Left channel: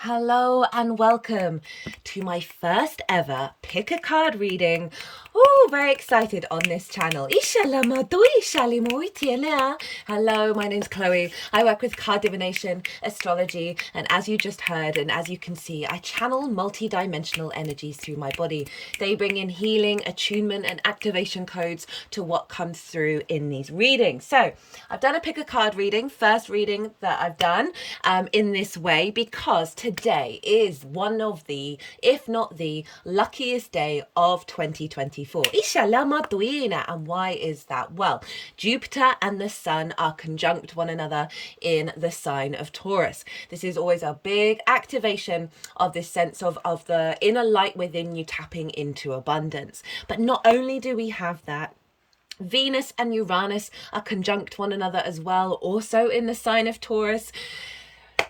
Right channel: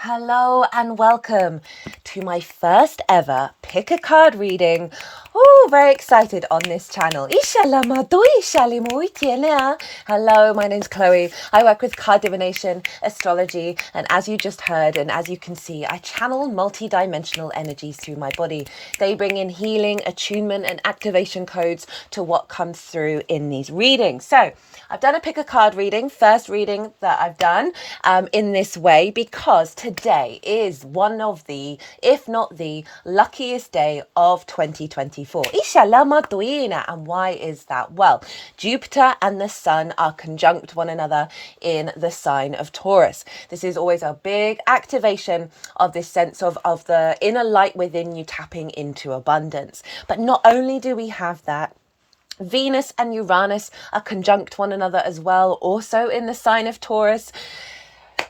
Hello and welcome to my first ever pick a card reading. Oh, very excited on this channel. Hello, my name's Chloe. I work with card divination, astrology, and as you just heard and as you can see, I channel multi-dimensional energies through my body. They bring in healing, attunement, and activation codes to what comes through in these readings. So I've done a pick a card reading, first reading that I've done in this way because today is one of the, if not the luckiest day of 2024. And why is that? Well, Jupiter and the Sun are conjunct one another in the sign of Taurus. This is always a big activation of this sense of the inner light within you tapping into abundance. But not only do we have that, Venus and Uranus are conjunct one another as well, also in the sign of Taurus.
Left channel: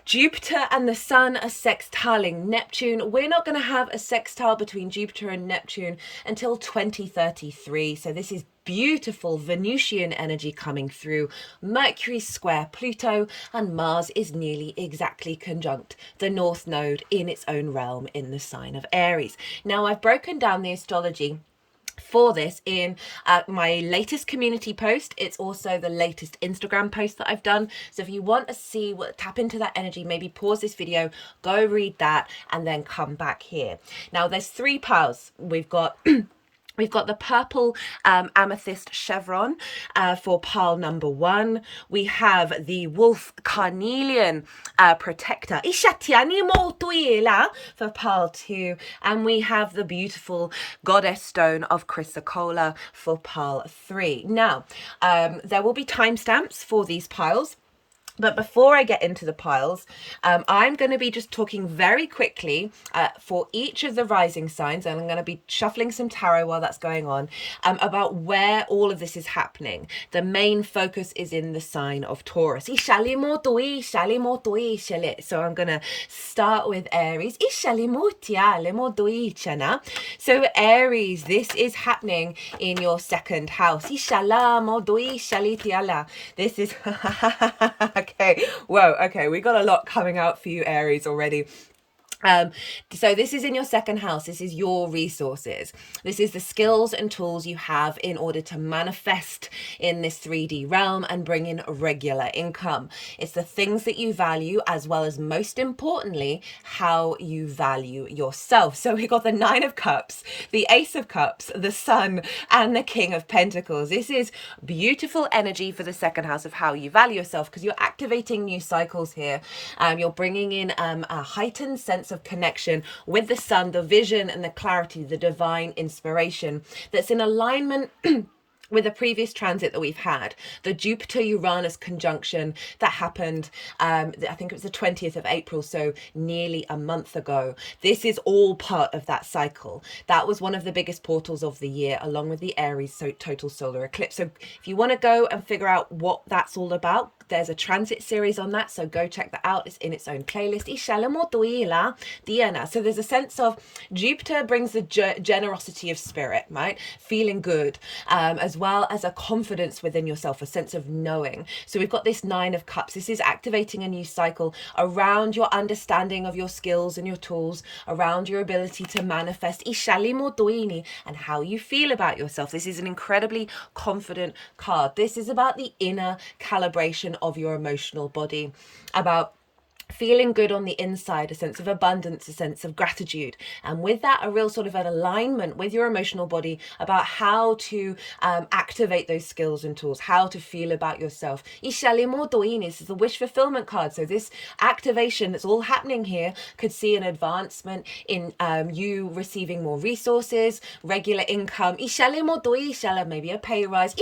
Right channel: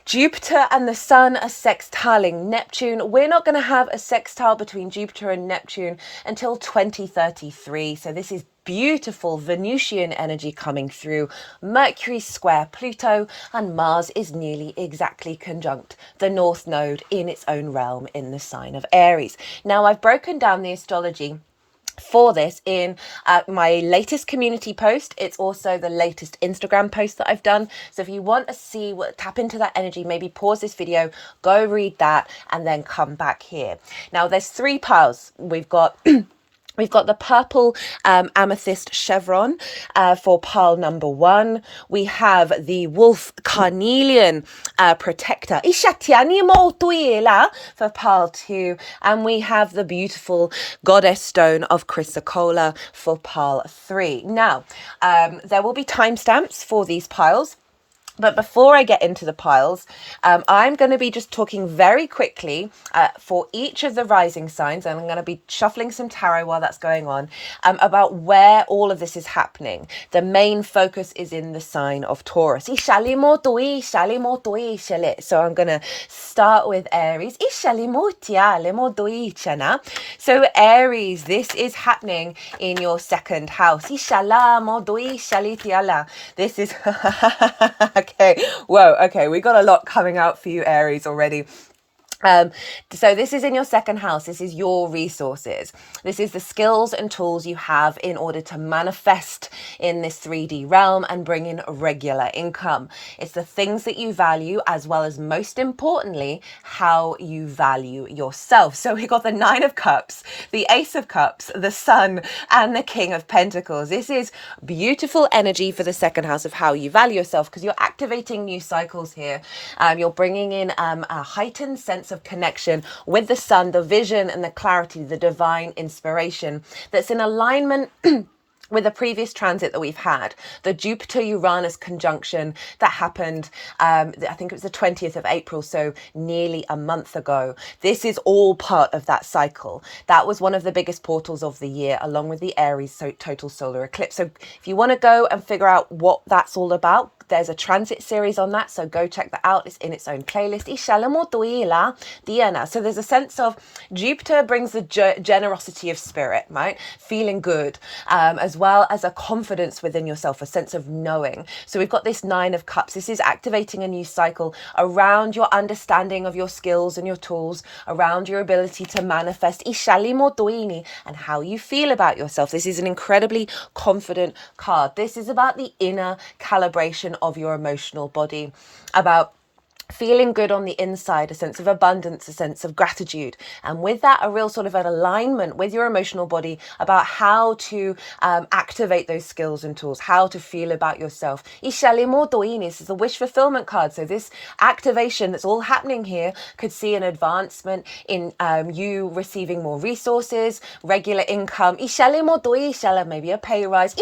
Jupiter and the Sun are sextiling Neptune. We're not going to have a sextile between Jupiter and Neptune until 2033. So this is beautiful Venusian energy coming through. Mercury square Pluto, and Mars is nearly exactly conjunct the North Node in its own realm in the sign of Aries. Now, I've broken down the astrology for this in my latest community post. It's also the latest Instagram post that I've done. So if you want to see tap into that energy, maybe pause this video, go read that, and then come back here. Now there's three piles. We've got the purple amethyst chevron for pile number 1. We have the wolf carnelian protector for pile 2. And we have the beautiful goddess stone of chrysocolla for pile 3. Now, there will be timestamps for these piles. But before I get into the piles, I'm going to be just talking very quickly for each of the rising signs, and I'm going to be shuffling some tarot while that's going on, about where all of this is happening. The main focus is in the sign of Taurus. So I'm going to start with Aries. So Aries, this is happening in your second house. This is... Okay, whoa, okay, we got a lot coming out for you, Aries, already. So this is in your second house. This is your resources. This is the skills and tools you have in order to manifest in this 3D realm and bring in regular income. It's the things that you value, as well as, most importantly, how you value yourself. So we got the 9 of Cups, the Ace of Cups, the Sun, and the King of Pentacles. This is beautiful energy for the second house of how you value yourself, because you're activating new cycles here. You're bringing in a heightened sense of connection with the Sun, the vision and the clarity, the divine inspiration that's in alignment with the previous transit that we've had, the Jupiter-Uranus conjunction that happened, I think it was the 20th of April, so nearly a month ago. This is all part of that cycle. That was one of the biggest portals of the year, along with the Aries total solar eclipse. So if you want to go and figure out what that's all about, there's a transit series on that, so go check that out. It's in its own playlist. So there's a sense of Jupiter brings the generosity of spirit, right? Feeling good, as well as a confidence within yourself, a sense of knowing. So we've got this 9 of Cups. This is activating a new cycle around your understanding of your skills and your tools, around your ability to manifest, and how you feel about yourself. This is an incredibly confident card. This is about the inner calibration of your emotional body, about feeling good on the inside, a sense of abundance, a sense of gratitude, and with that a real sort of an alignment with your emotional body about how to activate those skills and tools, how to feel about yourself. This is the wish fulfillment card. So this activation that's all happening here could see an advancement in you receiving more resources, regular income, maybe a pay rise,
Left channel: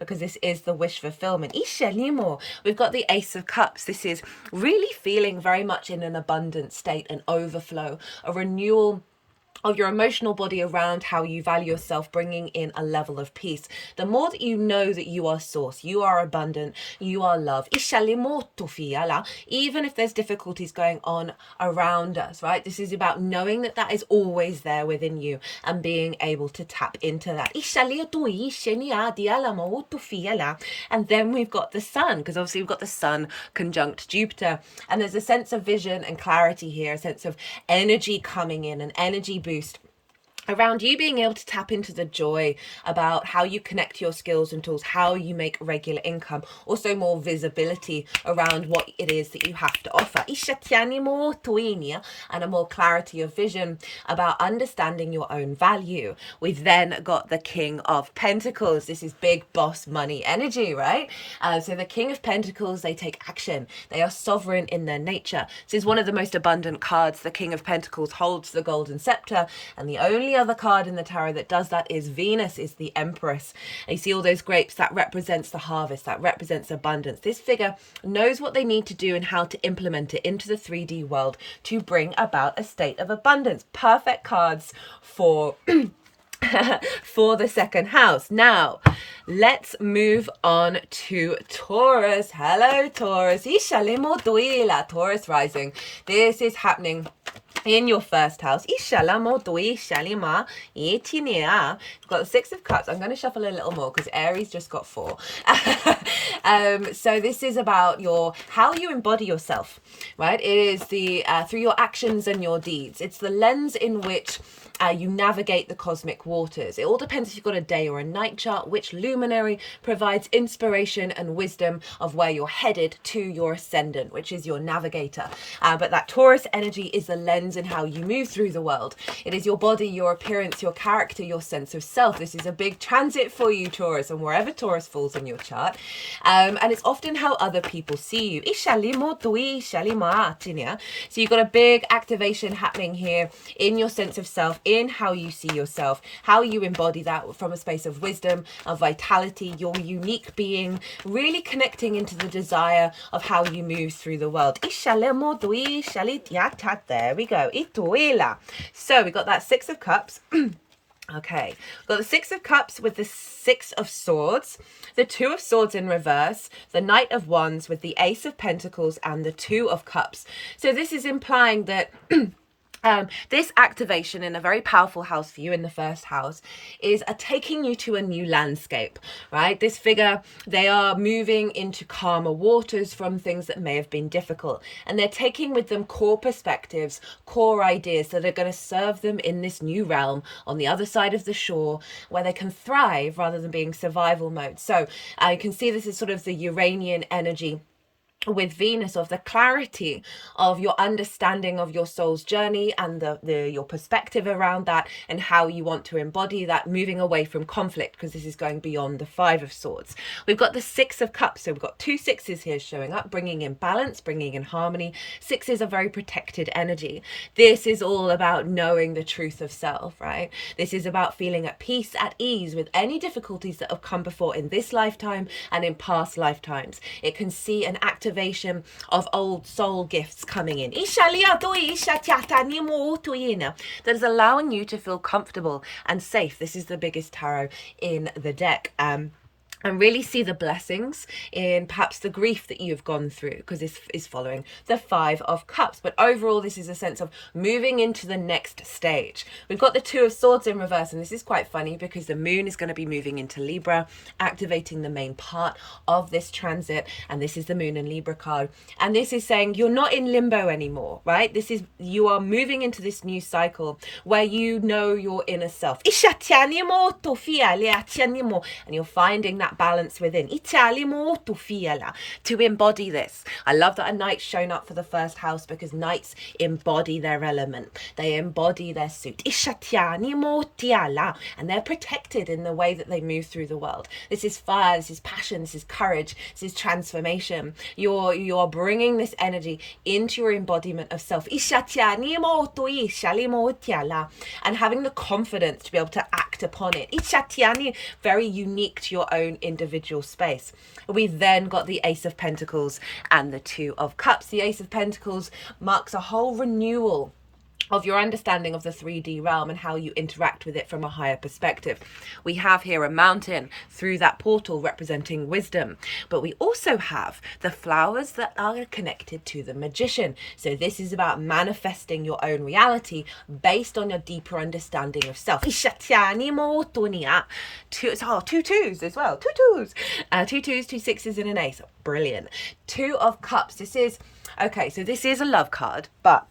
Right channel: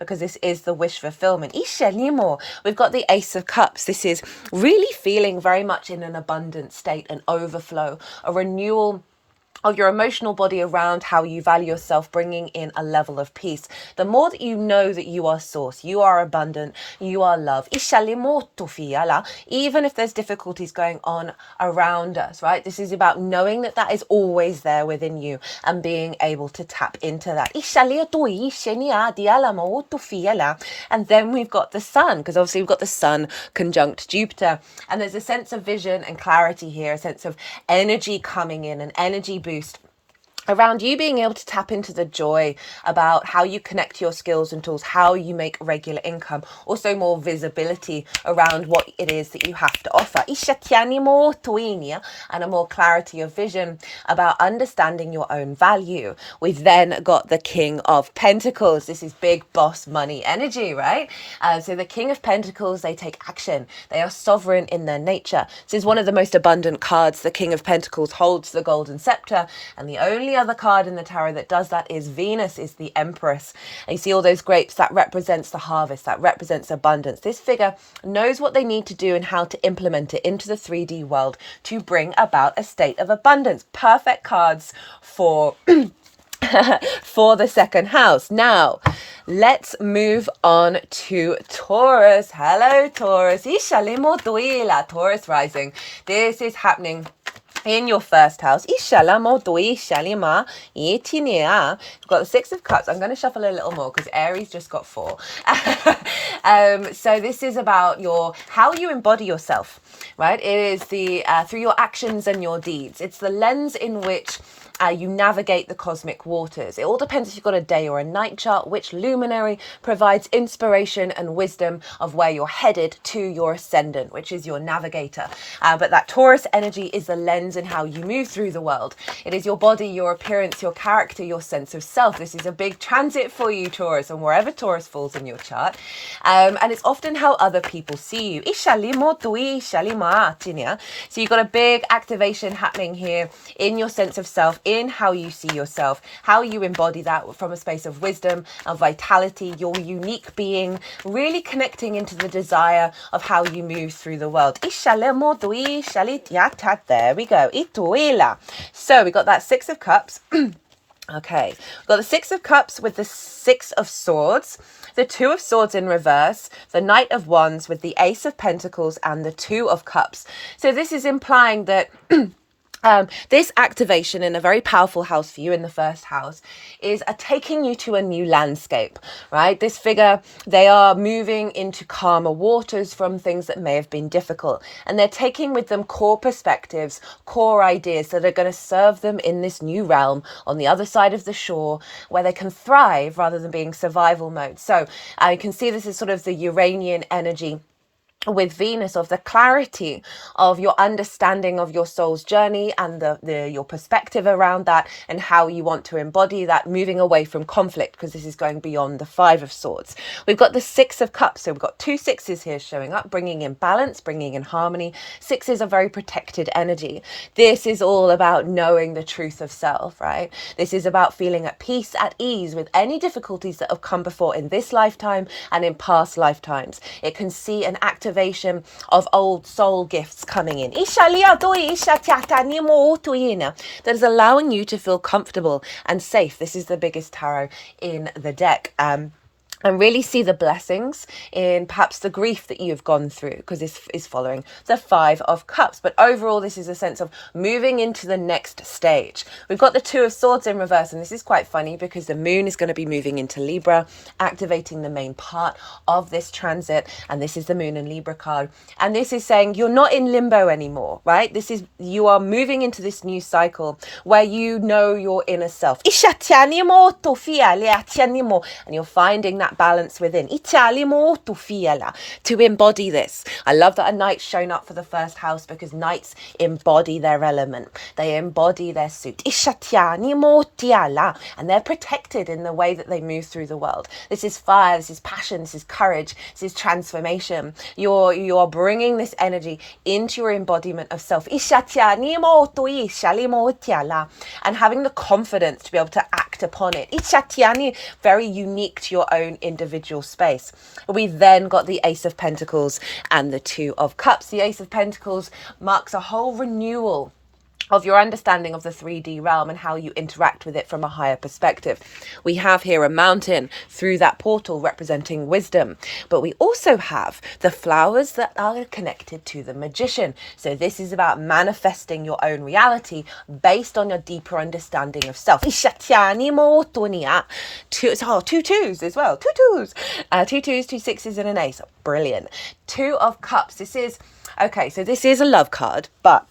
because this is the wish fulfillment. We've got the Ace of Cups. This is really feeling very much in an abundant state, an overflow, a renewal of your emotional body around how you value yourself, bringing in a level of peace. The more that you know that you are source, you are abundant, you are love, even if there's difficulties going on around us, right? This is about knowing that that is always there within you and being able to tap into that. And then we've got the sun, because obviously we've got the sun conjunct Jupiter, and there's a sense of vision and clarity here, a sense of energy coming in, an energy boost around you being able to tap into the joy about how you connect your skills and tools, how you make regular income, also more visibility around what it is that you have to offer, and a more clarity of vision about understanding your own value. We've then got the King of Pentacles. This is big boss money energy, right? So the King of Pentacles, they take action. They are sovereign in their nature. This is one of the most abundant cards. The King of Pentacles holds the golden scepter, and the only other card in the tarot that does that is Venus, is the Empress. And you see all those grapes, that represents the harvest, that represents abundance. This figure knows what they need to do and how to implement it into the 3D world to bring about a state of abundance. Perfect cards for for the second house. Now let's move on to Taurus. Hello Taurus. Taurus rising. This is happening in your first house. You've got the Six of Cups. I'm going to shuffle a little more because Aries just got 4. So this is about how you embody yourself, right? It is the through your actions and your deeds. It's the lens in which you navigate the cosmic waters. It all depends if you've got a day or a night chart, which luminary provides inspiration and wisdom of where you're headed to your ascendant, which is your navigator. But that Taurus energy is the lens in how you move through the world. It is your body, your appearance, your character, your sense of self. This is a big transit for you, Taurus, and wherever Taurus falls on your chart. And it's often how other people see you. So you've got a big activation happening here in your sense of self, in how you see yourself, how you embody that from a space of wisdom, of vitality, your unique being, really connecting into the desire of how you move through the world. There we go. So we got that Six of Cups. Okay, we've got the Six of Cups with the Six of Swords, the Two of Swords in reverse, the Knight of Wands with the Ace of Pentacles and the Two of Cups. So this is implying that this activation in a very powerful house for you in the first house is taking you to a new landscape, right? This figure, they are moving into calmer waters from things that may have been difficult. And they're taking with them core perspectives, core ideas that are going to serve them in this new realm on the other side of the shore where they can thrive rather than being survival mode. So you can see this is sort of the Uranian energy with Venus, of the clarity of your understanding of your soul's journey and your perspective around that and how you want to embody that, moving away from conflict, because this is going beyond the Five of Swords. We've got the Six of Cups, so we've got 2 sixes here showing up, bringing in balance, bringing in harmony. Sixes are very protected energy. This is all about knowing the truth of self, right? This is about feeling at peace, at ease with any difficulties that have come before in this lifetime and in past lifetimes. It can see an activation of old soul gifts coming in. That is allowing you to feel comfortable and safe. This is the biggest tarot in the deck. And really see the blessings in perhaps the grief that you've gone through, because this is following the Five of Cups. But overall, this is a sense of moving into the next stage. We've got the Two of Swords in reverse, and this is quite funny because the moon is going to be moving into Libra, activating the main part of this transit. And this is the moon and Libra card. And this is saying you're not in limbo anymore, right? You are moving into this new cycle where you know your inner self. And you're finding that balance within to embody this. I love that a knight's shown up for the first house because knights embody their element. They embody their suit. And they're protected in the way that they move through the world. This is fire, this is passion, this is courage, this is transformation. You are bringing this energy into your embodiment of self. And having the confidence to be able to act upon it. Very unique to your own individual space. We've then got the Ace of Pentacles and the Two of Cups. The Ace of Pentacles marks a whole renewal of your understanding of the 3D realm and how you interact with it from a higher perspective. We have here a mountain through that portal representing wisdom, but we also have the flowers that are connected to the magician. So this is about manifesting your own reality based on your deeper understanding of self. Two twos as well. Two twos, two sixes, and an ace. Brilliant. Two of Cups. This is okay. So this is a love card, but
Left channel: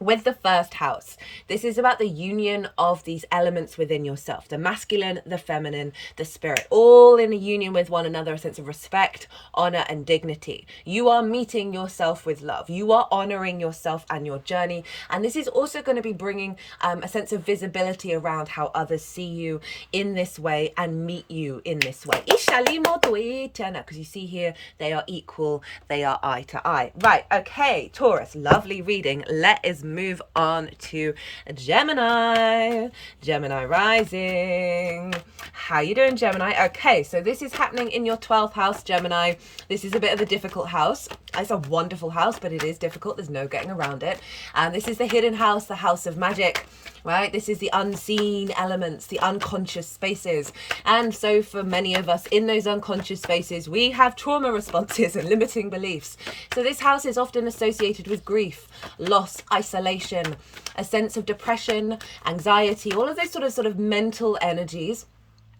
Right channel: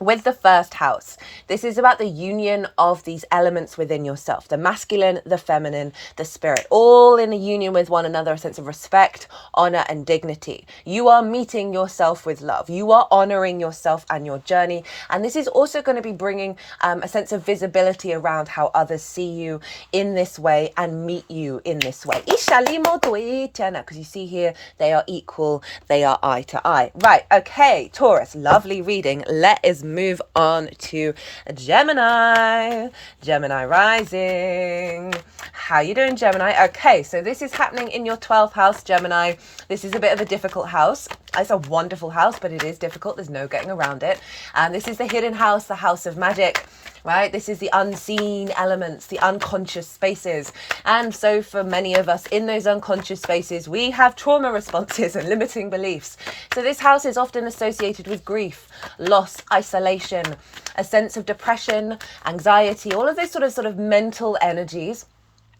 with the first house, this is about the union of these elements within yourself, the masculine, the feminine, the spirit, all in a union with one another, a sense of respect, honor, and dignity. You are meeting yourself with love. You are honoring yourself and your journey. And this is also going to be bringing a sense of visibility around how others see you in this way and meet you in this way. Because you see here, they are equal. They are eye to eye. Right. Okay. Taurus, lovely reading. Let us move on to Gemini. Gemini rising. How you doing, Gemini? Okay, so this is happening in your 12th house, Gemini. This is a bit of a difficult house. It's a wonderful house, but it is difficult. There's no getting around it. And this is the hidden house, the house of magic, right? This is the unseen elements, the unconscious spaces. And so for many of us in those unconscious spaces, we have trauma responses and limiting beliefs. So this house is often associated with grief, loss, isolation, a sense of depression, anxiety, all of those sort of mental energies.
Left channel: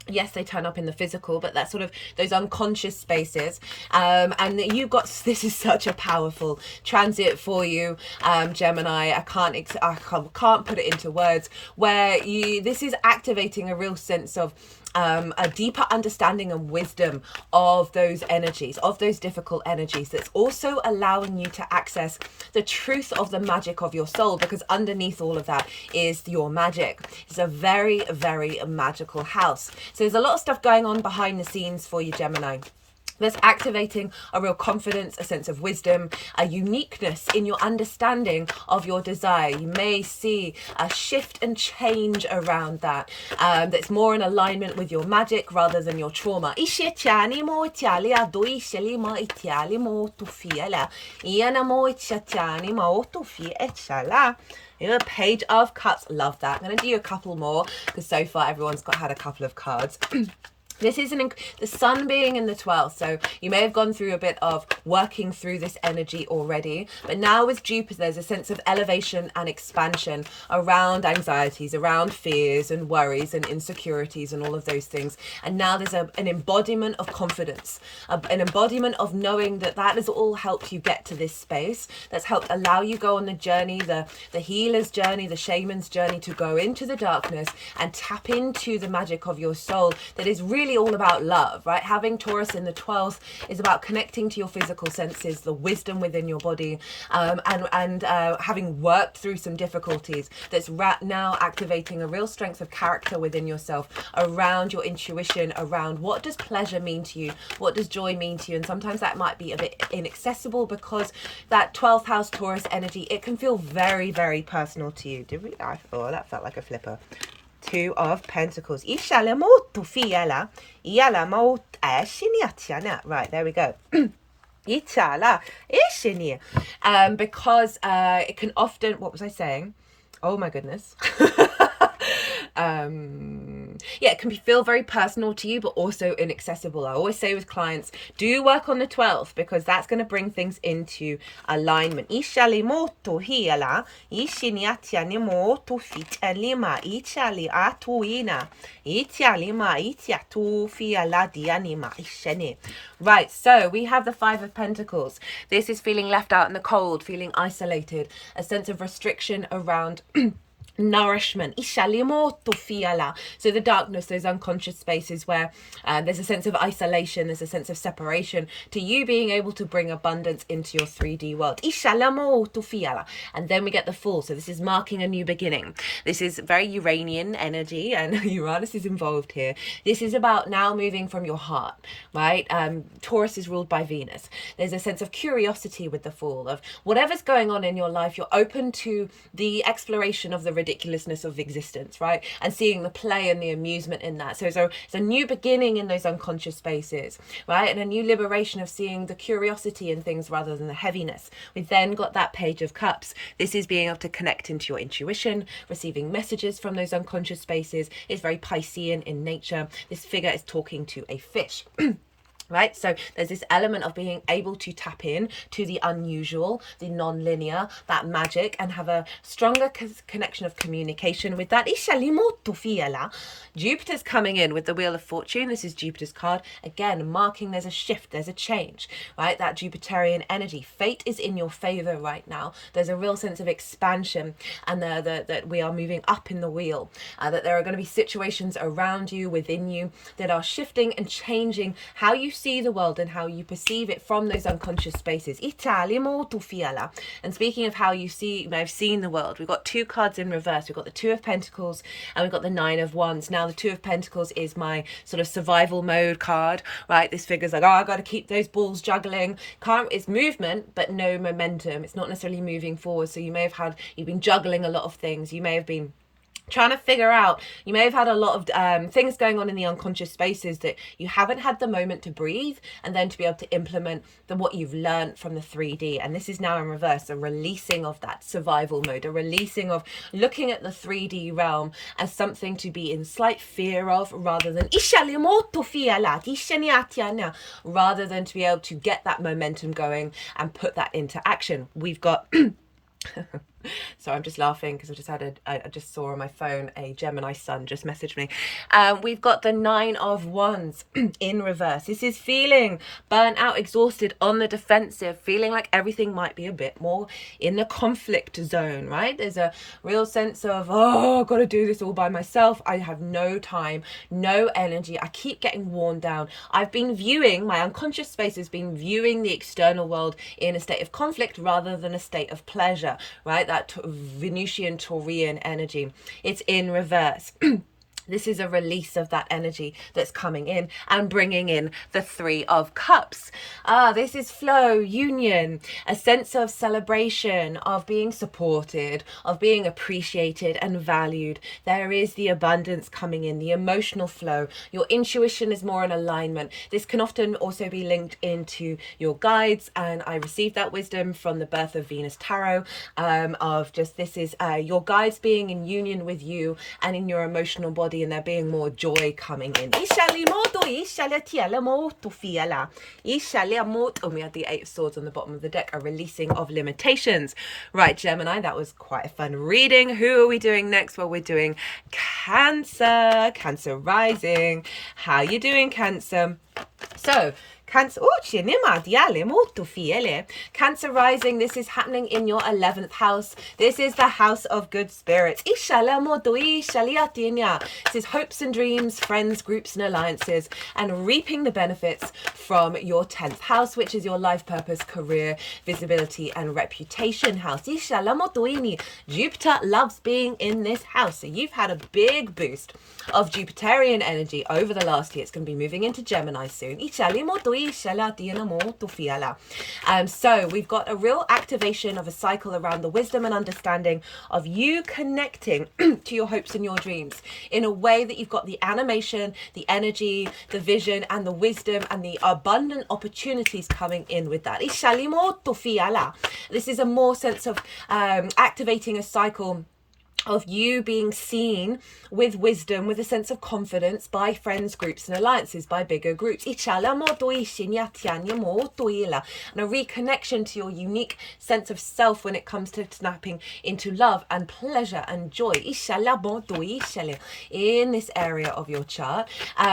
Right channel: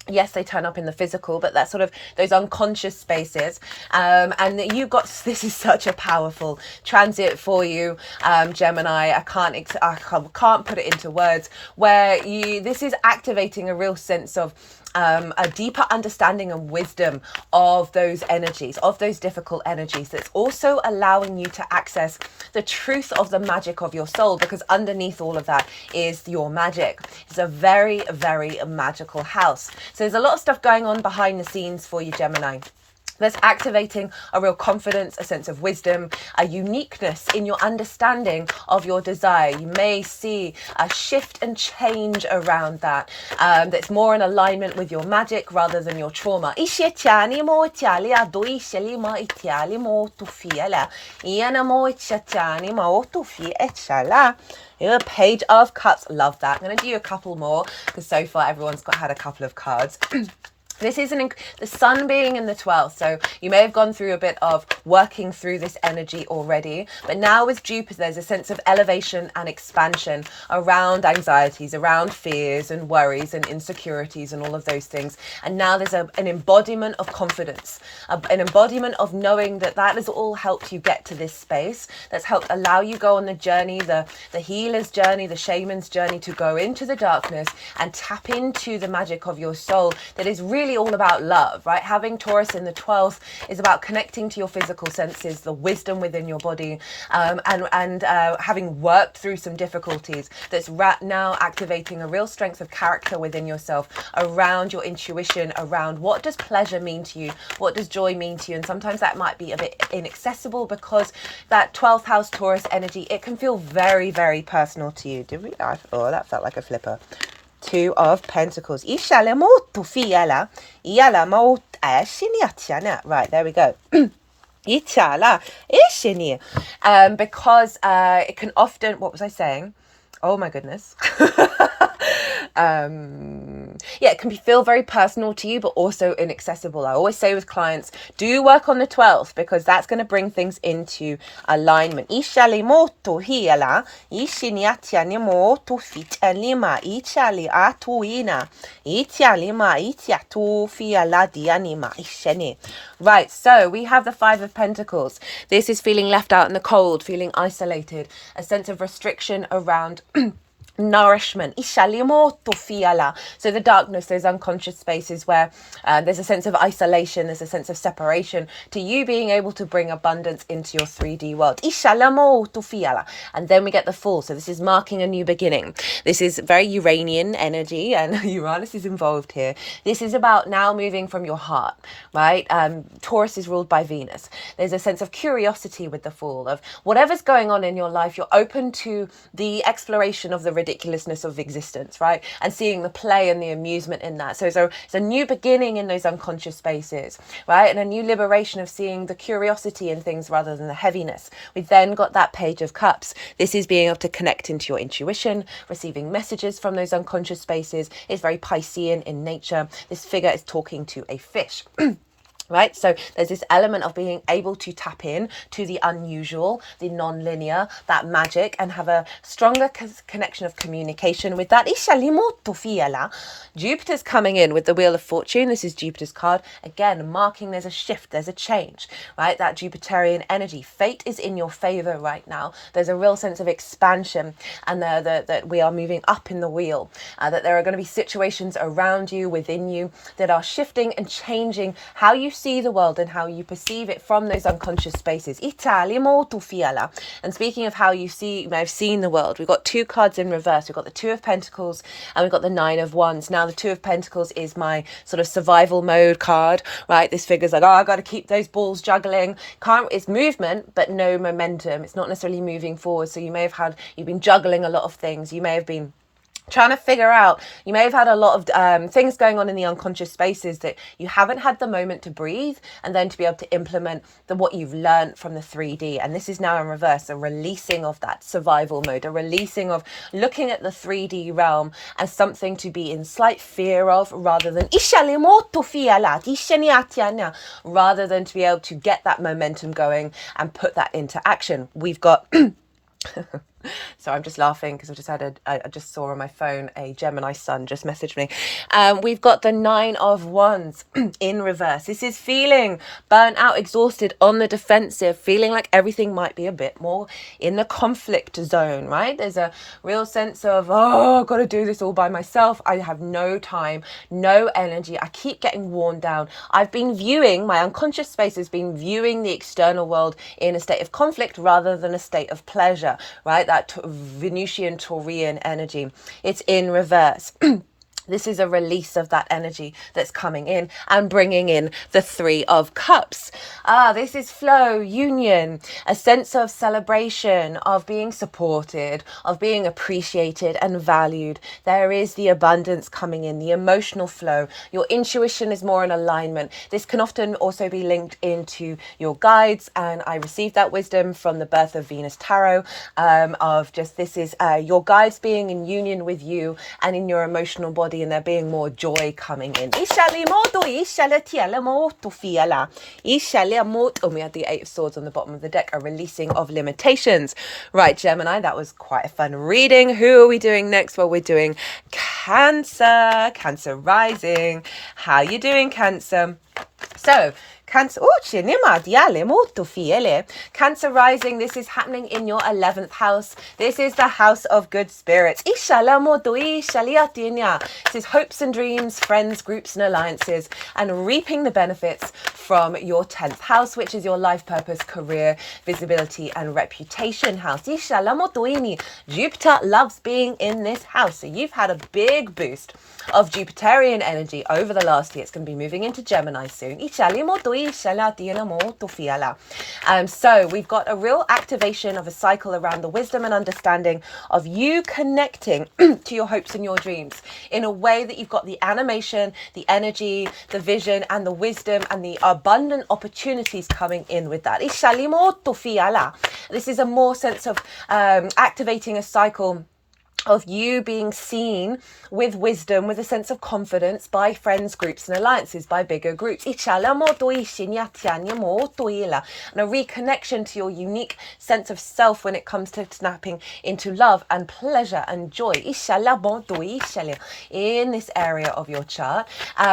Yes, they turn up in the physical, but that's sort of those unconscious spaces. And you've got, this is such a powerful transit for you, Gemini. I can't put it into words, where this is activating a real sense of a deeper understanding and wisdom of those energies, of those difficult energies, that's also allowing you to access the truth of the magic of your soul, because underneath all of that is your magic. It's a very, very magical house. So there's a lot of stuff going on behind the scenes for you, Gemini. That's activating a real confidence, a sense of wisdom, a uniqueness in your understanding of your desire. You may see a shift and change around that, that's more in alignment with your magic rather than your trauma. Page of Cups. Love that. I'm going to do a couple more because so far everyone's had a couple of cards. This is the sun being in the 12th, so you may have gone through a bit of working through this energy already, but now with Jupiter, there's a sense of elevation and expansion around anxieties, around fears and worries and insecurities and all of those things. And now there's an embodiment of confidence, an embodiment of knowing that has all helped you get to this space, that's helped allow you go on the journey, the healer's journey, the shaman's journey, to go into the darkness and tap into the magic of your soul that is really all about love, right? Having Taurus in the 12th is about connecting to your physical senses, the wisdom within your body, and having worked through some difficulties, that's now activating a real strength of character within yourself around your intuition, around what does pleasure mean to you, what does joy mean to you. And sometimes that might be a bit inaccessible because that 12th house Taurus energy, it can feel very, very personal to you. Oh, that felt like a flipper. Two of Pentacles. Right, there we go. Because it can often, what was I saying? Oh my goodness. Yeah, it can feel very personal to you, but also inaccessible. I always say with clients, do work on the 12th, because that's going to bring things into alignment. Right, so we have the Five of Pentacles. This is feeling left out in the cold, feeling isolated, a sense of restriction around nourishment. So the darkness, those unconscious spaces where there's a sense of isolation, there's a sense of separation, to you being able to bring abundance into your 3D world. And then we get the Fool. So this is marking a new beginning. This is very Uranian energy, and Uranus is involved here. This is about now moving from your heart, right? Taurus is ruled by Venus. There's a sense of curiosity with the Fool, of whatever's going on in your life, you're open to the exploration of the ridiculousness of existence, right? And seeing the play and the amusement in that. So it's a new beginning in those unconscious spaces, right? And a new liberation of seeing the curiosity in things rather than the heaviness. We've then got that Page of Cups. This is being able to connect into your intuition, receiving messages from those unconscious spaces. It's very Piscean in nature. This figure is talking to a fish. Right, so there's this element of being able to tap in to the unusual, the non-linear, that magic, and have a stronger connection of communication with that. Jupiter's coming in with the Wheel of Fortune. This is Jupiter's card. Again, marking there's a shift, there's a change, right? That Jupiterian energy. Fate is in your favor right now. There's a real sense of expansion, and that we are moving up in the wheel, that there are going to be situations around you, within you, that are shifting and changing how you see the world and how you perceive it from those unconscious spaces. And speaking of how you may have seen the world, we've got two cards in reverse. We've got the Two of Pentacles and we've got the Nine of Wands. Now the Two of Pentacles is my sort of survival mode card, right? This figure's like, oh, I got to keep those balls juggling. It's movement, but no momentum. It's not necessarily moving forward. So you've been juggling a lot of things. You may have been trying to figure out, you may have had a lot of things going on in the unconscious spaces that you haven't had the moment to breathe and then to be able to implement what you've learned from the 3D. And this is now in reverse, a releasing of that survival mode, a releasing of looking at the 3D realm as something to be in slight fear of, rather than rather than to be able to get that momentum going and put that into action. We've got so I'm just laughing because I just saw on my phone a Gemini sun just messaged me. We've got the Nine of Wands in reverse. This is feeling burnt out, exhausted, on the defensive, feeling like everything might be a bit more in the conflict zone, right? There's a real sense of, oh, I've got to do this all by myself. I have no time, no energy. I keep getting worn down. My unconscious space has been viewing the external world in a state of conflict rather than a state of pleasure, right? That Venusian Taurian energy. It's in reverse. This is a release of that energy that's coming in and bringing in the Three of Cups. This is flow, union, a sense of celebration, of being supported, of being appreciated and valued. There is the abundance coming in, the emotional flow. Your intuition is more in alignment. This can often also be linked into your guides, and I received that wisdom from the Birth of Venus Tarot, of just this is your guides being in union with you and in your emotional body, and there being more joy coming in. And we had the Eight of Swords on the bottom of the deck, a releasing of limitations. Right, Gemini, that was quite a fun reading. Who are we doing next? Well, we're doing Cancer. Cancer rising. How you doing, Cancer? So, Cancer rising, this is happening in your 11th house. This is the house of good spirits. This is hopes and dreams, friends, groups and alliances, and reaping the benefits from your 10th house, which is your life purpose, career, visibility and reputation house. Jupiter loves being in this house. So you've had a big boost of Jupiterian energy over the last year. It's going to be moving into Gemini soon. So we've got a real activation of a cycle around the wisdom and understanding of you connecting to your hopes and your dreams in a way that you've got the animation, the energy, the vision and the wisdom and the abundant opportunities coming in with that. This is a more sense of activating a cycle of you being seen with wisdom, with a sense of confidence by friends, groups and alliances, by bigger groups. And a reconnection to your unique sense of self when it comes to snapping into love and pleasure and joy in this area of your chart.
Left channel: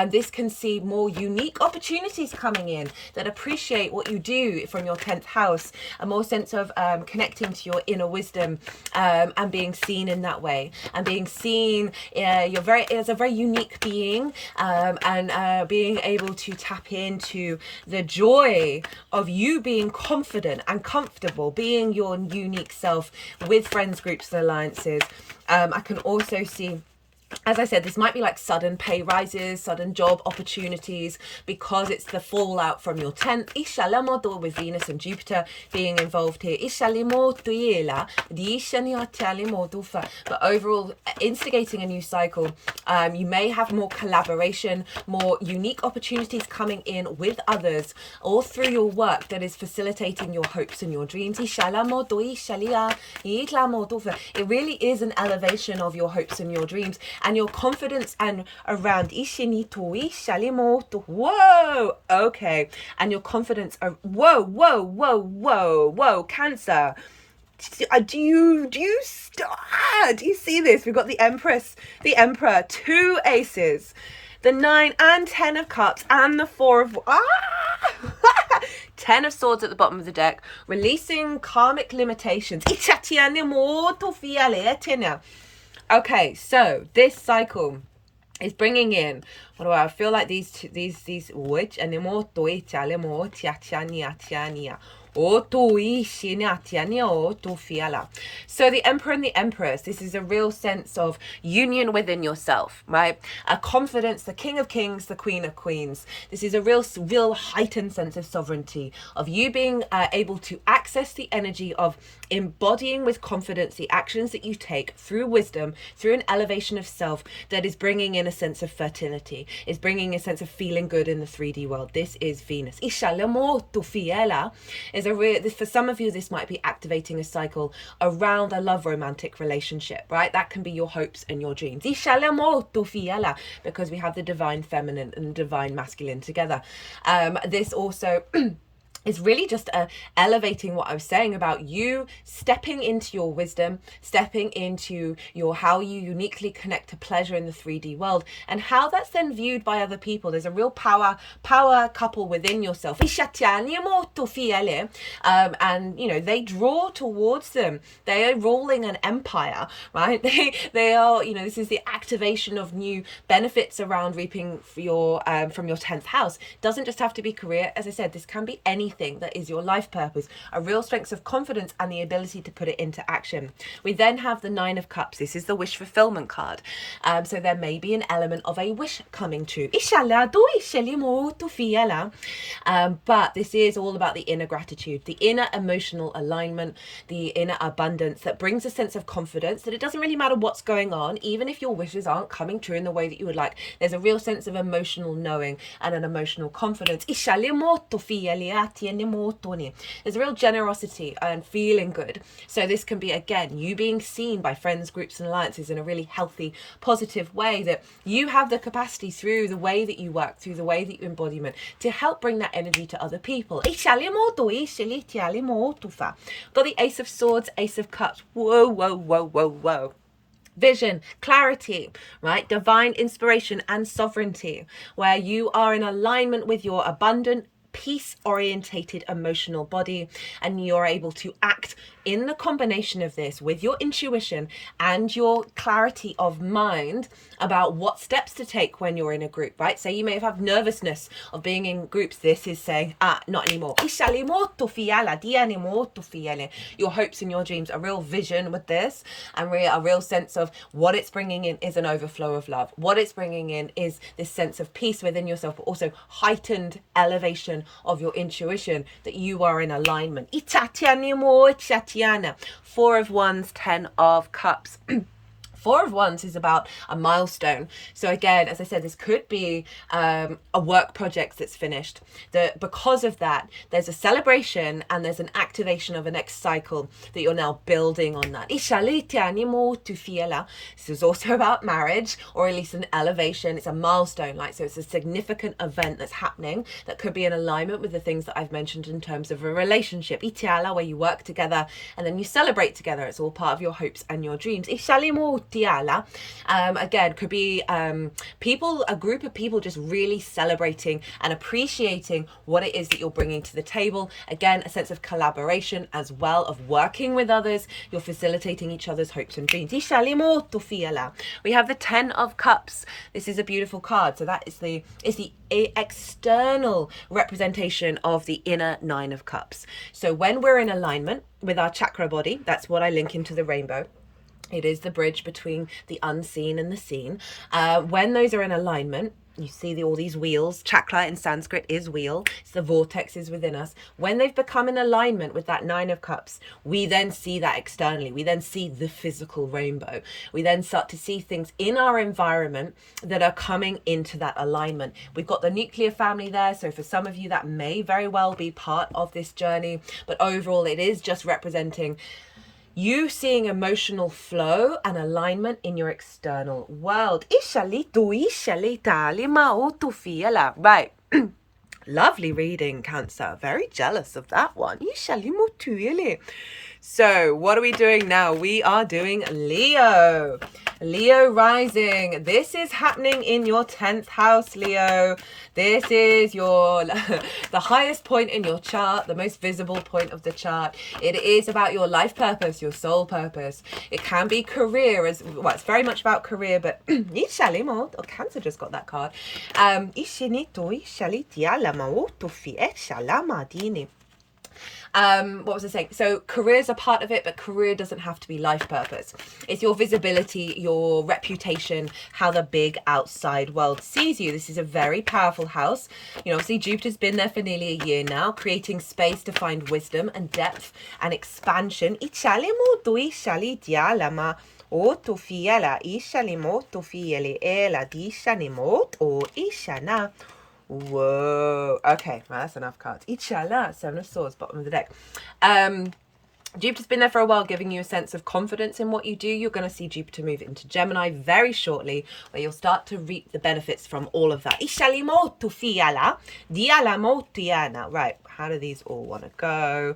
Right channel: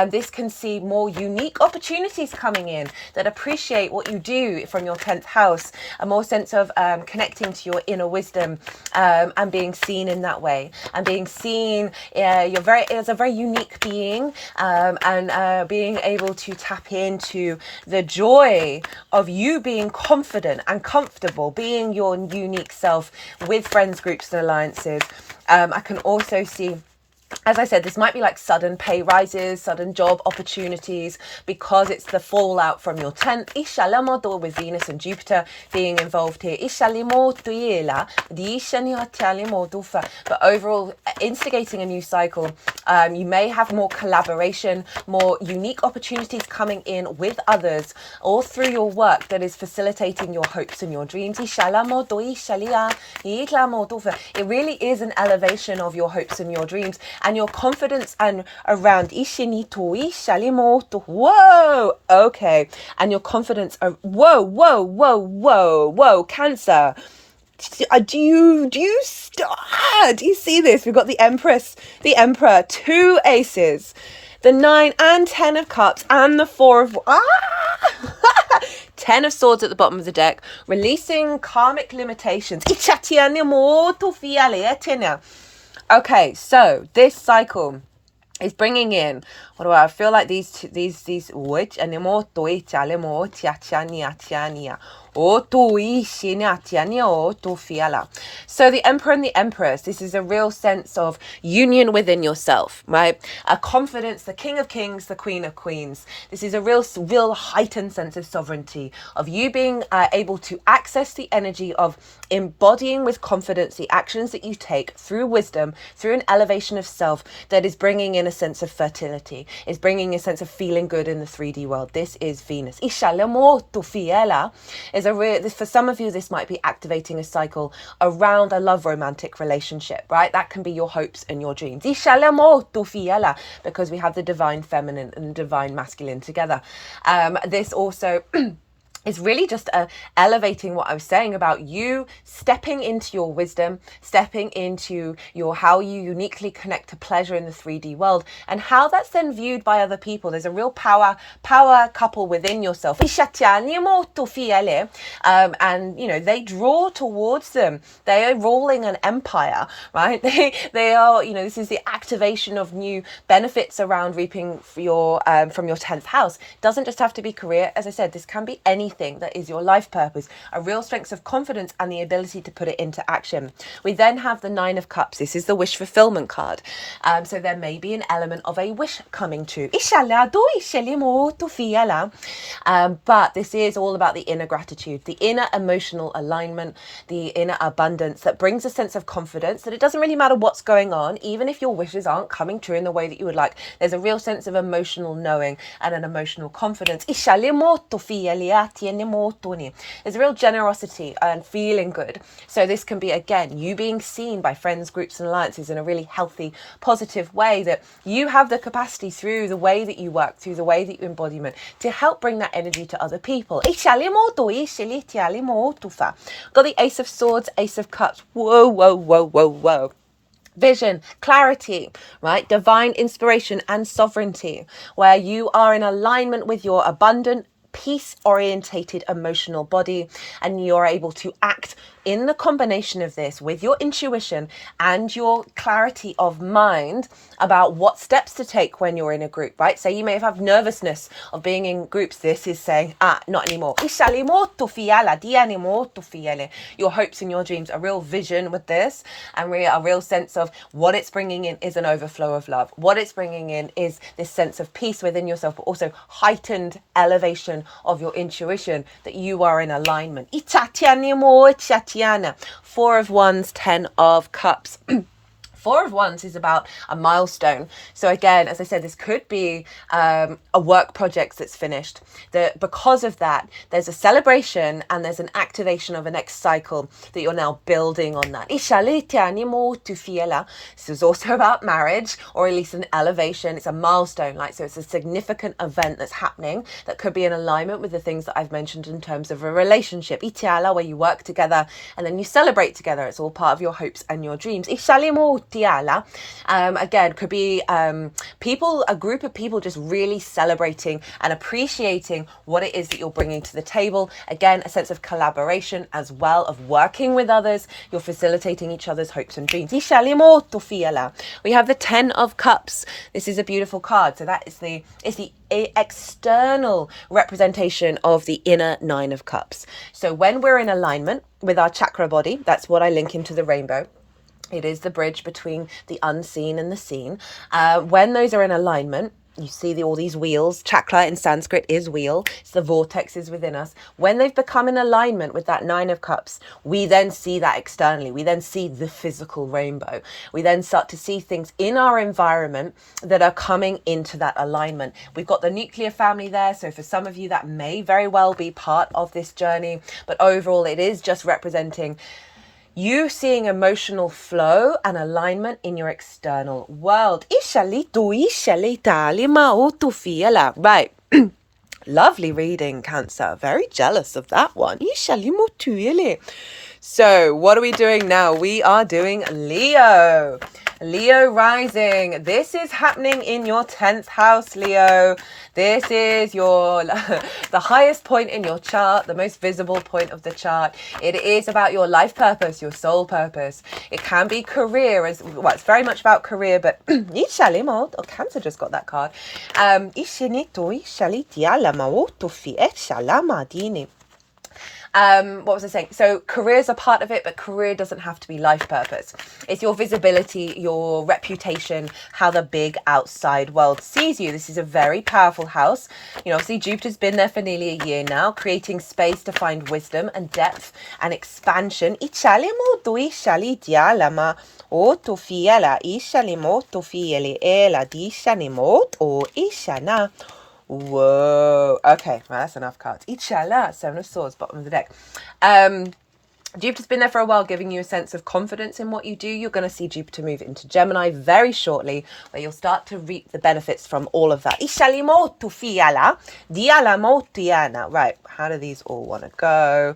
This can see more unique opportunities coming in that appreciate what you do from your 10th house, a more sense of connecting to your inner wisdom and being seen in that way, and being seen as a very unique being, and being able to tap into the joy of you being confident and comfortable, being your unique self with friends, groups and alliances. I can also see as I said, this might be like sudden pay rises, sudden job opportunities, because it's the fallout from your 10th. With Venus and Jupiter being involved here. But overall, instigating a new cycle. You may have more collaboration, more unique opportunities coming in with others, or through your work that is facilitating your hopes and your dreams. It really is an elevation of your hopes and your dreams, and your confidence and around whoa, okay, and your confidence whoa, Cancer. Do you see this? We've got the Empress, the Emperor, 2 aces, the 9 and 10 of cups, and the 4 of 10 of swords at the bottom of the deck, releasing karmic limitations. Okay, so this cycle is bringing in, what do I feel like these which anymore so the Emperor and the Empress, this is a real sense of union within yourself, right? A confidence, the King of Kings, the Queen of Queens. This is a real heightened sense of sovereignty, of you being able to access the energy of embodying with confidence the actions that you take through wisdom, through an elevation of self that is bringing in a sense of fertility, is bringing a sense of feeling good in the 3D world. This is Venus. For some of you, this might be activating a cycle around a love romantic relationship, right? That can be your hopes and your dreams. Because we have the divine feminine and the divine masculine together. This also is really just elevating what I was saying about you stepping into your wisdom, stepping into your how you uniquely connect to pleasure in the 3D world, and how that's then viewed by other people. There's a real power couple within yourself. And they draw towards them. They are ruling an empire, right? They are, this is the activation of new benefits around reaping for your from your 10th house. It doesn't just have to be career. As I said, this can be anything that is your life purpose, a real strength of confidence and the ability to put it into action. We then have the 9 of cups. This is the wish fulfillment card. So there may be an element of a wish coming true. But this is all about the inner gratitude, the inner emotional alignment, the inner abundance that brings a sense of confidence that it doesn't really matter what's going on, even if your wishes aren't coming true in the way that you would like. There's a real sense of emotional knowing and an emotional confidence. There's a real generosity and feeling good. So this can be, again, you being seen by friends, groups and alliances in a really healthy, positive way, that you have the capacity through the way that you work, through the way that you embodiment, to help bring that energy to other people. Got the Ace of Swords, Ace of Cups. Whoa. Vision, clarity, right? Divine inspiration and sovereignty, where you are in alignment with your abundant, peace-orientated emotional body, and you're able to act in the combination of this with your intuition and your clarity of mind about what steps to take when you're in a group, right? So you may have nervousness of being in groups. This is saying, not anymore. Your hopes and your dreams, a real vision with this, and a real sense of what it's bringing in is an overflow of love. What it's bringing in is this sense of peace within yourself, but also heightened elevation of your intuition, that you are in alignment. 4 of Wands, 10 of Cups. 4 of Wands is about a milestone. So again, as I said, this could be a work project that's finished. Because of that, there's a celebration and there's an activation of a next cycle that you're now building on that. This is also about marriage, or at least an elevation. It's a milestone, so it's a significant event that's happening that could be in alignment with the things that I've mentioned in terms of a relationship. Where you work together and then you celebrate together. It's all part of your hopes and your dreams. Again, could be a group of people just really celebrating and appreciating what it is that you're bringing to the table. Again, a sense of collaboration as well, of working with others. You're facilitating each other's hopes and dreams. We have the 10 of Cups. This is a beautiful card. So that is the external representation of the inner 9 of Cups. So when we're in alignment with our chakra body, that's what I link into the rainbow. It is the bridge between the unseen and the seen. When those are in alignment, you see all these wheels. Chakra in Sanskrit is wheel. It's the vortexes within us. When they've become in alignment with that Nine of Cups, we then see that externally. We then see the physical rainbow. We then start to see things in our environment that are coming into that alignment. We've got the nuclear family there. So for some of you, that may very well be part of this journey. But overall, it is just representing you seeing emotional flow and alignment in your external world. Right. Lovely reading, Cancer. Very jealous of that one. So what are we doing now? We are doing Leo. Leo rising. This is happening in your 10th house, Leo. This is your the highest point in your chart, the most visible point of the chart. It is about your life purpose, your soul purpose. It can be career as well. It's very much about career, but Cancer just got that card. What was I saying? So career's a part of it, but career doesn't have to be life purpose. It's your visibility, your reputation, how the big outside world sees you. This is a very powerful house. You know, obviously Jupiter's been there for nearly a year now, creating space to find wisdom and depth and expansion. Whoa. Okay, well, that's enough cards. Inshallah, Seven of Swords, bottom of the deck. Jupiter's been there for a while, giving you a sense of confidence in what you do. You're going to see Jupiter move into Gemini very shortly, where you'll start to reap the benefits from all of that. Right, how do these all want to go?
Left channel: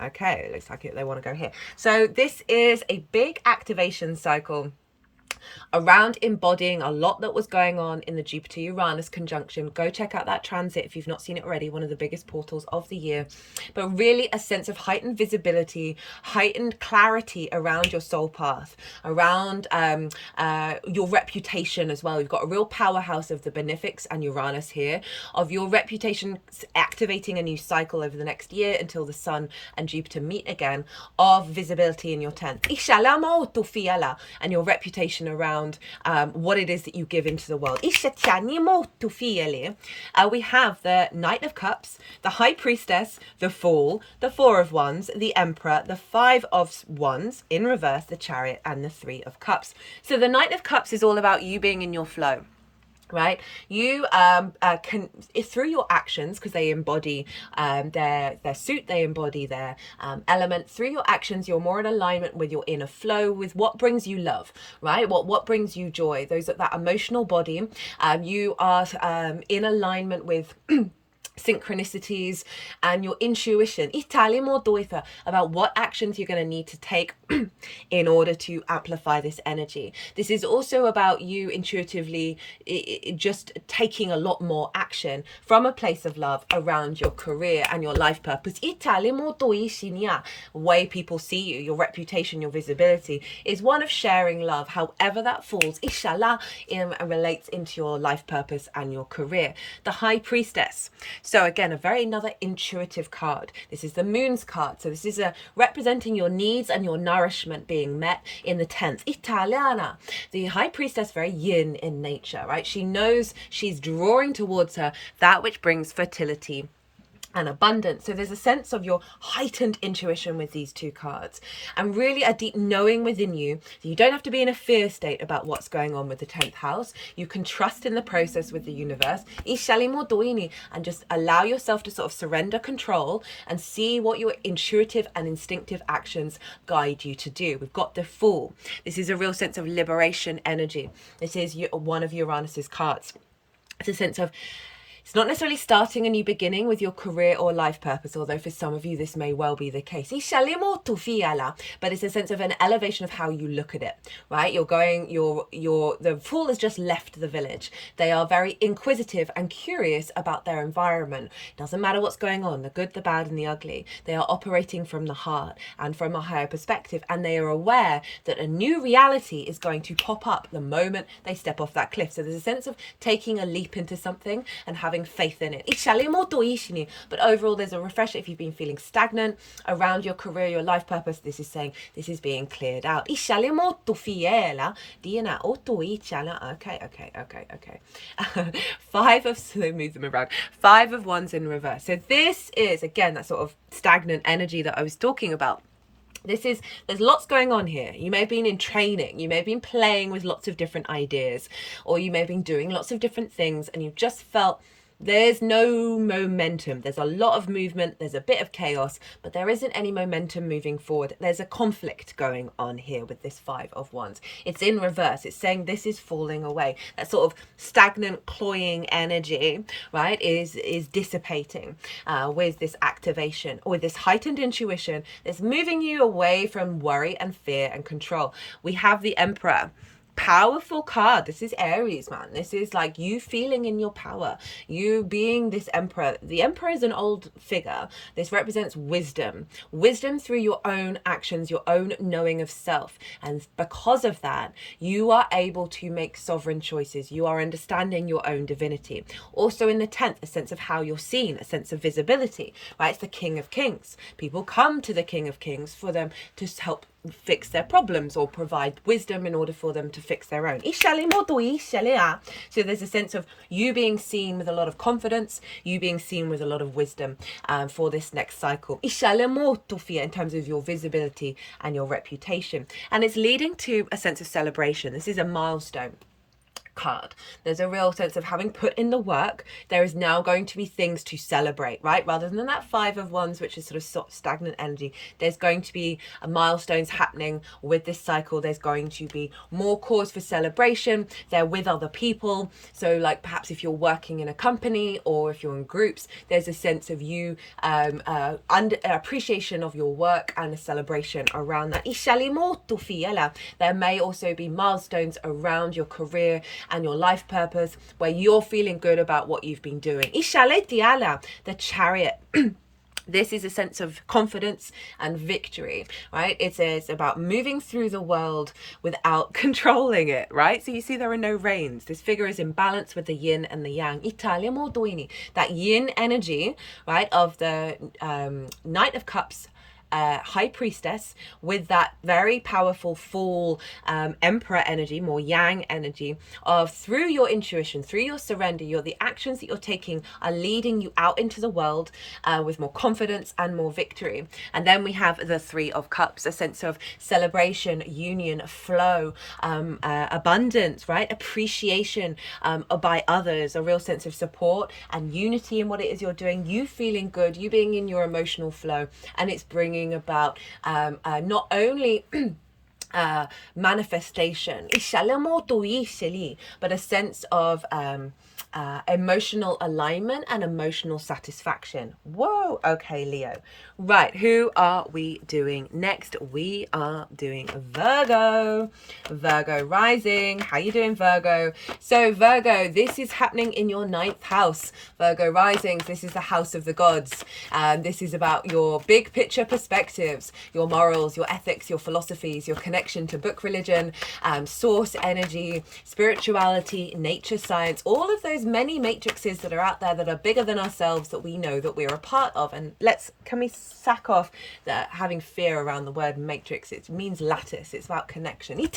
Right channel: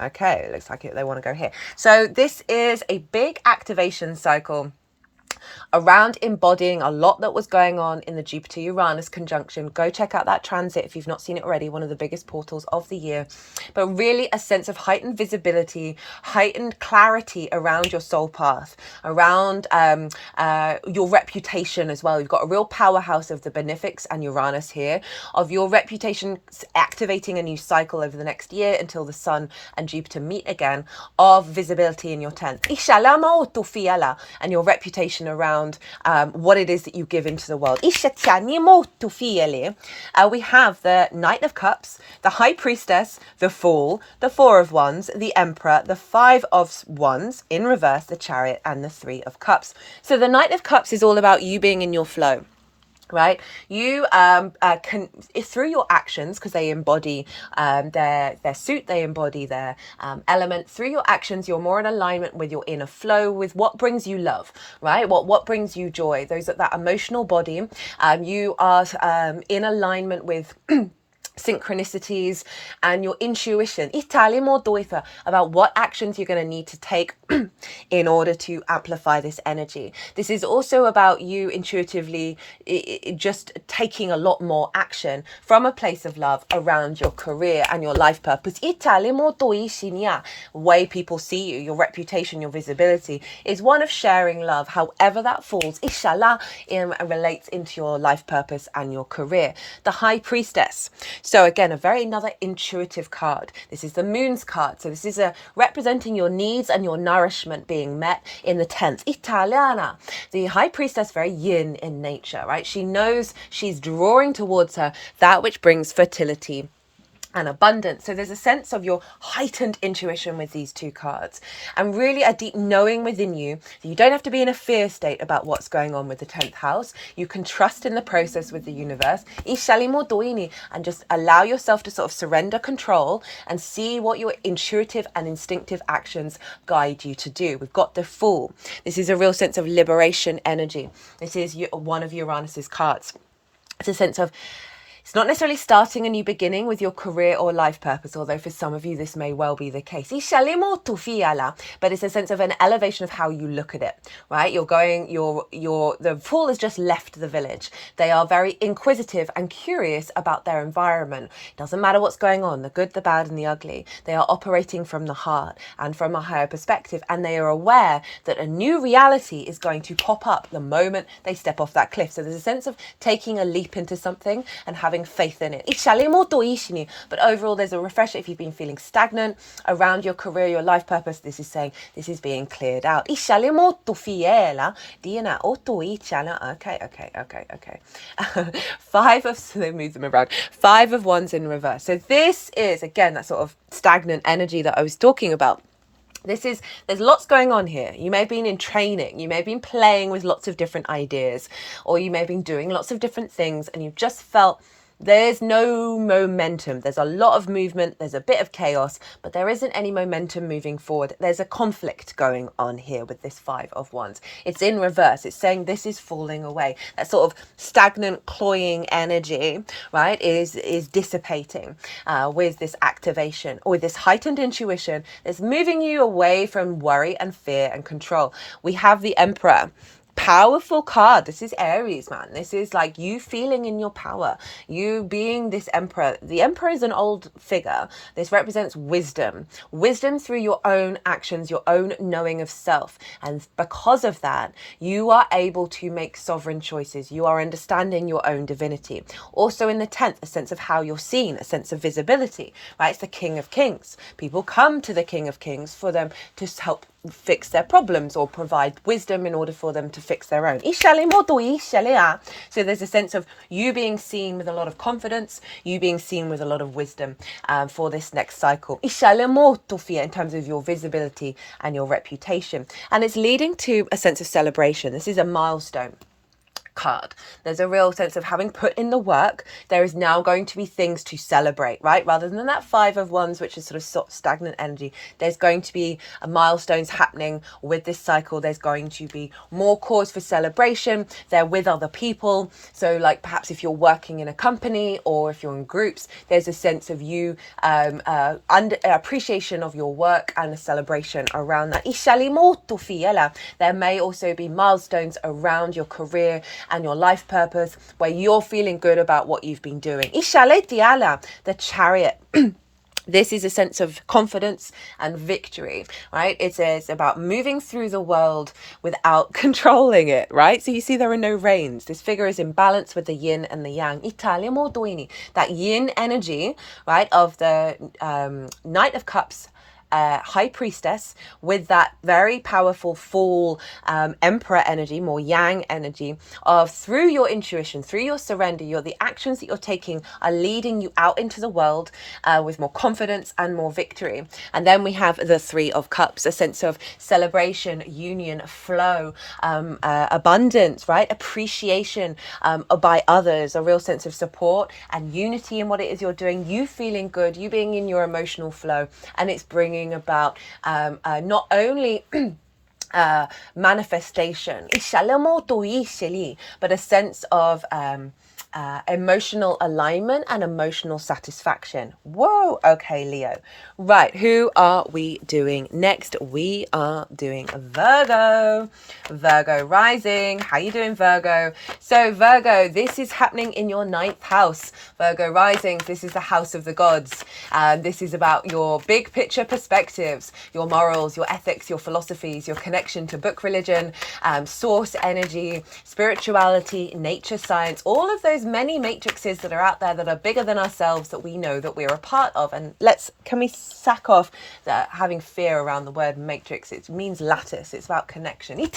Okay, looks like they want to go here. So this is a big activation cycle around embodying a lot that was going on in the Jupiter-Uranus conjunction. Go check out that transit if you've not seen it already, one of the biggest portals of the year. But really a sense of heightened visibility, heightened clarity around your soul path, around your reputation as well. You've got a real powerhouse of the benefics and Uranus here, of your reputation activating a new cycle over the next year until the Sun and Jupiter meet again, of visibility in your 10th. And your reputation around what it is that you give into the world. We have the Knight of Cups, the High Priestess, the Fool, the Four of Wands, the Emperor, the Five of Wands in reverse, the Chariot, and the Three of Cups. So the Knight of Cups is all about you being in your flow. Right, you can, through your actions, because they embody their suit, they embody their element. Through your actions, you're more in alignment with your inner flow, with what brings you love, right? What brings you joy. That emotional body. You are in alignment with synchronicities and your intuition about what actions you're going to need to take in order to amplify this energy. This is also about you intuitively just taking a lot more action from a place of love around your career and your life purpose. Way people see you, your reputation, your visibility is one of sharing love, however that falls, inshallah, and relates into your life purpose and your career. The High Priestess. So again, another intuitive card. This is the Moon's card. So this is representing your needs and your nourishment being met in the 10th. Italiana. The High Priestess, very yin in nature, right? She knows she's drawing towards her that which brings fertility and abundance. So there's a sense of your heightened intuition with these two cards, and really a deep knowing within you that you don't have to be in a fear state about what's going on with the 10th house. You can trust in the process with the universe and just allow yourself to sort of surrender control and see what your intuitive and instinctive actions guide you to do. We've got the Fool. This is a real sense of liberation energy. This is one of Uranus's cards. It's a sense of It's not necessarily starting a new beginning with your career or life purpose, although for some of you this may well be the case. But it's a sense of an elevation of how you look at it, right? The fool has just left the village. They are very inquisitive and curious about their environment. Doesn't matter what's going on, the good, the bad, and the ugly. They are operating from the heart and from a higher perspective, and they are aware that a new reality is going to pop up the moment they step off that cliff. So there's a sense of taking a leap into something and having faith in it. But overall, there's a refresher. If you've been feeling stagnant around your career, your life purpose, this is saying this is being cleared out. Okay. They move them around. 5 of Wands in reverse. So this is, again, that sort of stagnant energy that I was talking about. There's lots going on here. You may have been in training, you may have been playing with lots of different ideas, or you may have been doing lots of different things, and you've just felt there's no momentum. There's a lot of movement, there's a bit of chaos, but there isn't any momentum moving forward. There's a conflict going on here with this 5 of Wands. It's in reverse. It's saying this is falling away. That sort of stagnant, cloying energy, right, is dissipating with this activation, or with this heightened intuition that's moving you away from worry and fear and control. We have the Emperor. Powerful card. This is Aries, man. This is like you feeling in your power, you being this emperor. The emperor is an old figure. This represents wisdom through your own actions, your own knowing of self, and because of that you are able to make sovereign choices. You are understanding your own divinity. Also in the 10th, a sense of how you're seen, a sense of visibility, right? It's the King of Kings. People come to the King of Kings for them to help fix their problems or provide wisdom in order for them to fix their own. So there's a sense of you being seen with a lot of confidence, you being seen with a lot of wisdom for this next cycle. In terms of your visibility and your reputation. And it's leading to a sense of celebration. This is a milestone card. There's a real sense of having put in the work. There is now going to be things to celebrate, right? Rather than that 5 of Wands, which is sort of stagnant energy, there's going to be milestones happening with this cycle. There's going to be more cause for celebration. They're with other people. So like perhaps if you're working in a company or if you're in groups, there's a sense of you appreciation of your work and a celebration around that. There may also be milestones around your career and your life purpose where you're feeling good about what you've been doing. The Chariot. This is a sense of confidence and victory, right? It's about moving through the world without controlling it, right? So you see there are no reins. This figure is in balance with the yin and the yang. That yin energy, right, of the Knight of Cups, High Priestess, with that very powerful full Emperor energy, more yang energy of through your intuition, through your surrender, the actions that you're taking are leading you out into the world with more confidence and more victory. And then we have the 3 of Cups, a sense of celebration, union, flow, abundance, right? Appreciation by others, a real sense of support and unity in what it is you're doing, you feeling good, you being in your emotional flow, and it's bringing about not only manifestation, but a sense of emotional alignment and emotional satisfaction. Whoa, okay, Leo. Right, who are we doing next? We are doing Virgo. Virgo rising. How you doing, Virgo? So Virgo, this is happening in your 9th house. Virgo rising, this is the house of the gods. This is about your big picture perspectives, your morals, your ethics, your philosophies, your connection to book religion, source energy, spirituality, nature science, all of those many matrices that are out there that are bigger than ourselves that we know that we're a part of. And can we sack off that having fear around the word matrix? It means lattice. It's about connection. And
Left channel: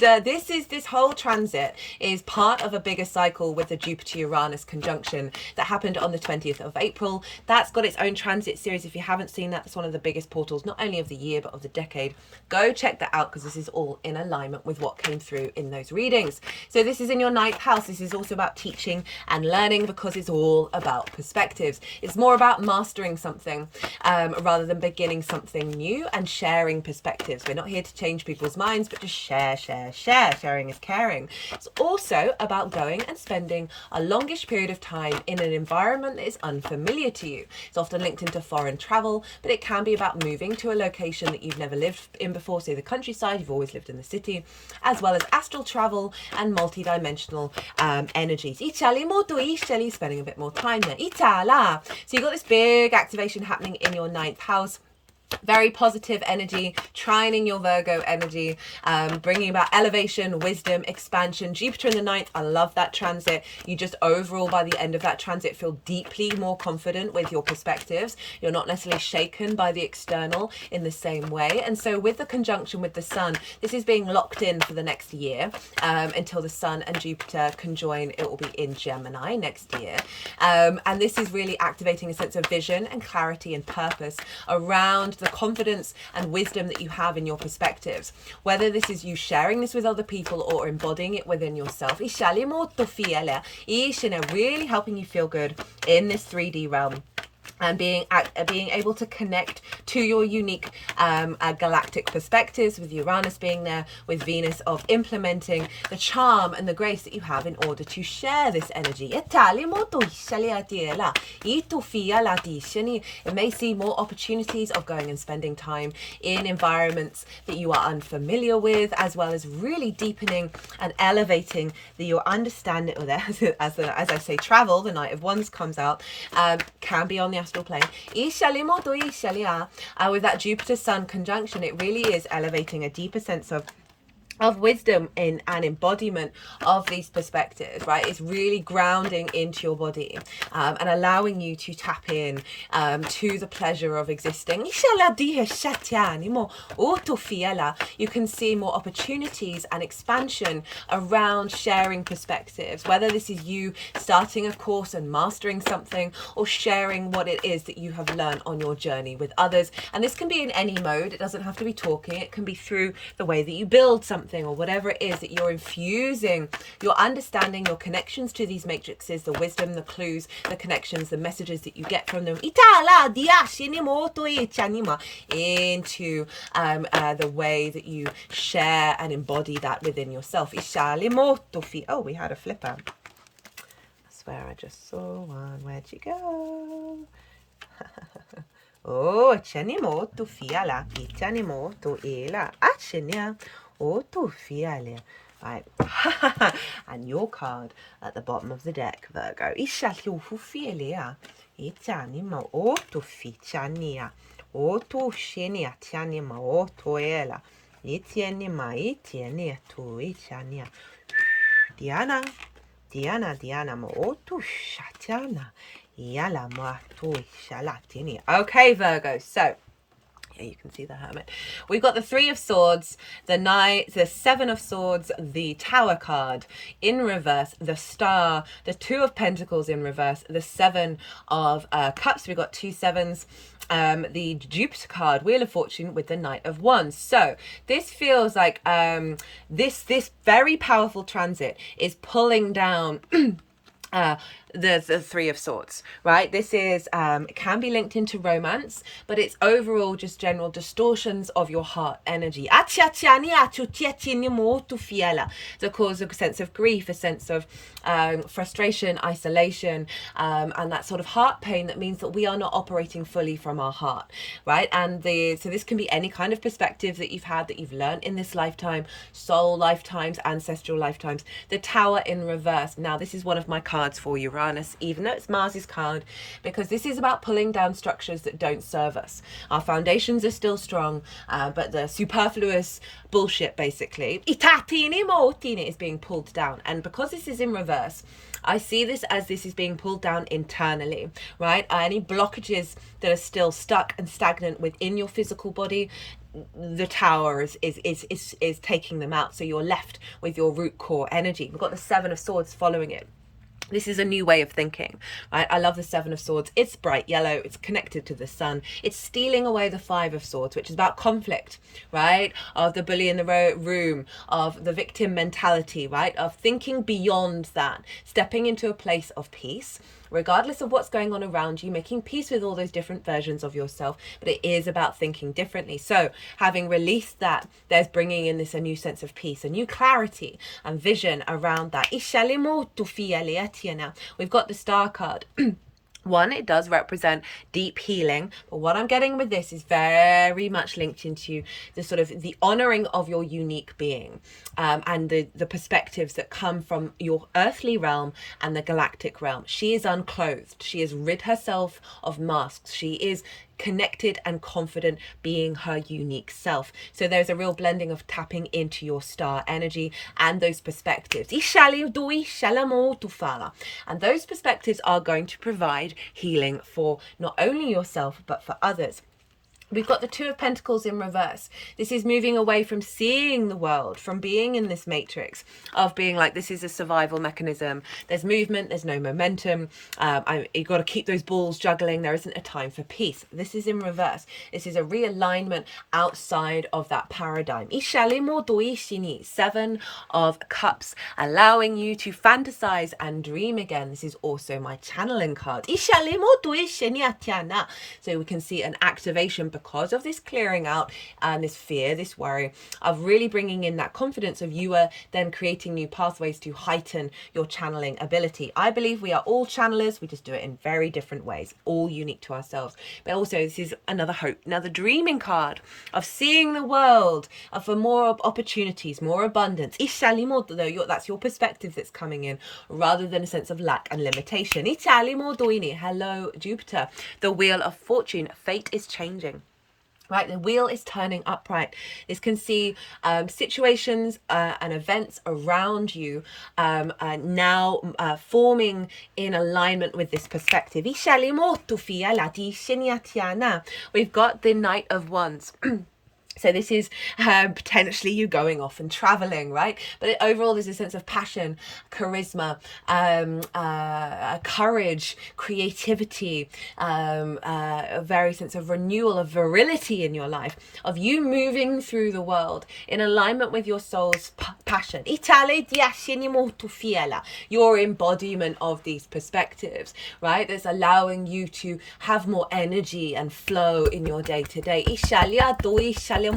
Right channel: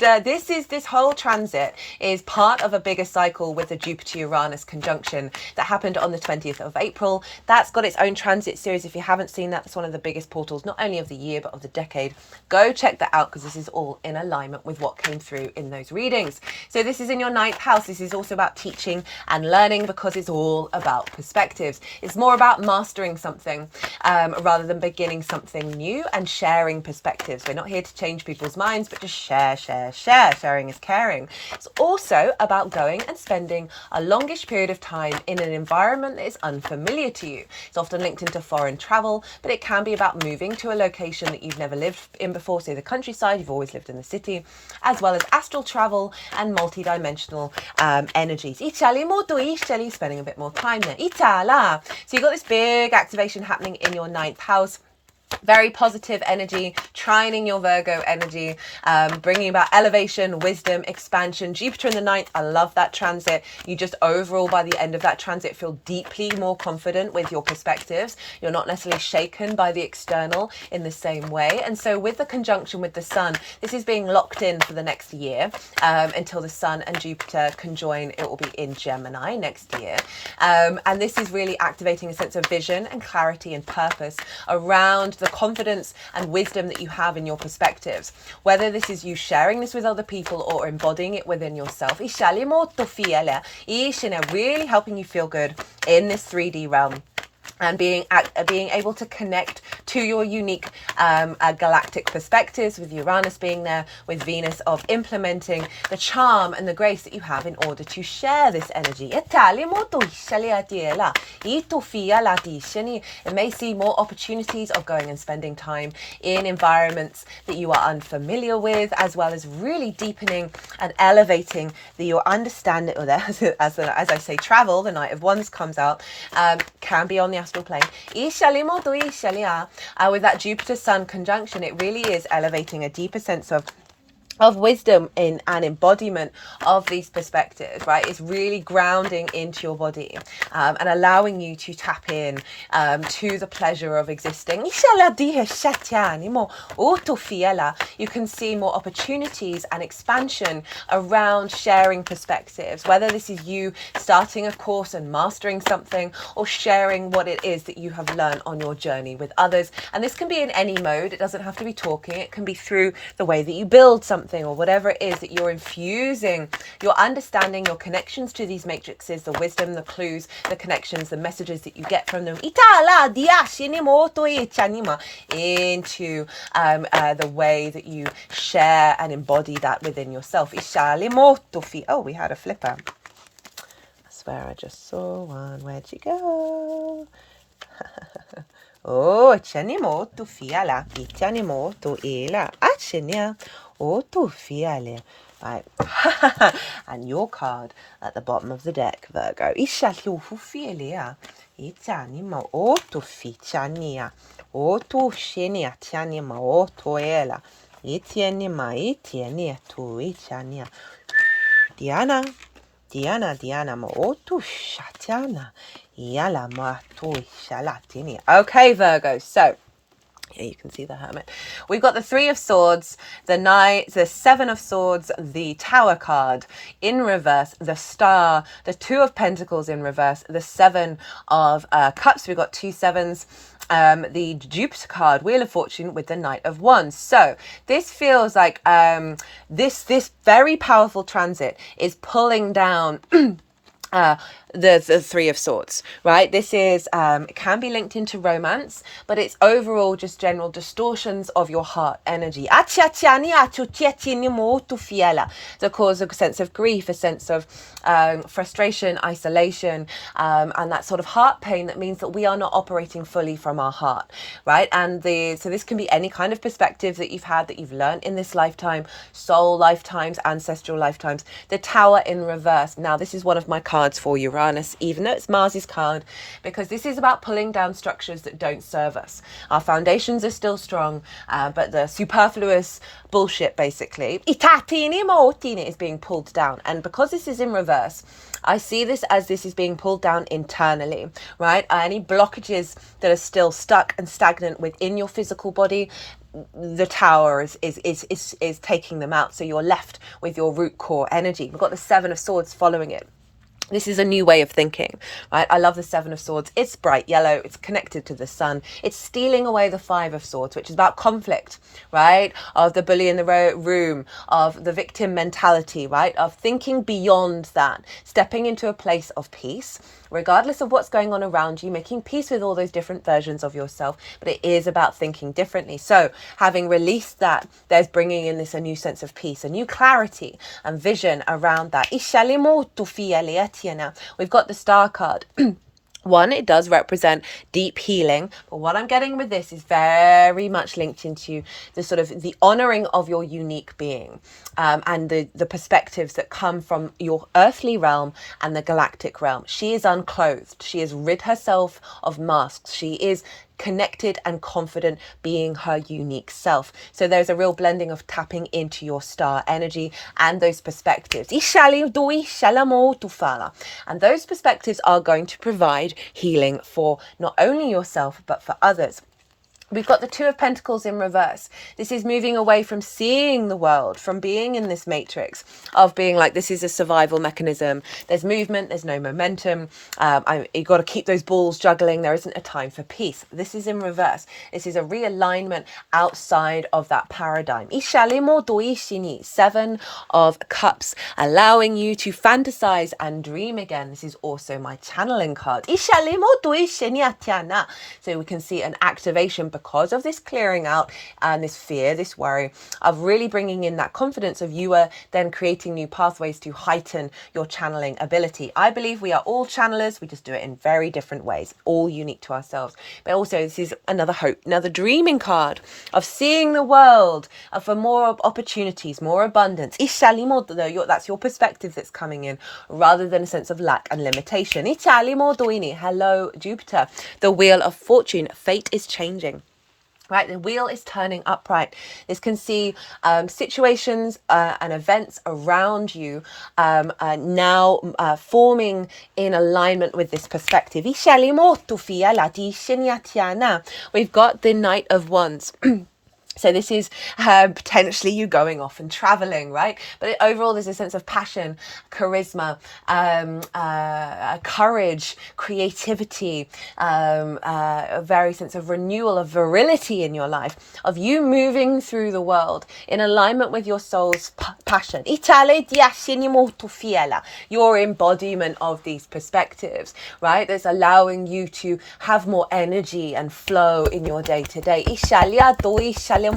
this whole transit is part of a bigger cycle with the Jupiter-Uranus conjunction that happened on the 20th of April. That's got its own transit series. If you haven't seen that, it's one of the biggest portals, not only of the year, but of the decade. Go check that out because this is all in alignment with what came through in those readings. So this is in your 9th house. This is also about teaching and learning because it's all about perspective. perspectives. It's more about mastering something rather than beginning something new and sharing perspectives. We're not here to change people's minds, but just share. Sharing is caring. It's also about going and spending a longish period of time in an environment that is unfamiliar to you. It's often linked into foreign travel, but it can be about moving to a location that you've never lived in before, say the countryside, you've always lived in the city, as well as astral travel and multi-dimensional energies. Spending a bit more time there. So you've got this big activation happening in your 9th house. Very positive energy, trining your Virgo energy, bringing about elevation, wisdom, expansion. Jupiter in the 9th, I love that transit. You just overall, by the end of that transit, feel deeply more confident with your perspectives. You're not necessarily shaken by the external in the same way. And so with the conjunction with the sun, this is being locked in for the next year until the sun and Jupiter conjoin. It will be in Gemini next year. And this is really activating a sense of vision and clarity and purpose around the confidence and wisdom that you have in your perspectives, whether this is you sharing this with other people or embodying it within yourself. Really helping you feel good in this 3D realm and being able to connect to your unique galactic perspectives, with Uranus being there, with Venus of implementing the charm and the grace that you have in order to share this energy. It may see more opportunities of going and spending time in environments that you are unfamiliar with, as well as really deepening and elevating your understanding. Or as I say, travel, the Knight of Wands comes out, can be on the astral plane. With that Jupiter Sun conjunction, it really is elevating a deeper sense of wisdom in an embodiment of these perspectives, right? It's really grounding into your body and allowing you to tap in to the pleasure of existing. You can see more opportunities and expansion around sharing perspectives, whether this is you starting a course and mastering something or sharing what it is that you have learned on your journey with others. And this can be in any mode. It doesn't have to be talking. It can be through the way that you build something, or whatever it is that you're infusing your understanding, your connections to these matrices, the wisdom, the clues, the connections, the messages that you get from them into the way that you share and embody that within yourself. Oh, we had a flipper. I swear I just saw one. Where'd you go? Oh, c'animo fiala, c'animo ela, acenia, tu fiale. Right, and your card at the bottom of the deck, Virgo. Ishalio fialia, c'animo tu ficania, tu shenia, c'animo ela, itienia tu icania. Diana, tu shatana. Okay, Virgo, so here you can see the Hermit. We've got the 3 of Swords, the Knight, the 7 of Swords, the Tower card in reverse, the Star, the 2 of Pentacles in reverse, the 7 of Cups. We've got 2 sevens. The Jupiter card, Wheel of Fortune, with the Knight of Wands. So this feels like this very powerful transit is pulling down the 3 of Swords, right? This is it can be linked into romance, but it's overall just general distortions of your heart energy that cause a sense of grief, a sense of frustration, isolation, and that sort of heart pain that means that we are not operating fully from our heart, right? And so this can be any kind of perspective that you've had, that you've learned in this lifetime, soul lifetimes, ancestral lifetimes. The Tower in reverse. Now, this is one of my cards for Uranus, even though it's Mars's card, because this is about pulling down structures that don't serve us. Our foundations are still strong, but the superfluous bullshit, basically, is being pulled down. And because this is in reverse, I see this as this is being pulled down internally, right? Any blockages that are still stuck and stagnant within your physical body, the Tower is taking them out. So you're left with your root core energy. We've got the 7 of Swords following it. This is a new way of thinking, right? I love the 7 of Swords. It's bright yellow. It's connected to the sun. It's stealing away the 5 of Swords, which is about conflict, right? Of the bully in the room, of the victim mentality, right? Of thinking beyond that, stepping into a place of peace, regardless of what's going on around you, making peace with all those different versions of yourself. But it is about thinking differently. So having released that, there's bringing in a new sense of peace, a new clarity and vision around that. We've got the Star card. One, it does represent deep healing, but what I'm getting with this is very much linked into the sort of the honoring of your unique being, and the perspectives that come from your earthly realm and the galactic realm. She is unclothed. She has rid herself of masks. She is connected and confident, being her unique self. So there's a real blending of tapping into your star energy and those perspectives. And those perspectives are going to provide healing for not only yourself but for others. We've got the Two of Pentacles in reverse. This is moving away from seeing the world, from being in this matrix of being like, this is a survival mechanism. There's movement, there's no momentum. You've got to keep those balls juggling. There isn't a time for peace. This is in reverse. This is a realignment outside of that paradigm. Seven of Cups, allowing you to fantasize and dream again. This is also my channeling card. So we can see an activation because of this clearing out and this fear, this worry, of really bringing in that confidence of you are then creating new pathways to heighten your channeling ability. I believe we are all channelers. We just do it in very different ways, all unique to ourselves. But also this is another hope, another dreaming card of seeing the world, for more opportunities, more abundance. That's your perspective that's coming in rather than a sense of lack and limitation. Hello, Jupiter. The Wheel of Fortune. Fate is changing. Right, the wheel is turning upright. This can see situations and events around you now forming in alignment with this perspective. We've got the Knight of Wands. So this is potentially you going off and traveling, right? But overall, there's a sense of passion, charisma, courage, creativity, a very sense of renewal, of virility in your life, of you moving through the world in alignment with your soul's passion. Your embodiment of these perspectives, right? That's allowing you to have more energy and flow in your day-to-day. Wow.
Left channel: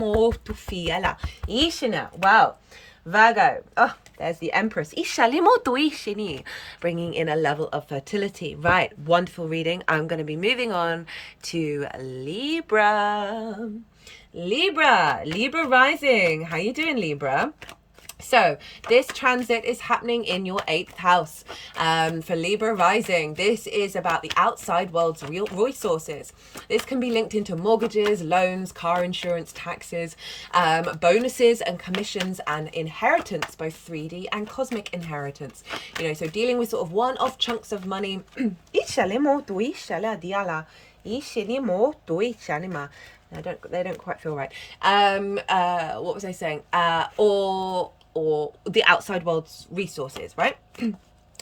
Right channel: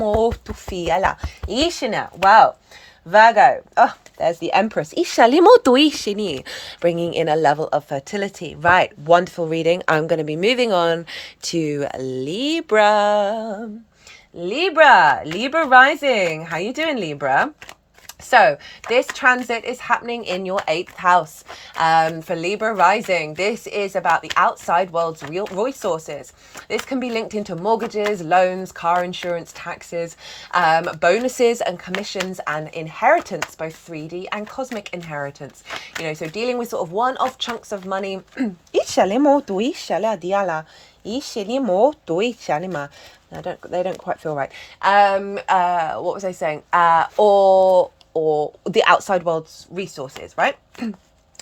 Virgo. Oh, there's the Empress. Bringing in a level of fertility. Right. Wonderful reading. I'm going to be moving on to Libra. Libra rising. How you doing, Libra? So this transit is happening in your 8th house for Libra rising. This is about the outside world's real resources. This can be linked into mortgages, loans, car insurance, taxes, bonuses and commissions and inheritance, both 3D and cosmic inheritance. So dealing with sort of one-off chunks of money. They don't quite feel right. What was I saying? Or the outside world's resources, right?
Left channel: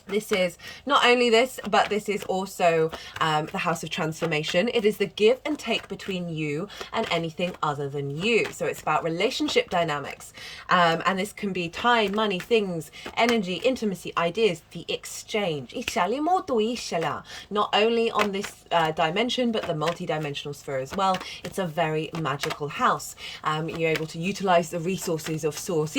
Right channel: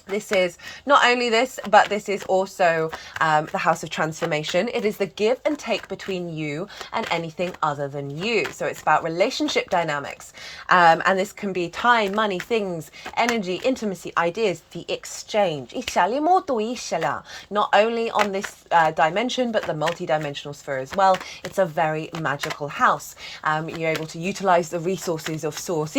This is not only this, but this is also the house of transformation. It is the give and take between you and anything other than you. So it's about relationship dynamics. And this can be time, money, things, energy, intimacy, ideas, the exchange. Not only on this dimension, but the multi-dimensional sphere as well. It's a very magical house. You're able to utilize the resources of source.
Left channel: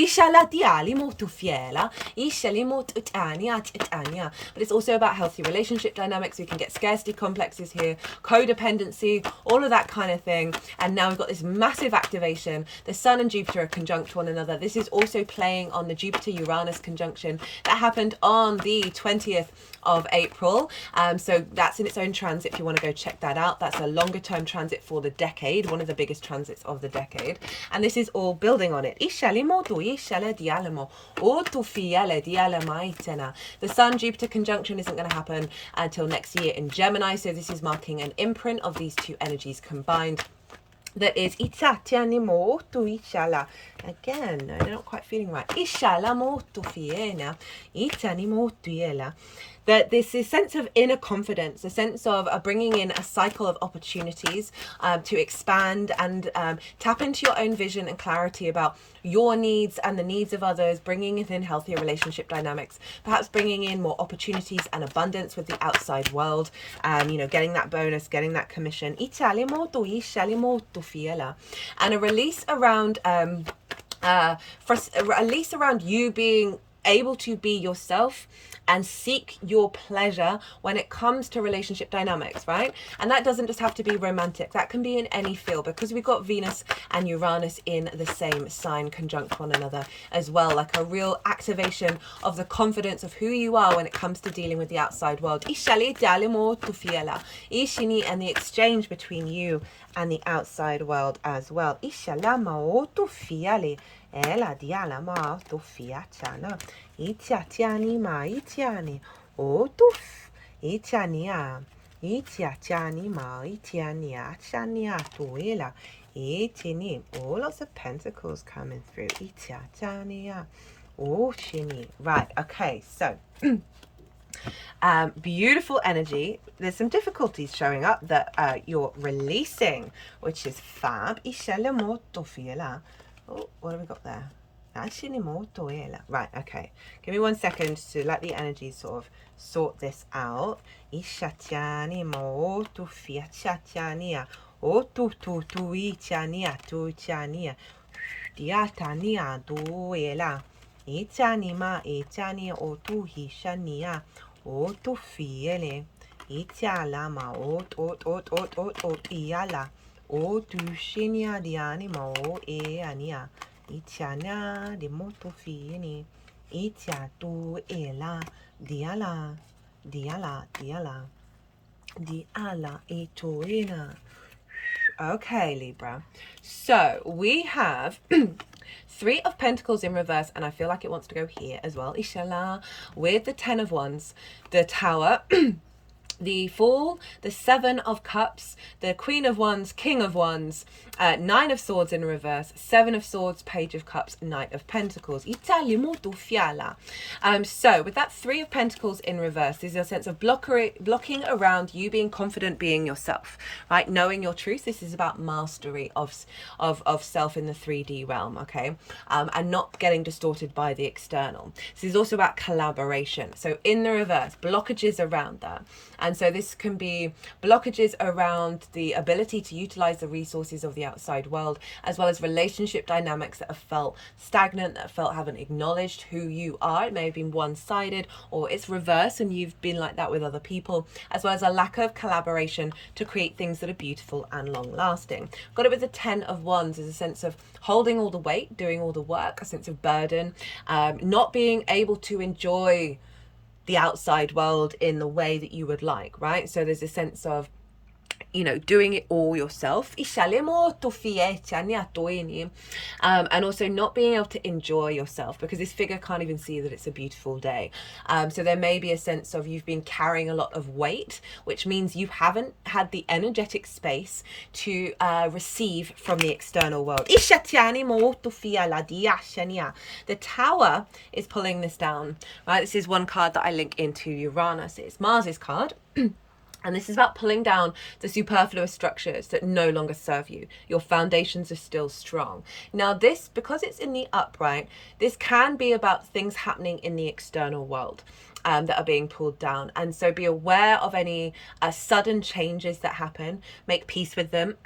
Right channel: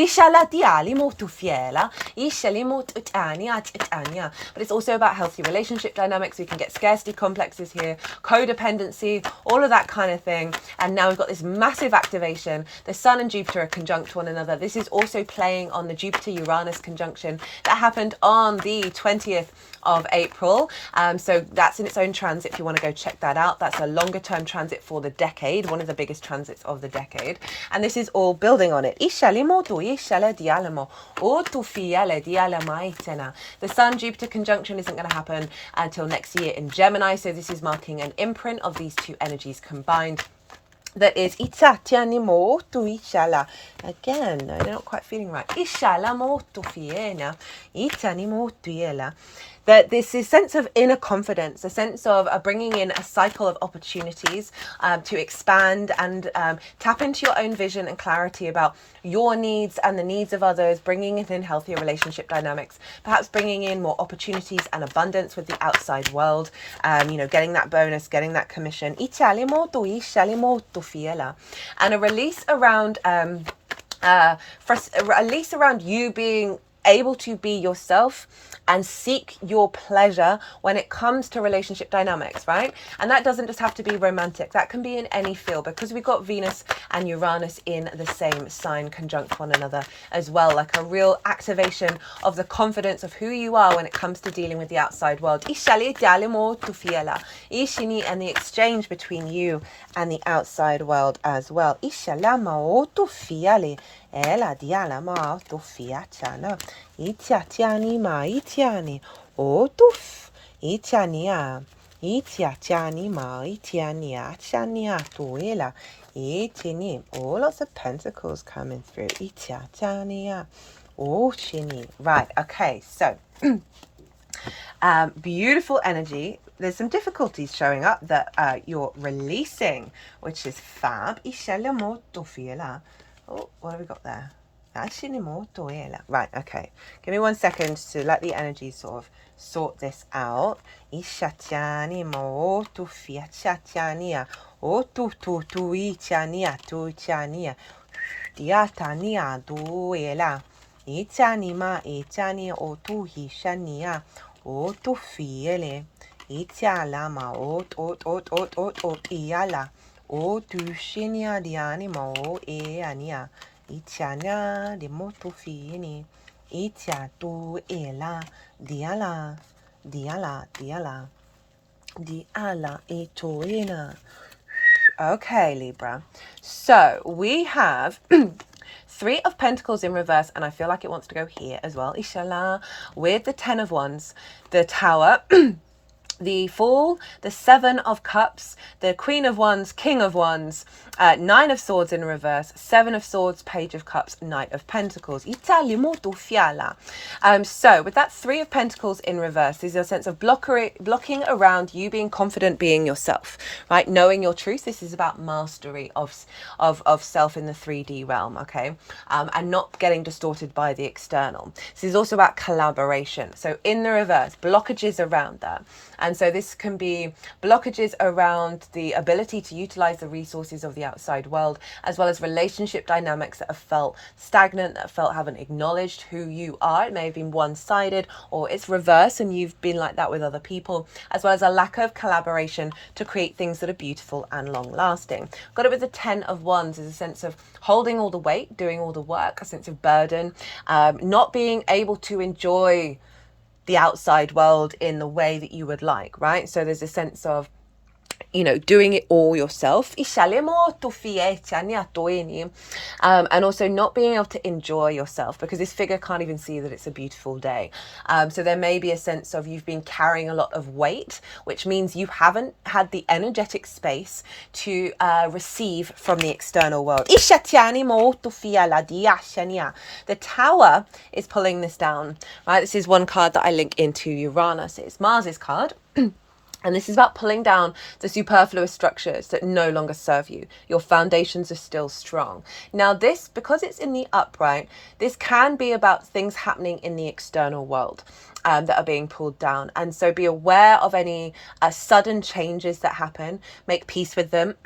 But it's also about healthy relationship dynamics. We can get scarcity complexes here, codependency, all of that kind of thing. And now we've got this massive activation. The Sun and Jupiter are conjunct one another. This is also playing on the Jupiter-Uranus conjunction that happened on the 20th of April. So that's in its own transit if you want to go check that out. That's a longer term transit for the decade, one of the biggest transits of the decade. And this is all building on it. The Sun-Jupiter conjunction isn't going to happen until next year in Gemini. So this is marking an imprint of these two energies combined. That is again, no, they're not quite feeling right. that this is sense of inner confidence, a sense of bringing in a cycle of opportunities to expand and tap into your own vision and clarity about your needs and the needs of others, bringing in healthier relationship dynamics, perhaps bringing in more opportunities and abundance with the outside world, you know, getting that bonus, getting that commission. And a release around at least around you being able to be yourself and seek your pleasure when it comes to relationship dynamics, right? And that doesn't just have to be romantic. That can be in any field, because we've got Venus and Uranus in the same sign conjunct one another as well, like a real activation of the confidence of who you are when it comes to dealing with the outside world. And the exchange between you and the outside world as well. Itiatiani ma itiani otuf itiania itiatiani ma itiania chania tuela itini. Oh, lots of pentacles coming through. Itiatiania ochini. Right, okay, so beautiful energy. There's some difficulties showing up that you're releasing, which is fab. Oh, what have we got there? Right, okay. Give me 1 second to let the energy sort of sort this out. Itiana de motofini, itia tu ela, diala, diala etoina. Okay, Libra. So we have 3 of Pentacles in reverse, and I feel like it wants to go here as well. Inshallah, with the 10 of Wands, the Tower. The Fool, the 7 of Cups, the Queen of Wands, King of Wands, 9 of Swords in reverse, 7 of Swords, Page of Cups, Knight of Pentacles. So with that 3 of Pentacles in reverse, there's a sense of blocking around you being confident, being yourself, right? Knowing your truth. This is about mastery of self in the 3D realm, okay? And not getting distorted by the external. This is also about collaboration. So in the reverse, blockages around that. And so this can be blockages around the ability to utilize the resources of the outside world, as well as relationship dynamics that have felt stagnant, that haven't acknowledged who you are. It may have been one-sided, or it's reverse and you've been like that with other people, as well as a lack of collaboration to create things that are beautiful and long-lasting. Got it with the 10 of Wands is a sense of holding all the weight, doing all the work, a sense of burden, not being able to enjoy the outside world in the way that you would like, right? So there's a sense of, you know, doing it all yourself, and also not being able to enjoy yourself, because this figure can't even see that it's a beautiful day. So there may be a sense of you've been carrying a lot of weight, which means you haven't had the energetic space to receive from the external world. The Tower is pulling this down, right? This is one card that I link into Uranus. It's Mars's card. And this is about pulling down the superfluous structures that no longer serve you. Your foundations are still strong. Now this, because it's in the upright, this can be about things happening in the external world that are being pulled down. And so be aware of any sudden changes that happen. Make peace with them.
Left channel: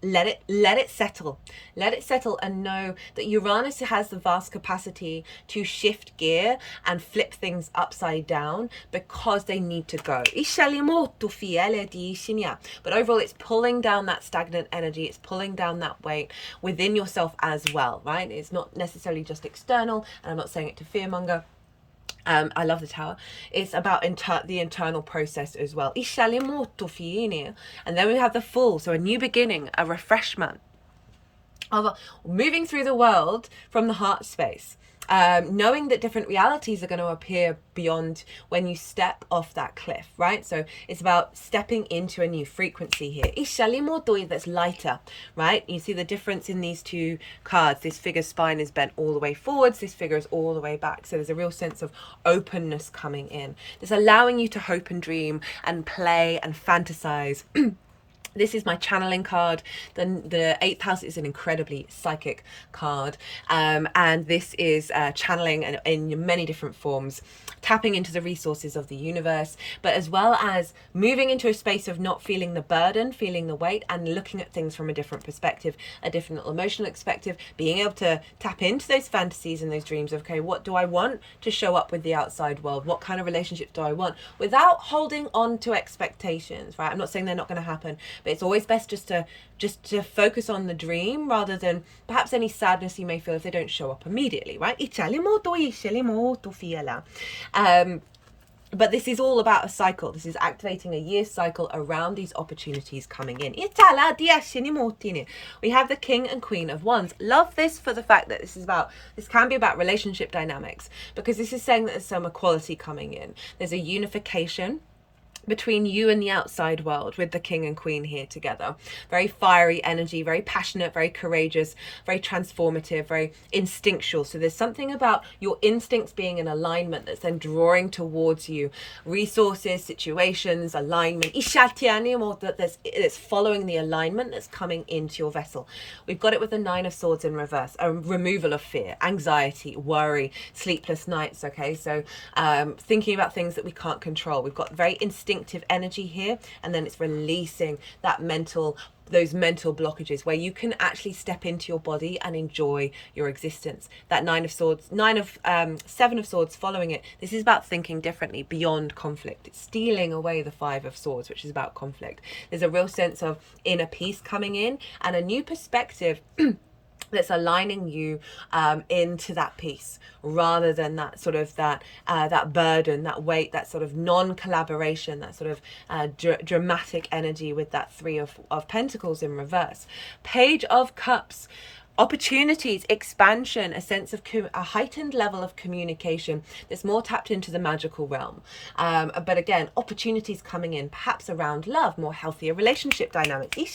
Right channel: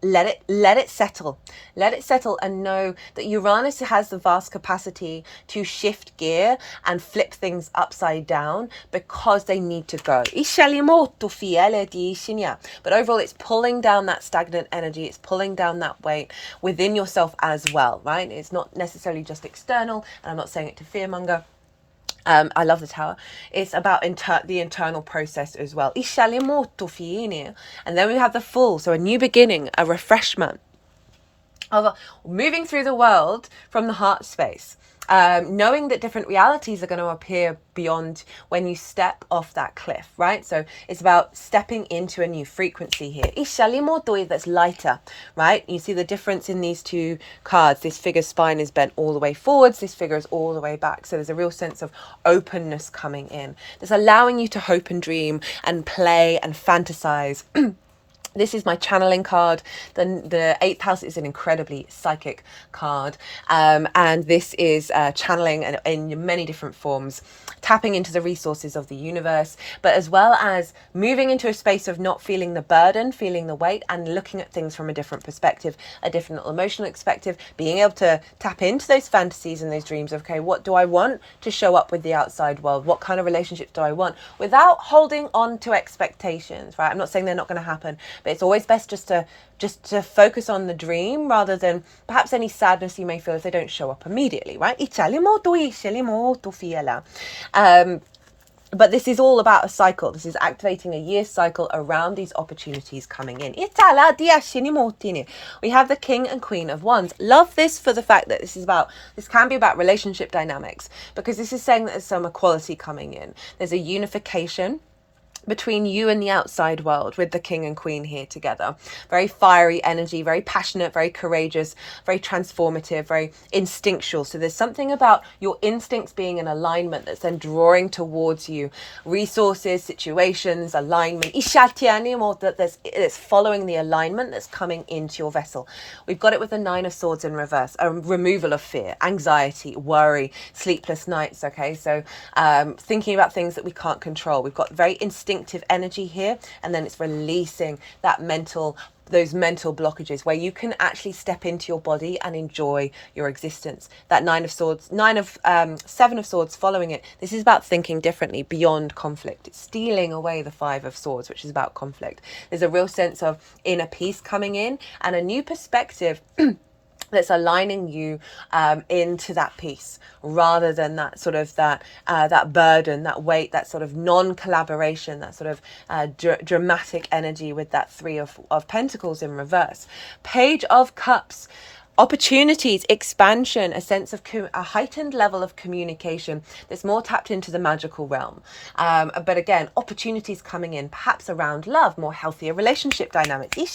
Let it settle. Let it settle, and know that Uranus has the vast capacity to shift gear and flip things upside down because they need to go. But overall, it's pulling down that stagnant energy. It's pulling down that weight within yourself as well, right? It's not necessarily just external, and I'm not saying it to fearmonger. I love the Tower. It's about the internal process as well. And then we have the Fool, so a new beginning, a refreshment. of moving through the world from the heart space. Knowing that different realities are going to appear beyond when you step off that cliff, right? So it's about stepping into a new frequency here. That's lighter, right? You see the difference in these two cards. This figure's spine is bent all the way forwards. This figure is all the way back. So there's a real sense of openness coming in. That's allowing you to hope and dream and play and fantasize. This is my channeling card. The 8th house is an incredibly psychic card. And this is channeling in many different forms, tapping into the resources of the universe, but as well as moving into a space of not feeling the burden, feeling the weight, and looking at things from a different perspective, a different emotional perspective, being able to tap into those fantasies and those dreams of, okay, what do I want to show up with the outside world? What kind of relationships do I want? Without holding on to expectations, right? I'm not saying they're not going to happen, but it's always best just to focus on the dream rather than perhaps any sadness you may feel if they don't show up immediately, right? But this is all about a cycle. This is activating a year cycle around these opportunities coming in. We have the King and Queen of Wands. Love this for the fact that this can be about relationship dynamics, because this is saying that there's some equality coming in. There's a unification between you and the outside world with the King and Queen here together. Very fiery energy, very passionate, very courageous, very transformative, very instinctual. So there's something about your instincts being in alignment that's then drawing towards you resources, situations, alignment. That's following the alignment that's coming into your vessel. We've got it with the 9 of Swords in reverse, a removal of fear, anxiety, worry, sleepless nights. Okay, so thinking about things that we can't control. We've got very instinctive energy here, and then it's releasing those mental blockages where you can actually step into your body and enjoy your existence. That 7 of Swords following it, this is about thinking differently beyond conflict. It's stealing away the 5 of Swords, which is about conflict. There's a real sense of inner peace coming in and a new perspective that's aligning you into that peace, rather than that sort of that burden, that weight, that sort of non-collaboration, that sort of dramatic energy with that 3 of Pentacles in reverse. Page of Cups. Opportunities, expansion, a sense of a heightened level of communication that's more tapped into the magical realm. But again, opportunities coming in, perhaps around love, more healthier relationship dynamics. A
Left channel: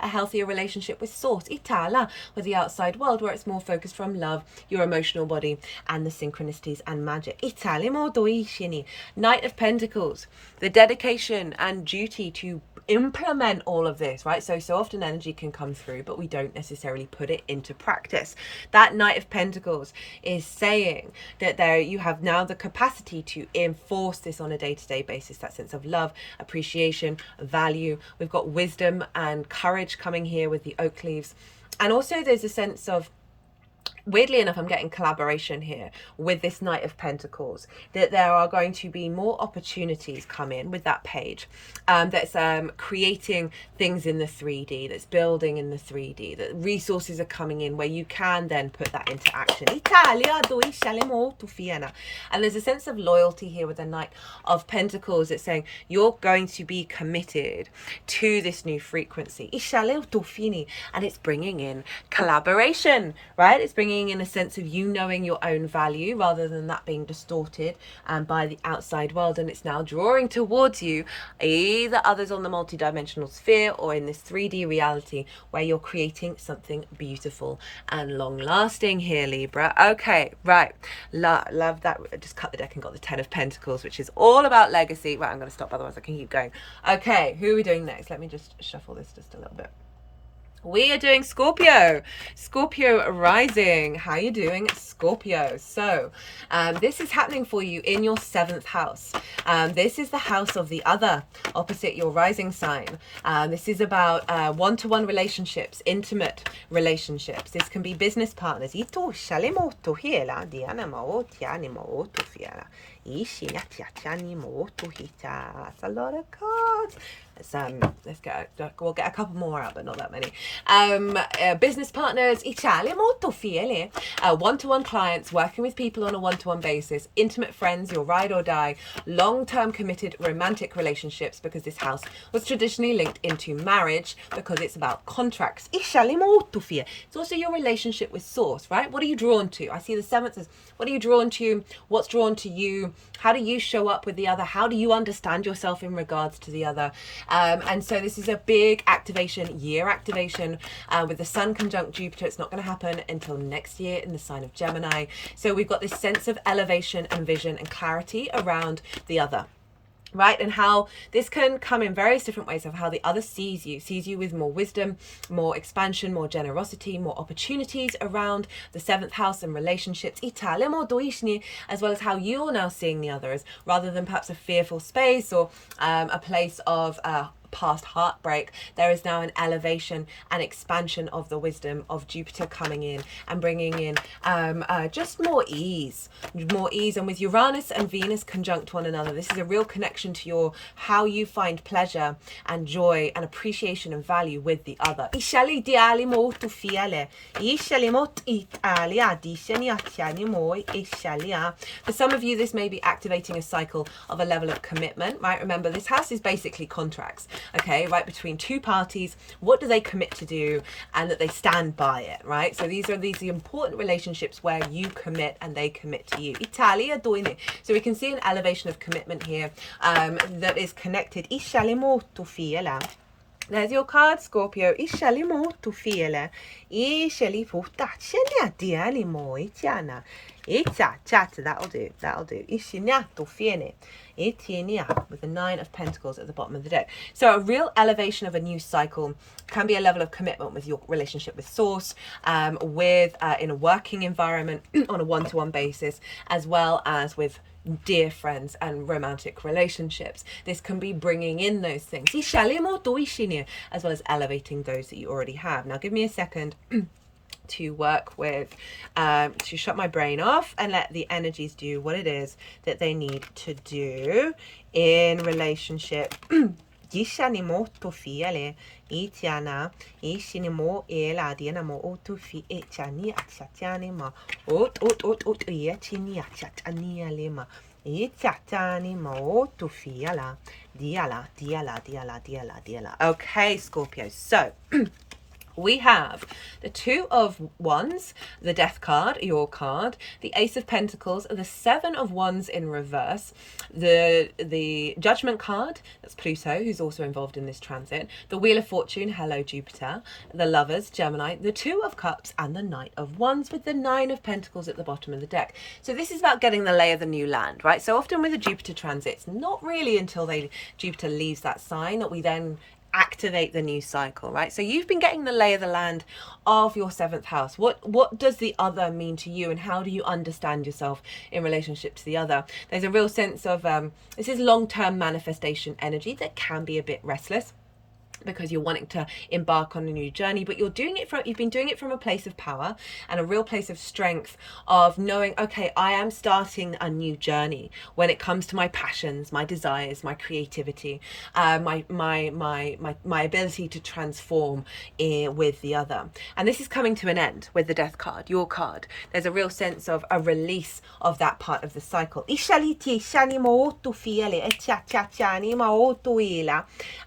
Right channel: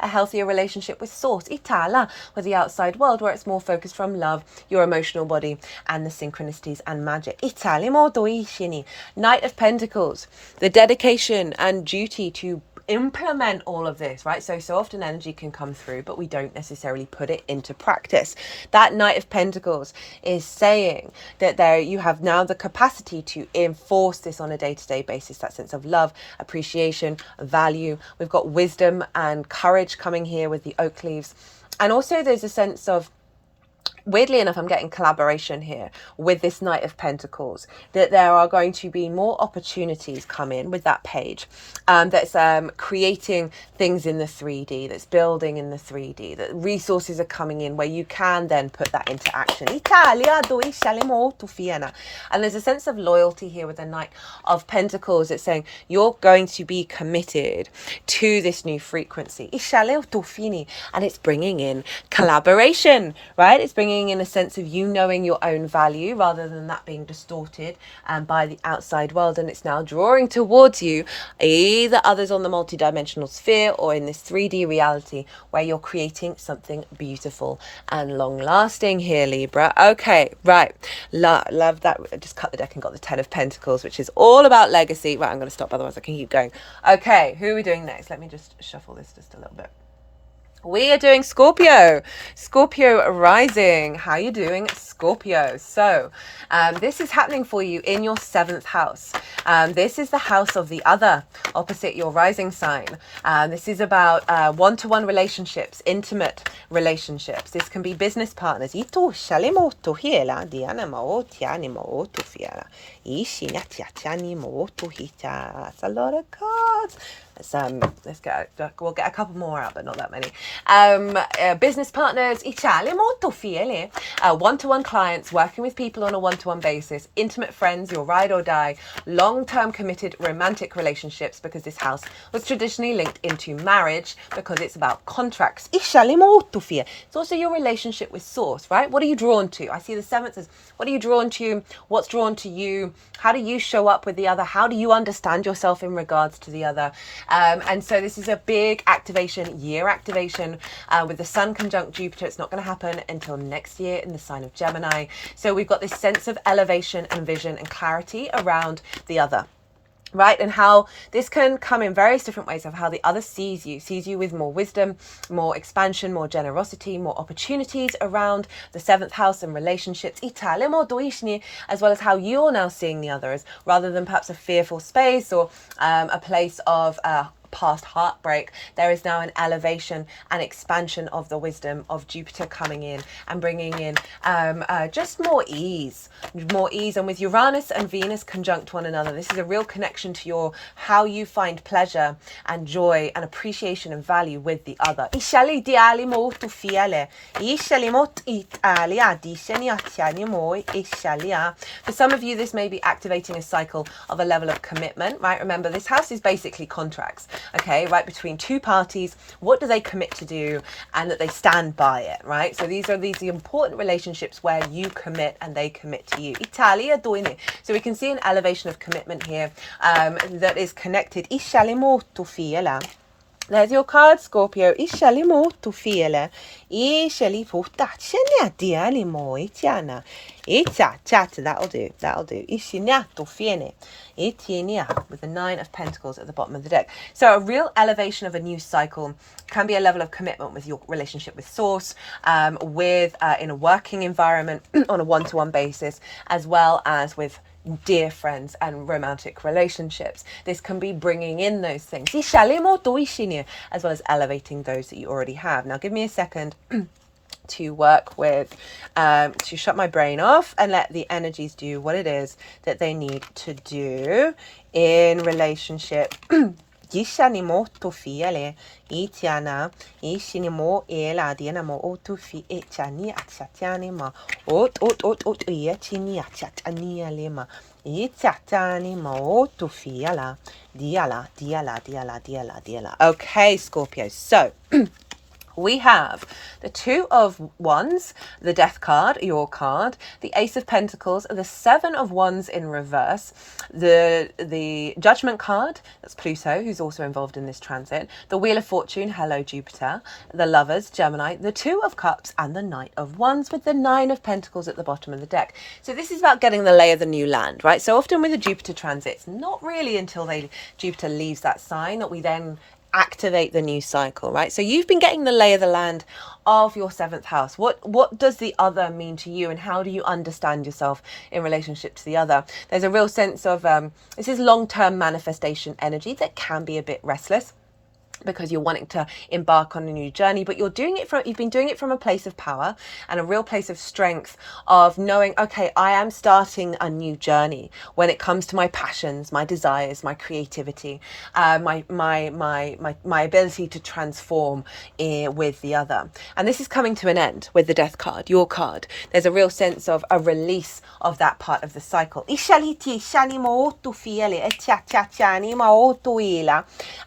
healthier relationship with source, with the outside world, where it's more focused from love, your emotional body, and the synchronicities and magic. Knight of Pentacles, the dedication and duty to implement all of this, right? So often energy can come through, but we don't necessarily put it into practice. That Knight of Pentacles is saying that you have now the capacity to enforce this on a day-to-day basis, that sense of love, appreciation, value. We've got wisdom and courage coming here with the oak leaves. And also there's a sense of, weirdly enough, I'm getting collaboration here with this Knight of Pentacles, that there are going to be more opportunities come in with that page, that's creating things in the 3D, that's building in the 3D, that resources are coming in where you can then put that into action. And there's a sense of loyalty here with the Knight of Pentacles. It's saying you're going to be committed to this new frequency, and it's bringing in collaboration, right? It's bringing in a sense of you knowing your own value rather than that being distorted by the outside world, and it's now drawing towards you either others on the multidimensional sphere or in this 3D reality where you're creating something beautiful and long lasting here, Libra. Okay, right, love that. I just cut the deck and got the 10 of Pentacles, which is all about legacy. Right, I'm going to stop, otherwise I can keep going. Okay, who are we doing next? Let me just shuffle this just a little bit. We are doing Scorpio rising. How you doing, Scorpio? So this is happening for you in your 7th house. This is the house of the other, opposite your rising sign. This is about one-to-one relationships, intimate relationships. This can be business partners. That's a lot of cards. cards. We'll get a couple more out, but not that many. Business partners, one-to-one clients, working with people on a one-to-one basis, intimate friends, your ride or die, long-term committed romantic relationships, because this house was traditionally linked into marriage because it's about contracts. It's also your relationship with source, right? What are you drawn to? I see the seventh as, what are you drawn to? What's drawn to you? How do you show up with the other? How do you understand yourself in regards to the other? And so this is a big year activation with the Sun conjunct Jupiter. It's not going to happen until next year in the sign of Gemini. So we've got this sense of elevation and vision and clarity around the other. Right, and how this can come in various different ways of how the other sees you with more wisdom, more expansion, more generosity, more opportunities around the seventh house and relationships, as well as how you're now seeing the others, rather than perhaps a fearful space or a place of past heartbreak. There is now an elevation and expansion of the wisdom of Jupiter coming in and bringing in just more ease. And with Uranus and Venus conjunct one another, this is a real connection to how you find pleasure and joy and appreciation and value with the other. For some of you, this may be activating a cycle of a level of commitment, right? Remember, this house is basically contracts. Okay, right, between two parties, what do they commit to do and that they stand by it, right? So these are important relationships where you commit and they commit to you. Italia doing it. So we can see an elevation of commitment here that is connected. There's your card, Scorpio. That'll do. With the 9 of Pentacles at the bottom of the deck. So a real elevation of a new cycle can be a level of commitment with your relationship with source, in a working environment on a one-to-one basis, as well as with dear friends and romantic relationships. This can be bringing in those things, as well as elevating those that you already have. Now give me a second to work with, to shut my brain off and let the energies do what it is that they need to do in relationship. Gishanimo to fiele, itiana, ishinimo ela dianamo o to fi echani achatianima, ot iachini achatania lima, itatanimo to fiala, diala. Okay, Scorpio. So we have the 2 of Wands, the Death card, your card, the Ace of Pentacles, the 7 of Wands in reverse, the Judgment card, that's Pluto, who's also involved in this transit, the Wheel of Fortune, hello Jupiter, the Lovers, Gemini, the 2 of Cups, and the Knight of Wands with the 9 of Pentacles at the bottom of the deck. So this is about getting the lay of the new land, right? So often with a Jupiter transit, it's not really until Jupiter leaves that sign that we then activate the new cycle, right? So you've been getting the lay of the land of your 7th house. What does the other mean to you, and how do you understand yourself in relationship to the other? There's a real sense of this is long-term manifestation energy that can be a bit restless, because you're wanting to embark on a new journey, but you've been doing it from a place of power and a real place of strength of knowing, okay, I am starting a new journey when it comes to my passions, my desires, my creativity, my ability to transform with the other. And this is coming to an end with the Death card, your card. There's a real sense of a release of that part of the cycle. And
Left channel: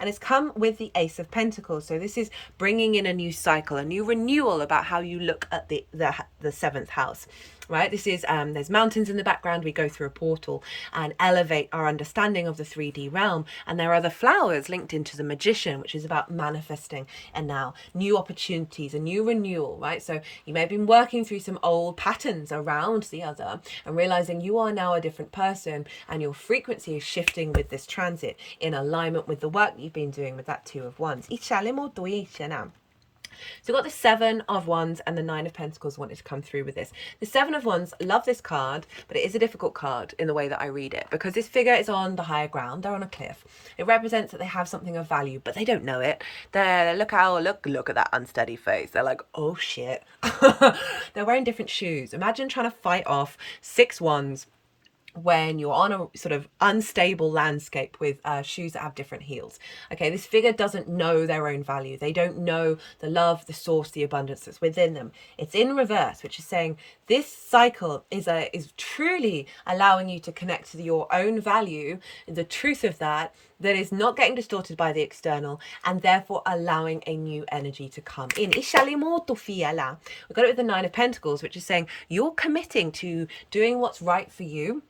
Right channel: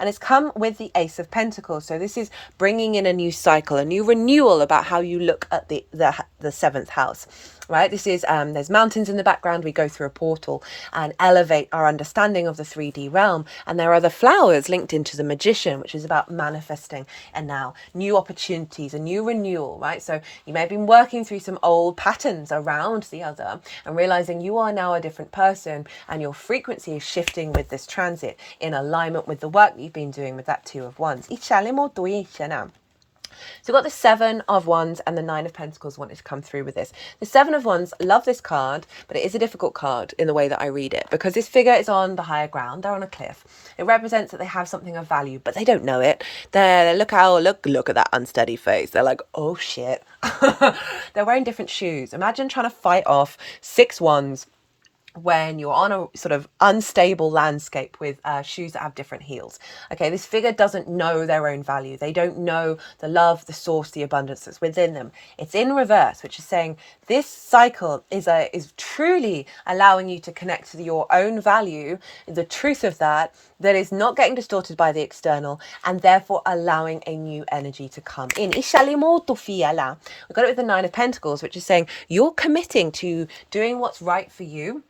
it's come with the Ace of Pentacles. So this is bringing in a new cycle, a new renewal about how you look at the 7th house, right? This is there's mountains in the background. We go through a portal and elevate our understanding of the 3D realm, and there are the flowers linked into the Magician, which is about manifesting and now new opportunities, a new renewal, right? So you may have been working through some old patterns around the other and realizing you are now a different person, and your frequency is shifting with this transit in alignment with the work that you've been doing with that 2 of Wands. So we've got the 7 of Wands and the 9 of Pentacles wanted to come through with this. The 7 of Wands, love this card, but it is a difficult card in the way that I read it, because this figure is on the higher ground. They're on a cliff. It represents that they have something of value, but they don't know it. Look at that unsteady face. They're like, oh shit. They're wearing different shoes. Imagine trying to fight off 6 wands when you're on a sort of unstable landscape with shoes that have different heels. Okay, this figure doesn't know their own value. They don't know the love, the source, the abundance that's within them. It's in reverse, which is saying this cycle is truly allowing you to connect to your own value, the truth of that is not getting distorted by the external, and therefore allowing a new energy to come in. We've got it with the Nine of Pentacles, which is saying you're committing to doing what's right for you,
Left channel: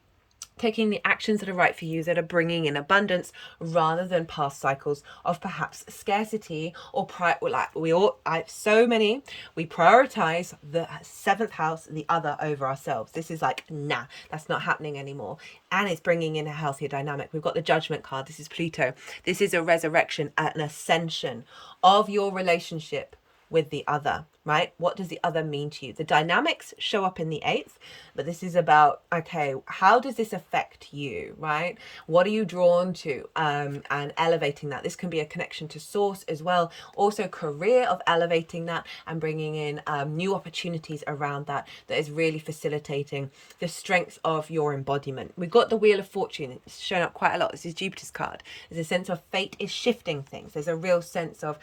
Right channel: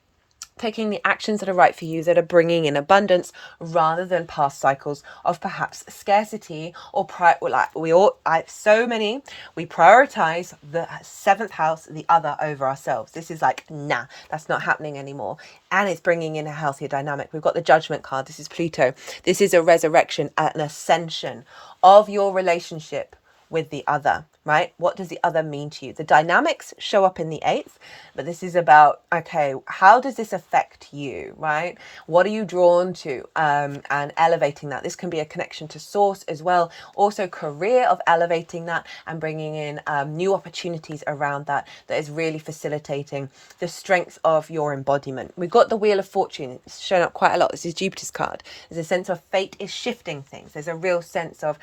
taking the actions that are right for you, that are bringing in abundance, rather than past cycles of perhaps scarcity or we prioritize the seventh house, the other, over ourselves. This is like, nah, that's not happening anymore. And it's bringing in a healthier dynamic. We've got the Judgment card. This is Pluto. This is a resurrection, an ascension of your relationship with the other, right? What does the other mean to you? The dynamics show up in the eighth, but this is about, okay, how does this affect you, right? What are you drawn to? And elevating that. This can be a connection to source as well. Also career, of elevating that and bringing in new opportunities around that is really facilitating the strength of your embodiment. We've got the Wheel of Fortune. It's shown up quite a lot. This is Jupiter's card. There's a sense of fate is shifting things. There's a real sense of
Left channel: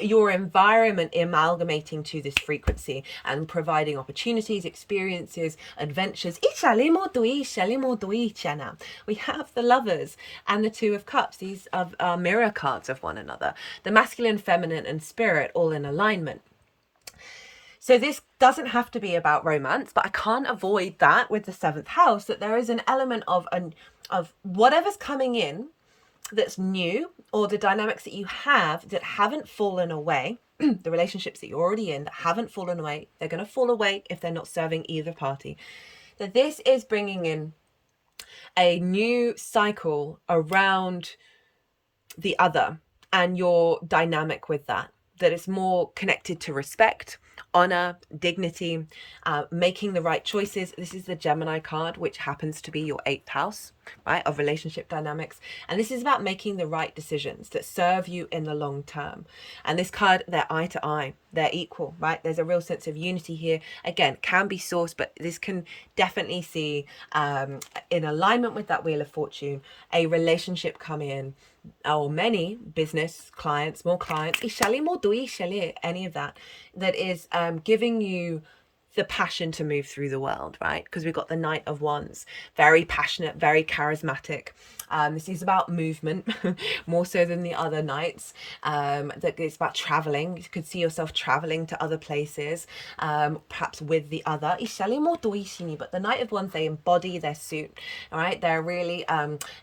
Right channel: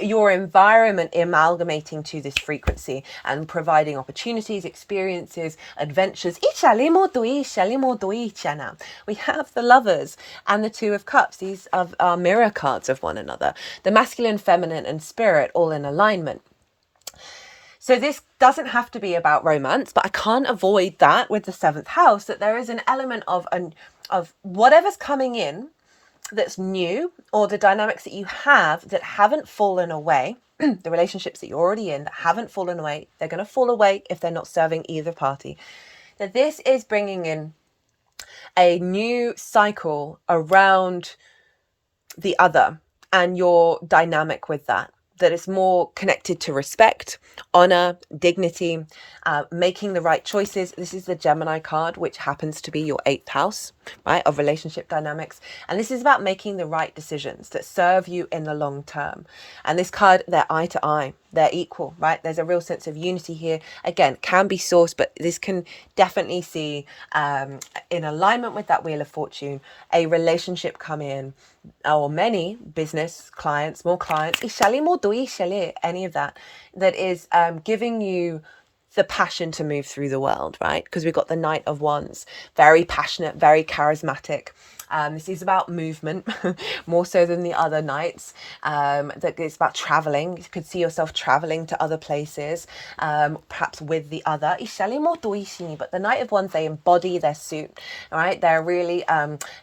your environment amalgamating to this frequency and providing opportunities, experiences, adventures. We have the Lovers and the Two of Cups. These are mirror cards of one another. The masculine, feminine, and spirit all in alignment. So this doesn't have to be about romance, but I can't avoid that with the seventh house, that there is an element of whatever's coming in that's new, or the dynamics that you have that haven't fallen away, the relationships that you're already in that haven't fallen away, they're going to fall away if they're not serving either party. That this is bringing in a new cycle around the other and your dynamic with that. That it's more connected to respect, honor, dignity, making the right choices. This is the Gemini card, which happens to be your eighth house, right, of relationship dynamics. And this is about making the right decisions that serve you in the long term. And this card, they're eye to eye, they're equal, right? There's a real sense of unity here. Again, can be sourced, but this can definitely see in alignment with that Wheel of Fortune, a relationship come in, or many business clients, more clients, any of that is giving you the passion to move through the world, right? Because we've got the Knight of Wands, very passionate, very charismatic. This is about movement, more so than the other knights. That it's about traveling. You could see yourself traveling to other places, perhaps with the other. But the Knight of Wands, they embody their suit, all right? They're really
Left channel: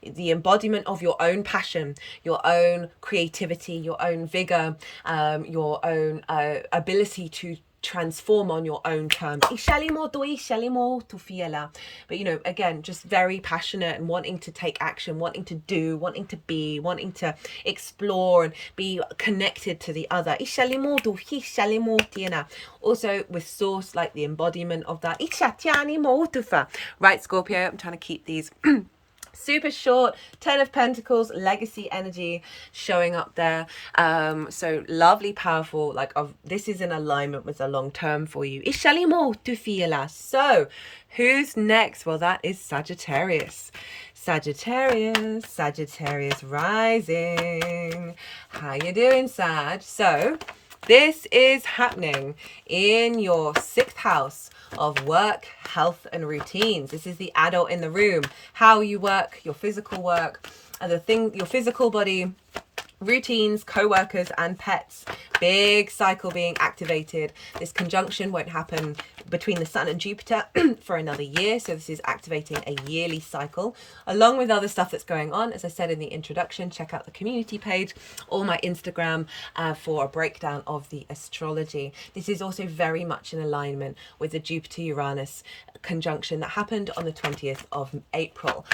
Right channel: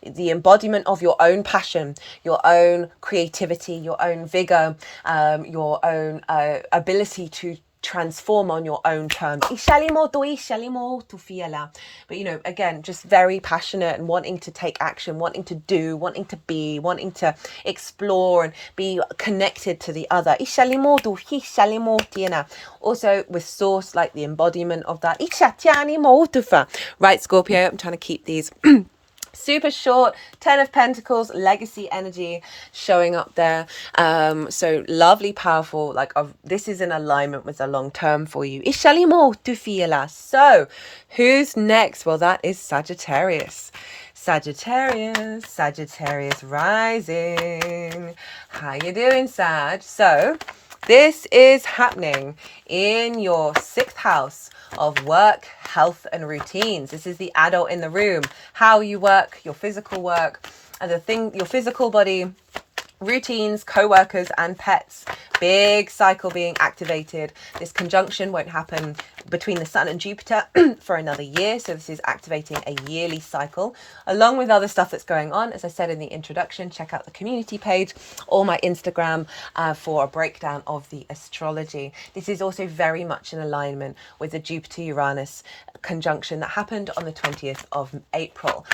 the embodiment of your own passion, your own creativity, your own vigor, your own ability to transform on your own terms. But you know, again, just very passionate and wanting to take action, wanting to do, wanting to be, wanting to explore and be connected to the other. Also with source, like the embodiment of that. Right, Scorpio, I'm trying to keep these super short. 10 of Pentacles, legacy energy showing up there. So lovely, powerful, like this is in alignment with the long term for you. So who's next? Well, that is Sagittarius. Sagittarius rising. How you doing, Sag? So this is happening in your sixth house of work, health, and routines. This is the adult in the room. How you work, your physical work, and your physical body, routines, co-workers, and pets. Big cycle being activated. This conjunction won't happen between the Sun and Jupiter for another year. So this is activating a yearly cycle, along with other stuff that's going on. As I said in the introduction, check out the community page or my Instagram for a breakdown of the astrology. This is also very much in alignment with the Jupiter-Uranus conjunction that happened on the 20th of April.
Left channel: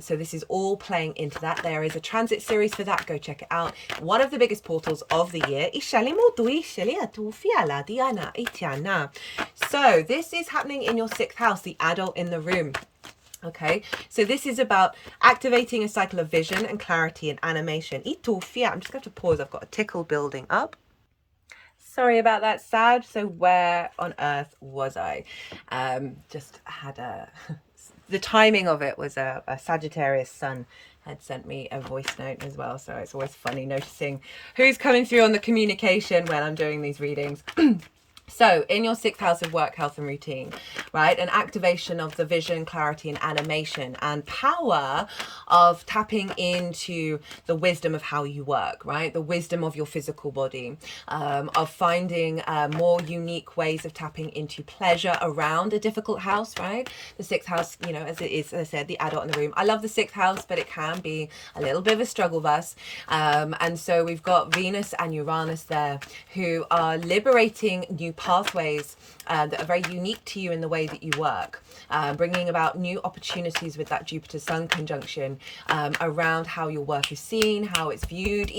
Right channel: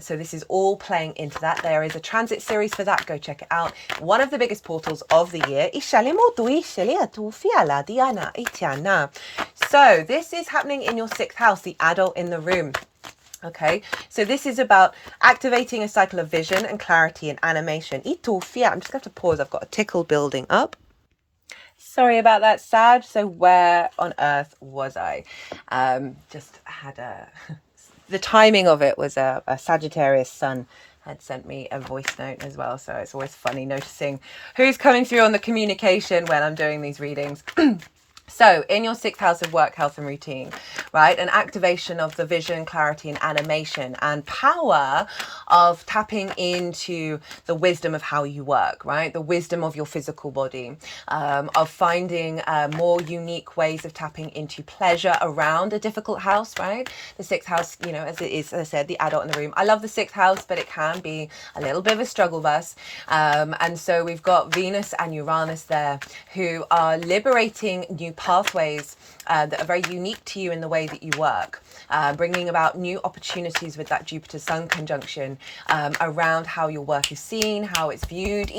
So this is all playing into that. There is a transit series for that. Go check it out. One of the biggest portals of the year. So this is happening in your sixth house, the adult in the room. Okay, so this is about activating a cycle of vision and clarity and animation. I'm just going to have to pause. I've got a tickle building up. Sorry about that, Sag. So where on earth was I? Just had a the timing of it was a Sagittarius sun had sent me a voice note as well. So it's always funny noticing who's coming through on the communication when I'm doing these readings. So in your sixth house of work, health and routine, right? An activation of the vision, clarity and animation and power of tapping into the wisdom of how you work, right? The wisdom of your physical body, of finding more unique ways of tapping into pleasure around a difficult house, right? The sixth house, you know, as it is, as I said, the adult in the room. I love the sixth house, but it can be a little bit of a struggle bus. And so we've got Venus and Uranus there who are liberating new pathways that are very unique to you in the way that you work, bringing about new opportunities with that Jupiter Sun conjunction around how your work is seen, how it's viewed.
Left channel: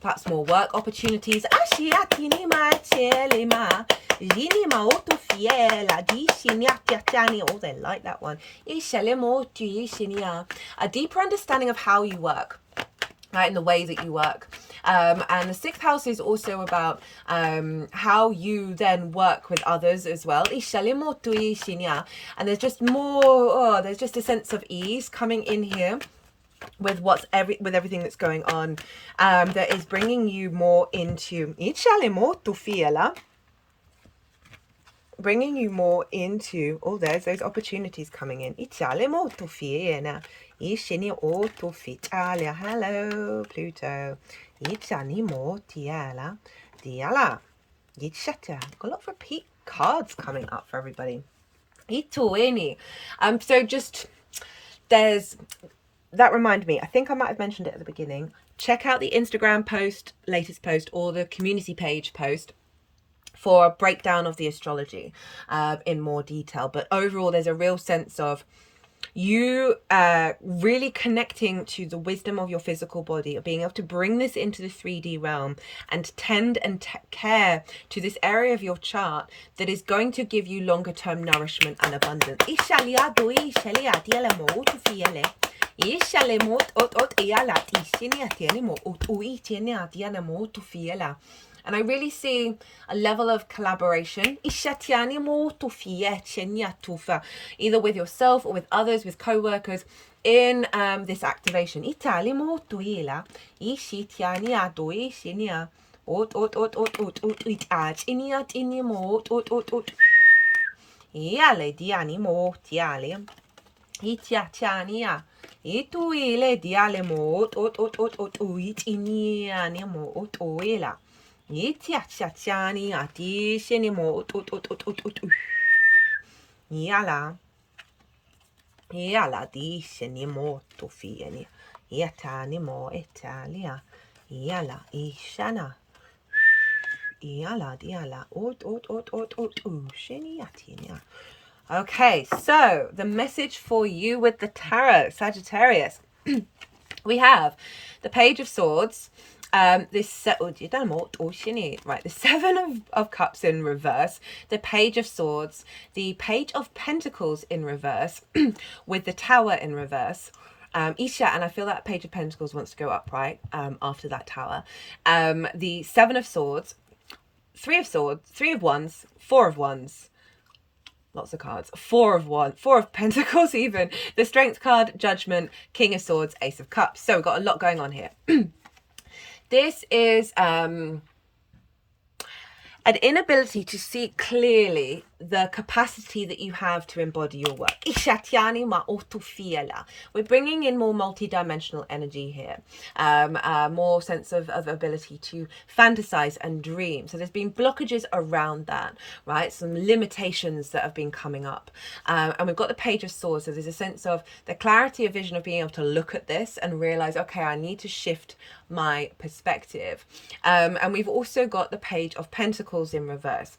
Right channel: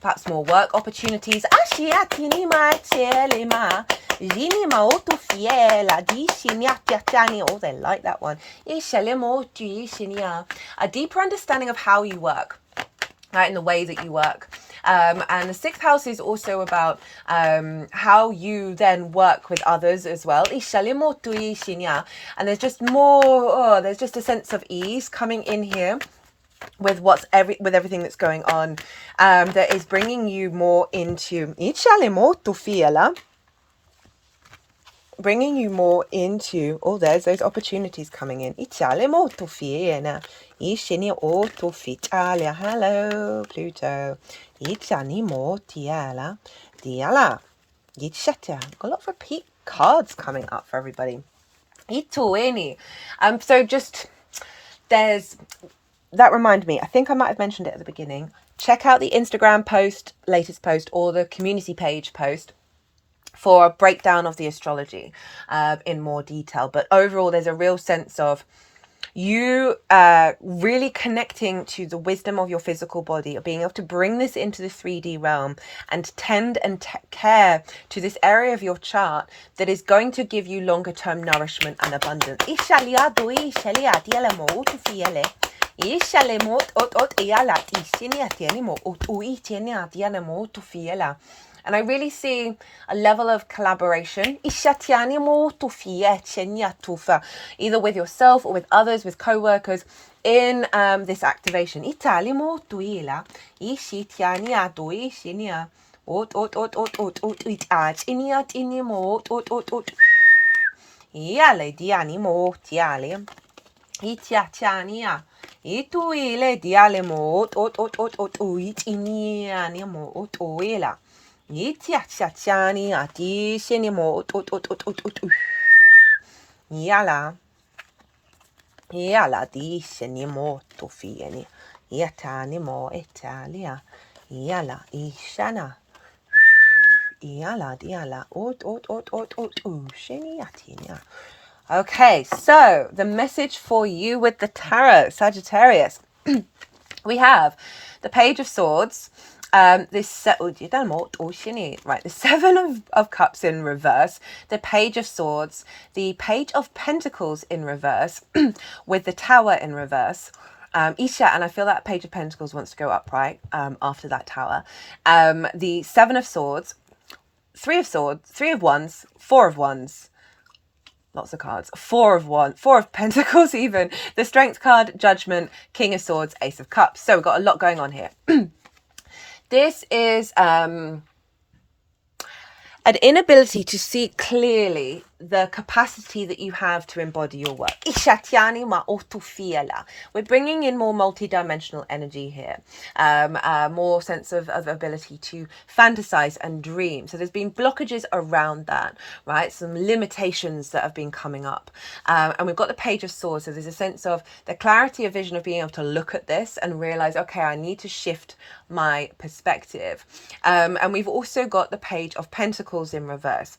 Perhaps more work opportunities. Oh, they like that one. A deeper understanding of how you work, right, in the way that you work. And the sixth house is also about how you then work with others as well. And there's just more, there's just a sense of ease coming in here with everything that's going on, that is bringing you more into bringing you more into, oh, there's those opportunities coming in. Hello, Pluto. Got a lot of repeat cards coming up for everybody. So just, there's, that reminded me, I think I might have mentioned it at the beginning. Check out the Instagram post, latest post, or the community page post for a breakdown of the astrology in more detail. But overall, there's a real sense of you really connecting to the wisdom of your physical body, of being able to bring this into the 3D realm and tend and care to this area of your chart that is going to give you longer term nourishment and abundance. And I really see a level of collaboration, either with yourself or with others, with co-workers, in this activation. Yala di senimo to fieni. Yatanimo Italia. Yala ishana. Yala diala. Sheniatinia. Okay, so the message for you with the tarot, Sagittarius. We have the Page of Swords. The Seven of Cups in reverse, the Page of Swords, the Page of Pentacles in reverse, with the Tower in reverse. Isha, and I feel that Page of Pentacles wants to go upright after that Tower. The Seven of Swords, Three of Swords, Three of Wands, Four of Wands. Lots of cards. Four of Pentacles even. The Strength card, Judgment, King of Swords, Ace of Cups. So we've got a lot going on here. This is an inability to see clearly the capacity that you have to embody your work. We're bringing in more multi-dimensional energy here, more sense of ability to fantasize and dream. So there's been blockages around that, right? Some limitations that have been coming up. And we've got the Page of Swords. So there's a sense of the clarity of vision of being able to look at this and realize, okay, I need to shift my perspective. And we've also got the Page of Pentacles in reverse.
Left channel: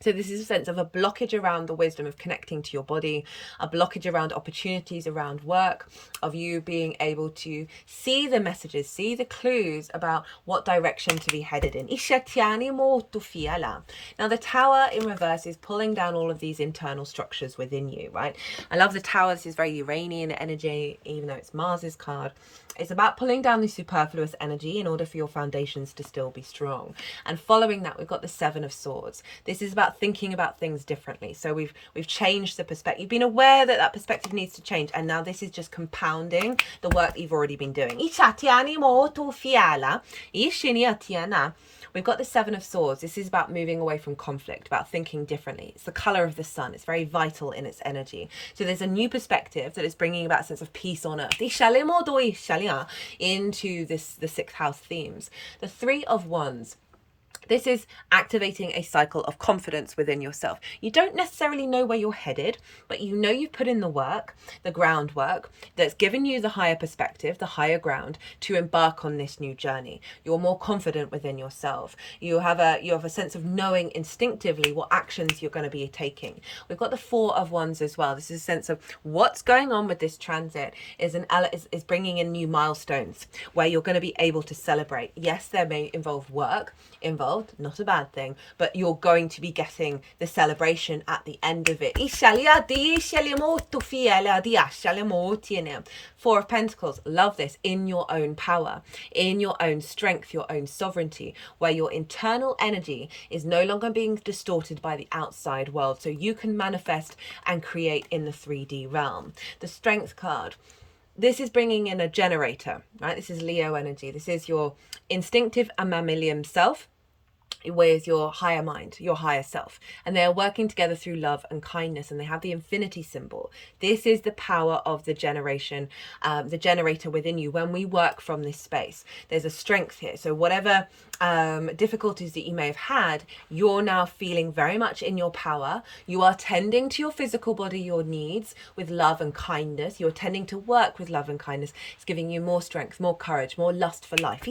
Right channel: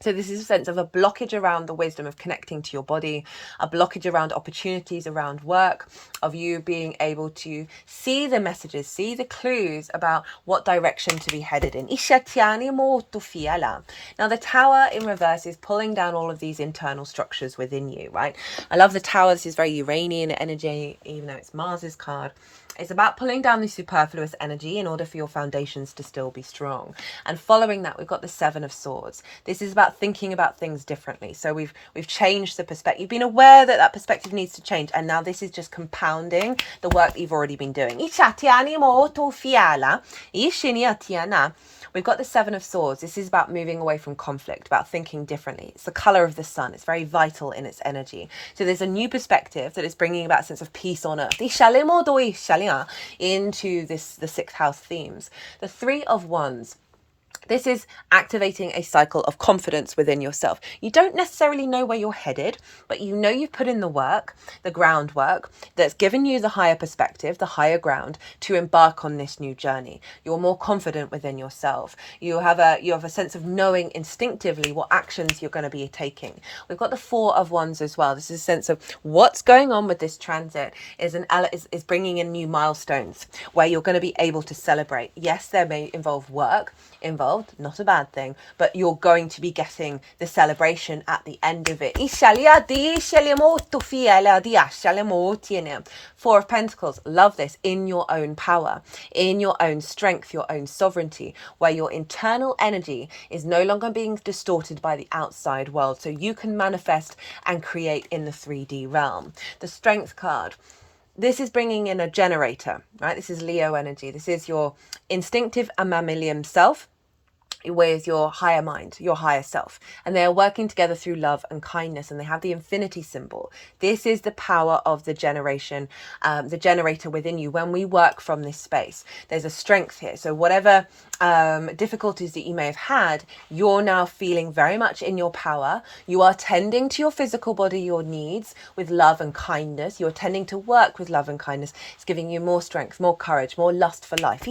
So this is a sense of a blockage around the wisdom of connecting to your body, a blockage around opportunities around work, of you being able to see the messages, see the clues about what direction to be headed in. Now the Tower in reverse is pulling down all of these internal structures within you, right? I love the Tower. This is very Uranian energy, even though it's Mars's card. It's about pulling down the superfluous energy in order for your foundations to still be strong. And following that, we've got the Seven of Swords. This is about about thinking about things differently. So we've changed the perspective. You've been aware that that perspective needs to change, and now this is just compounding the work that you've already been doing. We've got the Seven of Swords. This is about moving away from conflict, about thinking differently. It's the color of the sun. It's very vital in its energy. So there's a new perspective that is bringing about a sense of peace on earth into the sixth house themes. The Three of Wands. This is activating a cycle of confidence within yourself. You don't necessarily know where you're headed, but you know you've put in the work, the groundwork that's given you the higher perspective, the higher ground to embark on this new journey. You're more confident within yourself. You have a sense of knowing instinctively what actions you're going to be taking. We've got the Four of Wands as well. This is a sense of what's going on with this transit is bringing in new milestones where you're going to be able to celebrate. Yes, there may involve work involved, not a bad thing, but you're going to be getting the celebration at the end of it. Four of Pentacles, love this, in your own power, in your own strength, your own sovereignty, where your internal energy is no longer being distorted by the outside world, so you can manifest and create in the 3D realm. The Strength card. This is bringing in a generator, right? This is Leo energy. This is your instinctive and mammalian self with your higher mind, your higher self, and they're working together through love and kindness, and they have the infinity symbol. This is the power of the generation, the generator within you. When we work from this space, there's a strength here. So whatever difficulties that you may have had, you're now feeling very much in your power. You are tending to your physical body, your needs with love and kindness. You're tending to work with love and kindness. It's giving you more strength, more courage, more lust for life.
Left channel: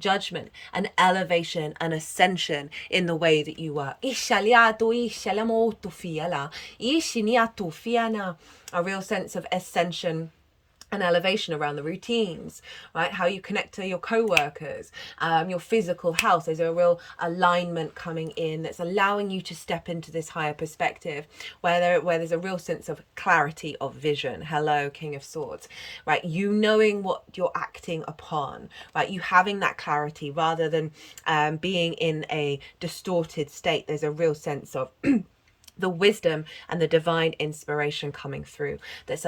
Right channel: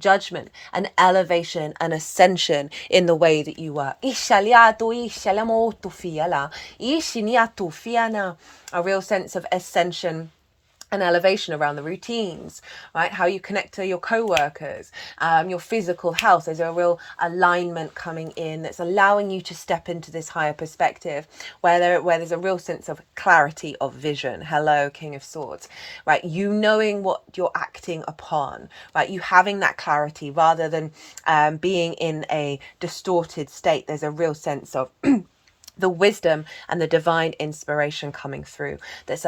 Judgment, an elevation, an ascension in the way that you work. A real sense of ascension and elevation around the routines, right? How you connect to your co-workers, your physical health. There's a real alignment coming in that's allowing you to step into this higher perspective where there's a real sense of clarity of vision. Hello, King of Swords, right? You knowing what you're acting upon, right? You having that clarity rather than being in a distorted state. There's a real sense of the wisdom and the divine inspiration coming through that's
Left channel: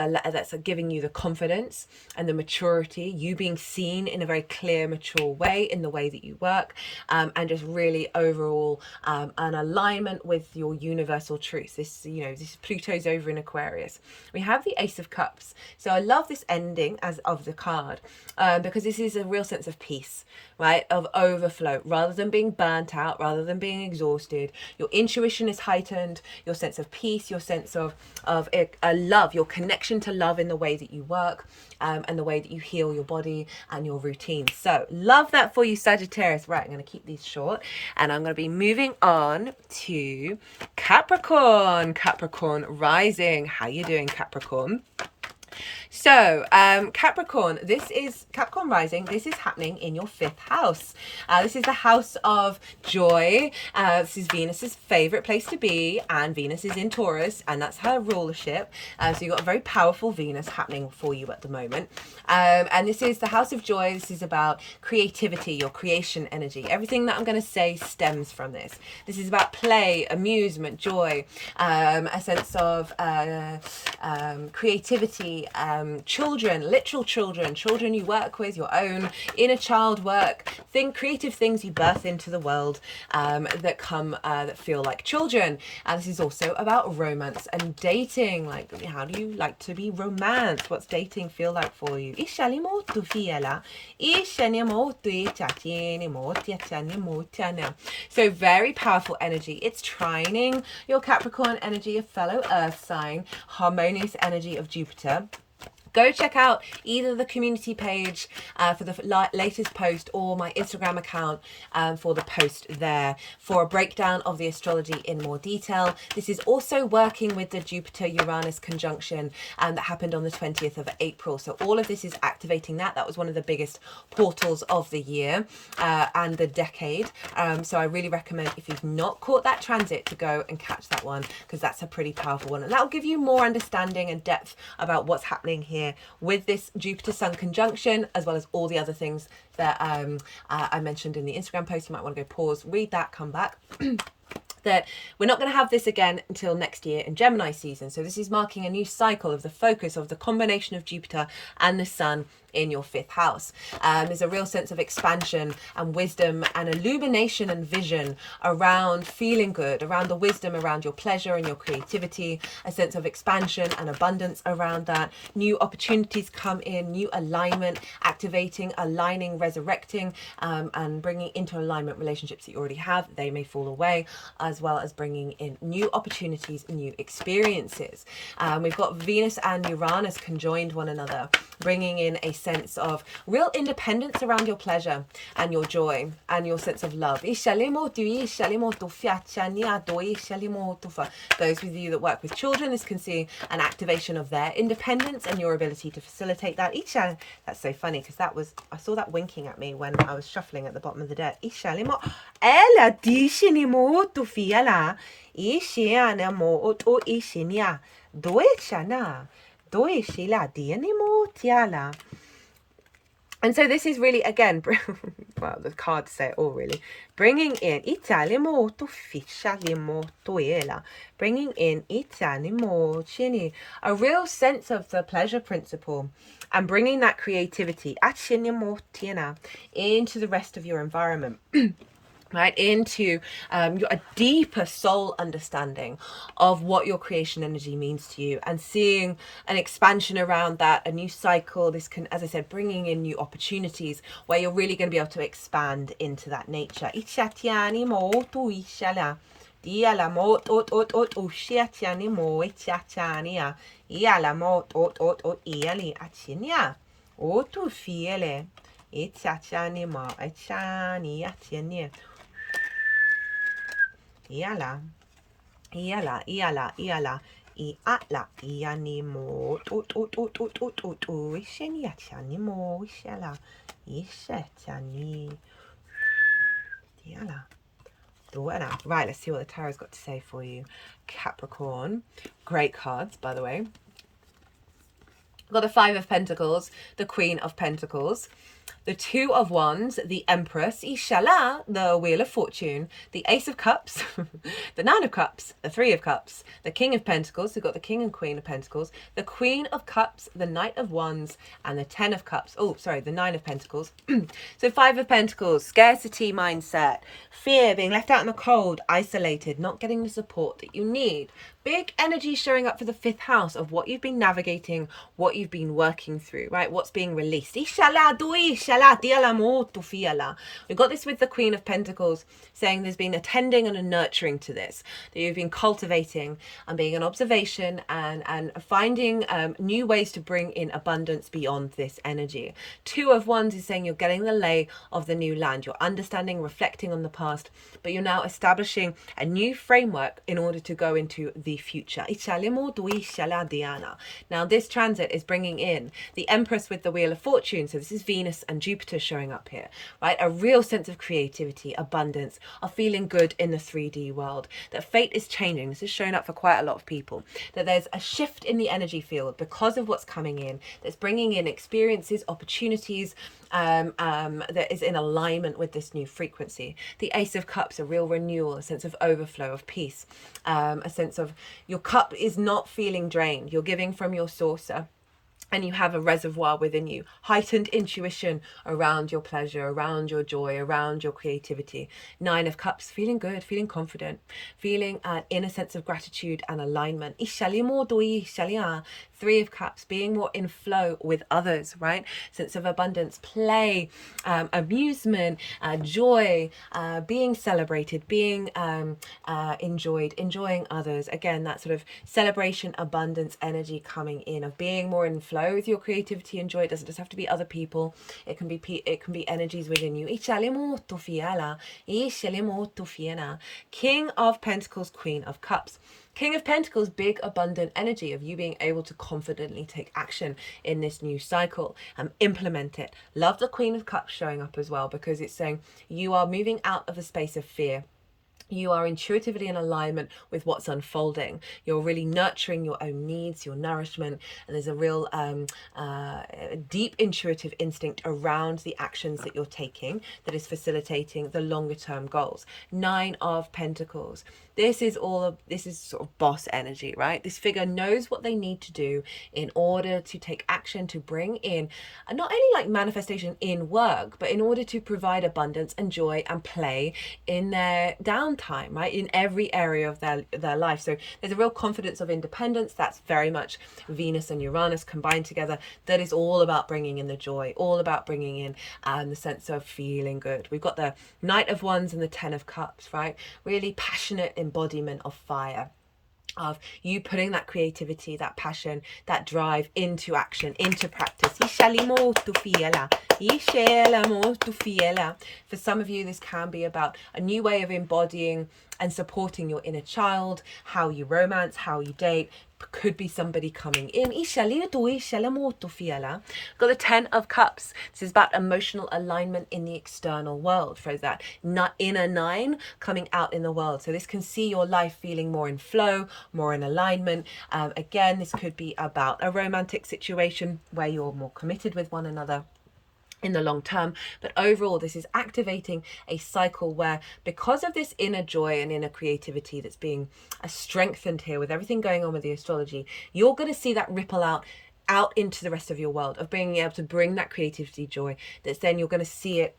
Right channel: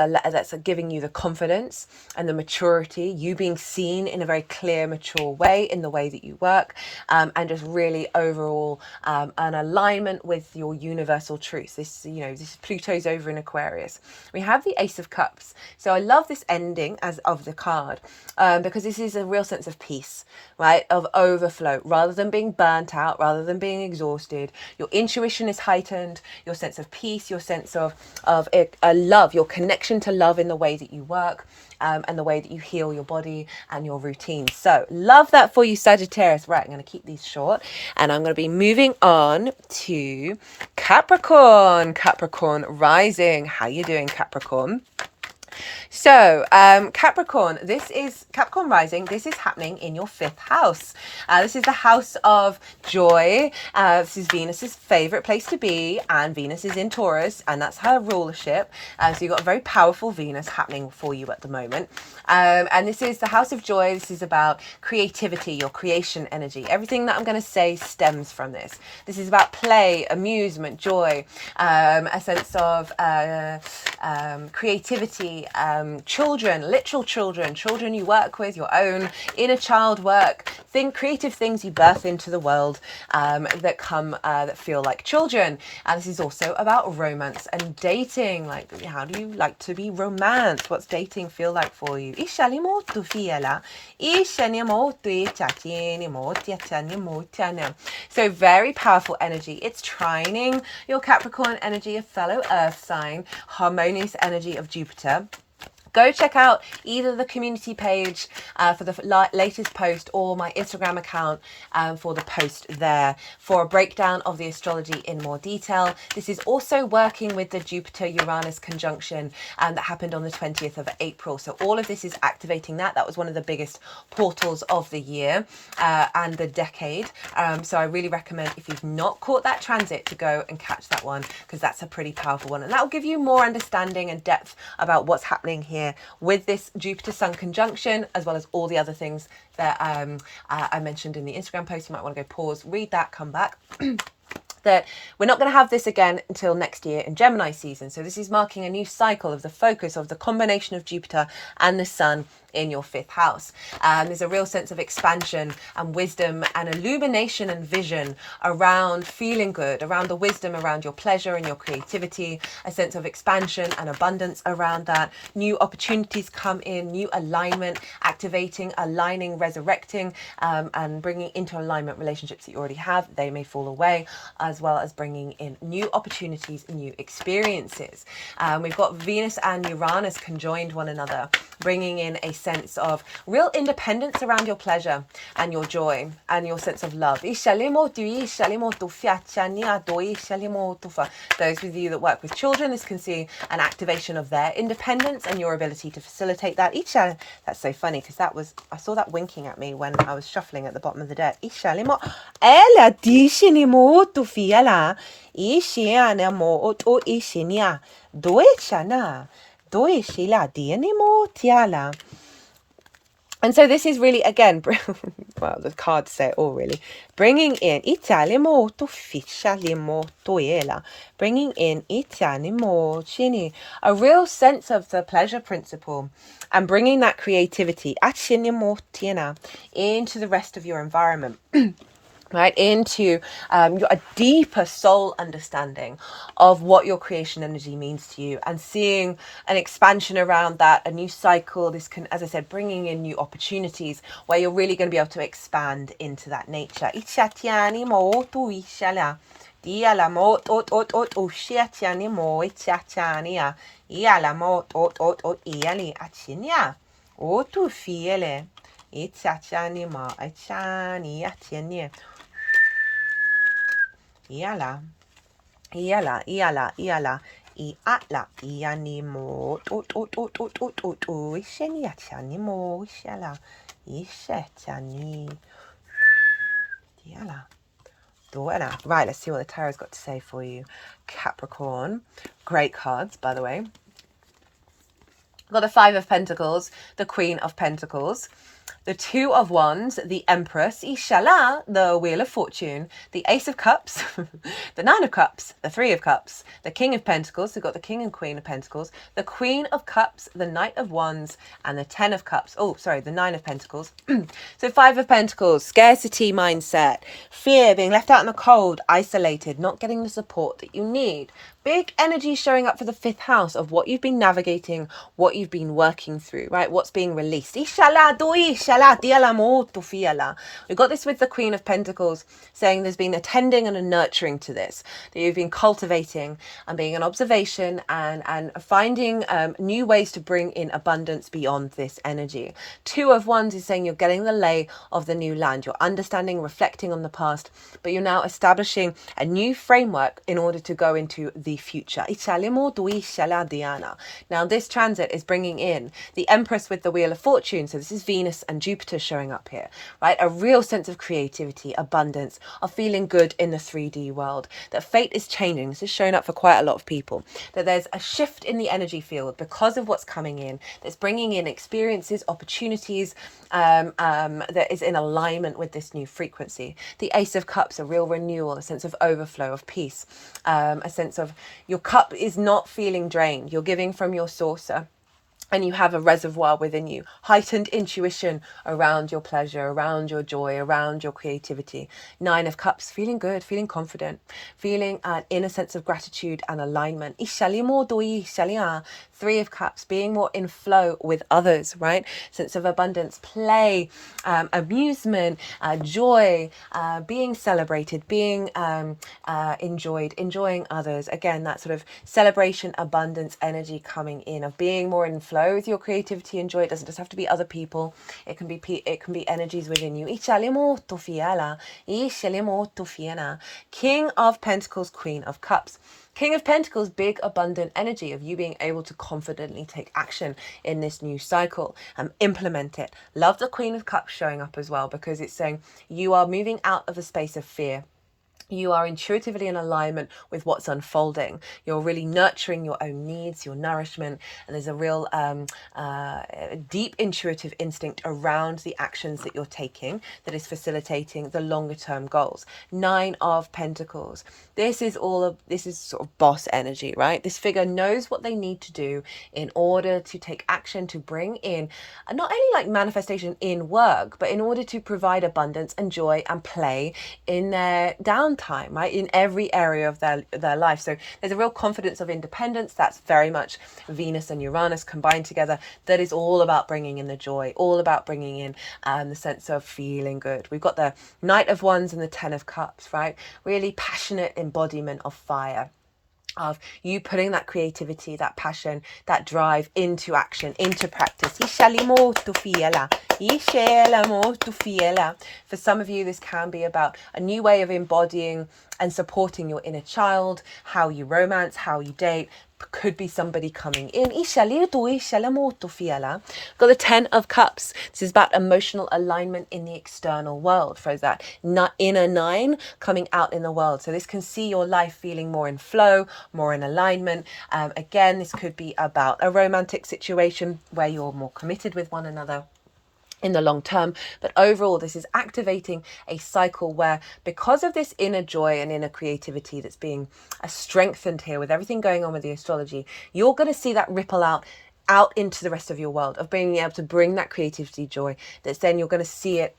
giving you the confidence and the maturity, you being seen in a very clear, mature way in the way that you work, and just really overall an alignment with your universal truth. This is Pluto's over in Aquarius. We have the Ace of Cups. So I love this ending of the card because this is a real sense of peace, right? Of overflow, rather than being burnt out, rather than being exhausted. Your intuition is heightened, your sense of peace, your sense of love, your connection to love in the way that you work, and the way that you heal your body and your routine. So love that for you, Sagittarius. Right, I'm going to keep these short and I'm going to be moving on to Capricorn. Capricorn rising. How you doing, Capricorn? So Capricorn, this is Capricorn rising. This is happening in your 5th house. This is the house of joy. This is Venus's favorite place to be, and Venus is in Taurus, and that's her rulership. So you've got a very powerful Venus happening for you at the moment. And this is the house of joy. This is about creativity, your creation energy. Everything that I'm going to say stems from this. This is about play, amusement, joy, a sense of creativity, children, literal children you work with, your own inner child work, creative things you birth into the world that feel like children. And this is also about romance and dating. Like, how do you like to be romanced? What's dating feel like for you? So very powerful energy. It's trining your Capricorn energy, a fellow earth sign, harmonious energy of Jupiter. Go check out either the community page for the latest post or my Instagram account for the post there for a breakdown of the astrology in more detail. This is also working with the Jupiter-Uranus conjunction that happened on the 20th of April. So all of this is activating that. That was one of the biggest portals of the year and the decade. So I really recommend, if you've not caught that transit, to go and catch that one, because that's a pretty powerful one. And that will give you more understanding and depth about what's happening here here with this Jupiter-Sun conjunction, as well as all the other things that I mentioned in the Instagram post. You might want to go pause, read that, come back. That we're not going to have this again until next year in Gemini season. So this is marking a new cycle of the focus of the combination of Jupiter and the Sun in your 5th house. There's a real sense of expansion and wisdom and illumination and vision around feeling good, around the wisdom, around your pleasure and your creativity, a sense of expansion and abundance around that. New opportunities come in, new alignment, activating, aligning, resurrecting, and bringing into alignment relationships that you already have. They may fall away, as well as bringing in new opportunities and new experiences. We've got Venus and Uranus conjoined one another, bringing in a sense of real independence around your pleasure and your joy and your sense of love. Those with you that work with children, this can see an activation of their independence and your ability to facilitate that. That's so funny because I saw that winking at me when I was shuffling at the bottom of the deck. And so this is really, again, well, the cards say it all really, bringing in a real sense of the pleasure principle and bringing that creativity into the rest of your environment. Right, into a deeper soul understanding of what your creation energy means to you, and seeing an expansion around that, a new cycle. This can, as I said, bringing in new opportunities where you're really going to be able to expand into that nature. Iala, iala, iala, iala, iala, ianimo, ishenia chanimo, ishala, ishetani, iala, doela. Right, let's see what the tarot's got to say for you. Capricorn, great cards, by the way. We've got the 5 of Pentacles, the Queen of Pentacles, the 2 of Wands, the Empress, Ishala, the Wheel of Fortune, the Ace of Cups, the 9 of Cups, the 3 of Cups, the King of Pentacles, we've got the King and Queen of Pentacles, the Queen of Cups, the Knight of Wands, and the 10 of Cups. Oh, sorry, the 9 of Pentacles. So 5 of Pentacles, scarcity mindset, fear, being left out in the cold, isolated, not getting the support that you need. Big energy showing up for the 5th house of what you've been navigating, what you've been working through, right? What's being released. We've got this with the Queen of Pentacles, saying there's been a tending and a nurturing to this, that you've been cultivating and being an observation and finding new ways to bring in abundance beyond this energy. 2 of Wands is saying you're getting the lay of the new land. You're understanding, reflecting on the past, but you're now establishing a new framework in order to go into the future. Now this transit is bringing in the Empress with the Wheel of Fortune. So this is Venus and Jupiter showing up here, right? A real sense of creativity, abundance, of feeling good in the 3D world. That fate is changing. This is showing up for quite a lot of people. That there's a shift in the energy field because of what's coming in. That's bringing in experiences, opportunities, that is in alignment with this new frequency. The Ace of Cups, a real renewal, a sense of overflow, of peace, a sense of your cup is not feeling drained. You're giving from your saucer, and you have a reservoir within you, heightened intuition around your pleasure, around your joy, around your creativity. 9 of Cups, feeling good, feeling confident, feeling an inner sense of gratitude and alignment. 3 of Cups, being more in flow with others, right? Sense of abundance, play, amusement, joy, being celebrated, being enjoyed, enjoying others. Again, that sort of celebration, abundance energy coming in, of being more in flow with your creativity and joy. It doesn't just have to be other people. It can be energies within you. King of Pentacles, Queen of Cups. King of Pentacles, big abundant energy of you being able to confidently take action in this new cycle and implement it. Love the Queen of Cups showing up as well, because it's saying you are moving out of the space of fear. You are intuitively in alignment with what's unfolding. You're really nurturing your own needs, your nourishment, and there's a real deep intuitive instinct around the actions that you're taking that is facilitating the longer term goals. 9 of Pentacles. This is sort of boss energy, right? This figure knows what they need to do in order to take action, to bring in not only like manifestation in work, but in order to provide abundance and joy and play in their downtime, right? In every area of their life. So there's a real confidence of independence. That's very much Venus and Uranus combined together. That is all about bringing in the joy, all about bringing in the sense of feeling good. We've got the Knight of Wands and the Ten of Cups, right? Really passionate embodiment of fire, of you putting that creativity, that passion, that drive into action, into practice. For some of you, this can be about a new way of embodying and supporting your inner child, how you romance, how you date. Could be somebody coming in. Got the Ten of Cups. This is about emotional alignment in the external world. For that inner 9 coming out in the world. So this can see your life feeling more in flow, more in alignment. Again, this could be about a romantic situation where you're more committed with one another in the long term. But overall, this is activating a cycle where, because of this inner joy and inner creativity that's being strengthened here with everything going on with the astrology, you're going to see that ripple out into the rest of your world, of being able to bring that creativity, joy, that's then you're going to see it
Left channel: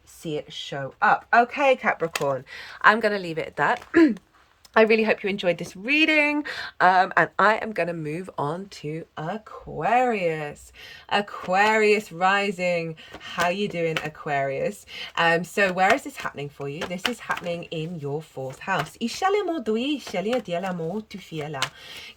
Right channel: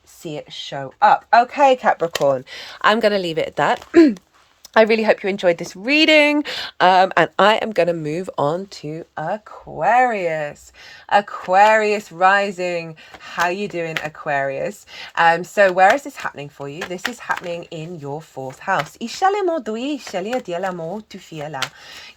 show up. Okay, Capricorn, I'm going to leave it at that. I really hope you enjoyed this reading, and I am going to move on to Aquarius. Aquarius rising. How you doing, Aquarius? So where is this happening for you? This is happening in your 4th house. Your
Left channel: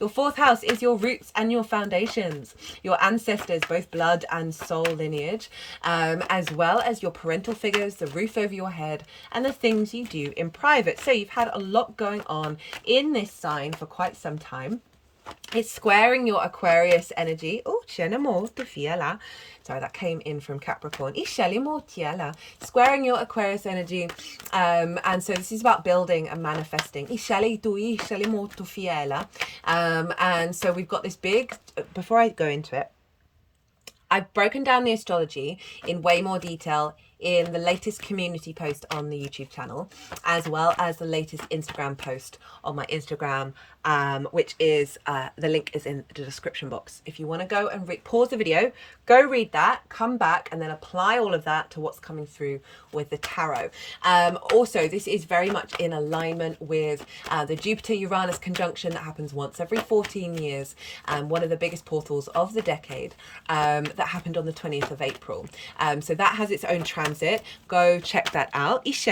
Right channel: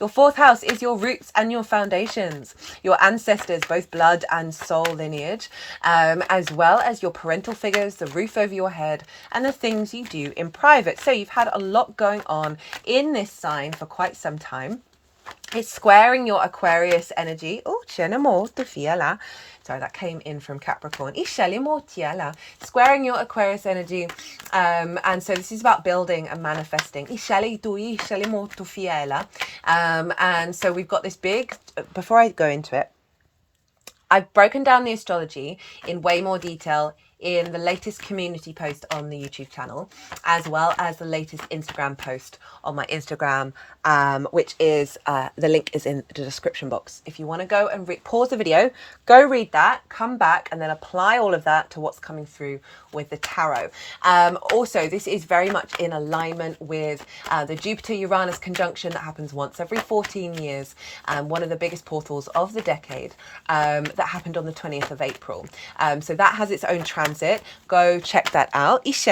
4th house is your roots and your foundations, your ancestors, both blood and soul lineage, as well as your parental figures, the roof over your head, and the things you do in private. So you've had a lot going on in this sign for quite some time. It's squaring your Aquarius energy. Oh, sorry, that came in from Capricorn. Squaring your Aquarius energy. And so this is about building and manifesting. And so we've got this big, before I go into it, I've broken down the astrology in way more detail in the latest community post on the YouTube channel, as well as the latest Instagram post on my Instagram, which is, the link is in the description box. If you want to go and pause the video, go read that, come back, and then apply all of that to what's coming through with the tarot. Also, this is very much in alignment with the Jupiter-Uranus conjunction that happens once every 14 years, one of the biggest portals of the decade, that happened on the 20th of April. So that has its own transit. Go check that out. If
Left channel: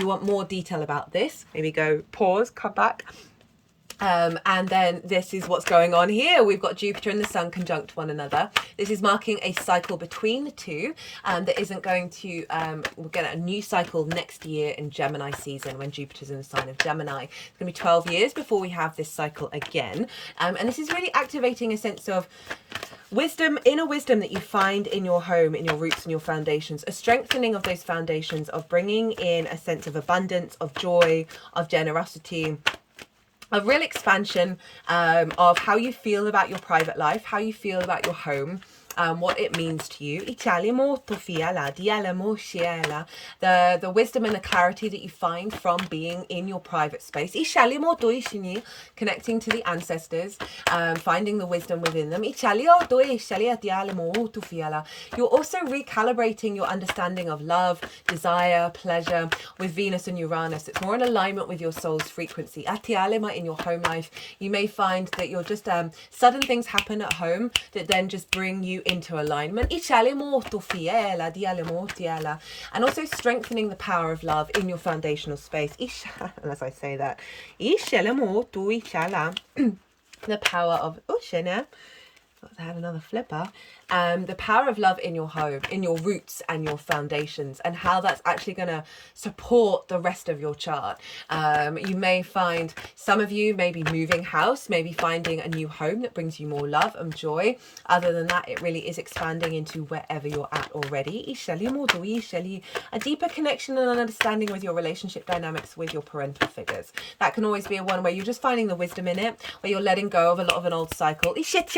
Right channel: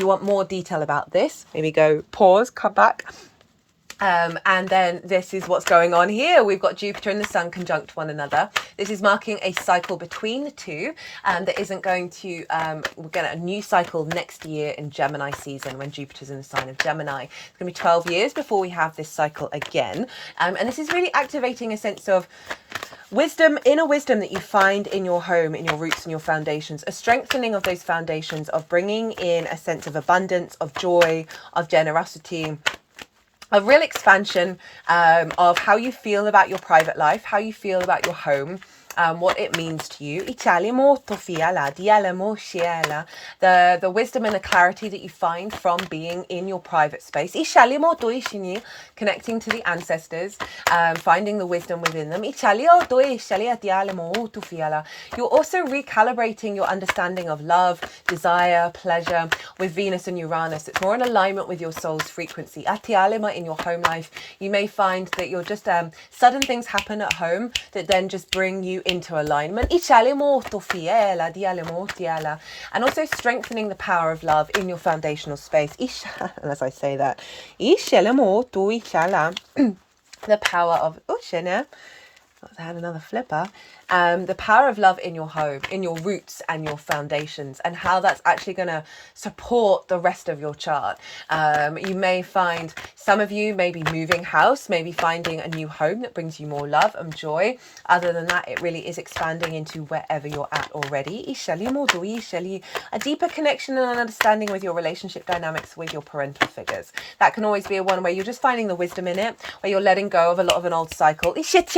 you want more detail about this, maybe go pause, come back. And then this is what's going on here. We've got Jupiter and the Sun conjunct one another. This is marking a cycle between the two, that isn't going to, we'll get a new cycle next year in Gemini season when Jupiter's in the sign of Gemini. It's going to be 12 years before we have this cycle again. And this is really activating a sense of wisdom, inner wisdom that you find in your home, in your roots and your foundations, a strengthening of those foundations, of bringing in a sense of abundance, of joy, of generosity, a real expansion of how you feel about your private life, how you feel about your home, what it means to you. The wisdom and the clarity that you find from being in your private space. Connecting to the ancestors, finding the wisdom within them. You're also recalibrating your understanding of love, desire, pleasure with Venus and Uranus. It's more in alignment with your soul's frequency. In your home life, you may find that you're just sudden things happen at home that then just bring you into alignment. And also strengthening the power of love in your foundational space. As I say that, the power of I had another flipper. the power of love in your home, in your roots and your foundations, and how that's actually going to support the rest of your chart. You may find, some of you may be moving house, maybe finding a new home that brings you more love and joy. Other than that, it really is expanding into wherever you're at already. A deeper connection and an understanding with your relationship dynamics with your parental figures. That can always be a one where you're just finding the wisdom in it, where you're letting go of a lot of an old cycle. They like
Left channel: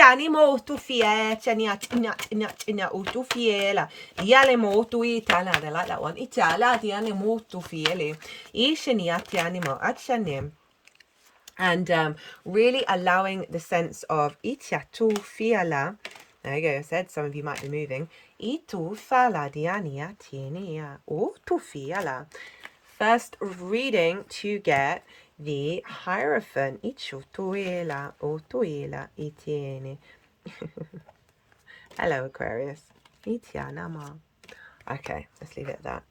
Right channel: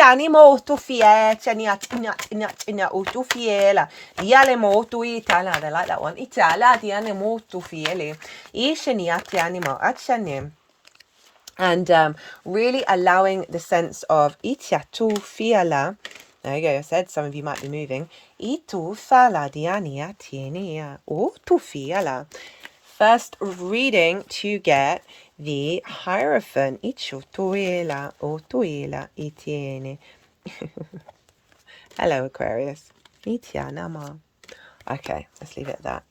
that one. And really allowing the sense of there you go, I said some of you might be moving. First reading to get the Hierophant. Hello, Aquarius. Okay, let's leave it at that.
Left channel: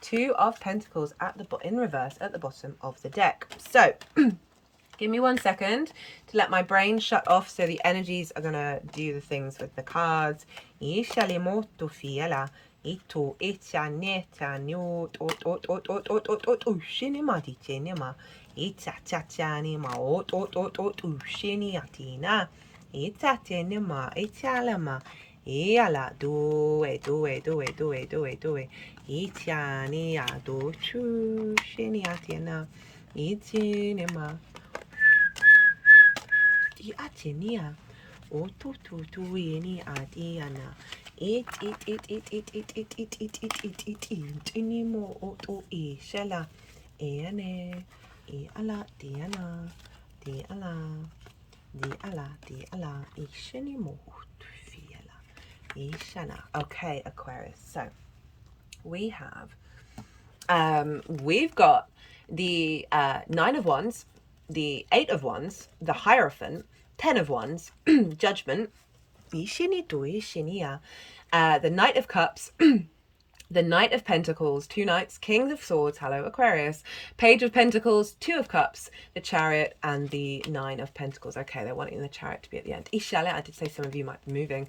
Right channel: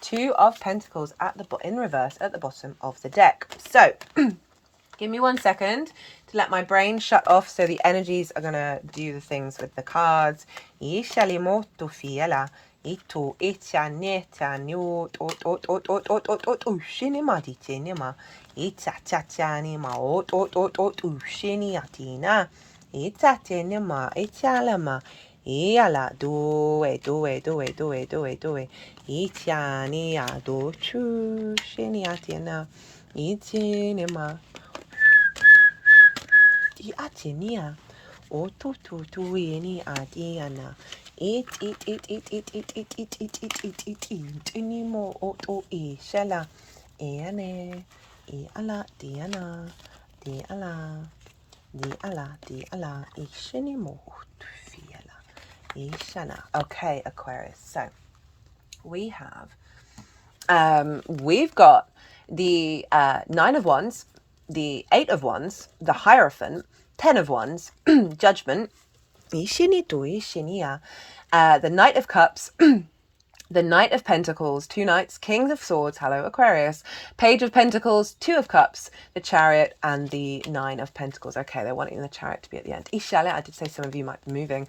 Two of Pentacles at the in reverse at the bottom of the deck. So, give me 1 second to let my brain shut off so the energies are going to do the things with the cards. Iala do itiani ado chu shiniatina itinima di atinia oto tu yeni adiana it inimo oto e shela eane e ala diana di ala ishinimo. Okay, Aquarius. So we've got the Nine of Wands, the Eight of Wands, the Hierophant, 10 of Wands, Judgment, the Knight of Cups, the Knight of Pentacles, 2 Knights, King of Swords, hello Aquarius, Page of Pentacles, 2 of Cups, the Chariot, and the 9 of Pentacles. Okay, they're wanting the Chariot to be at the end. I did say some of you might be moving.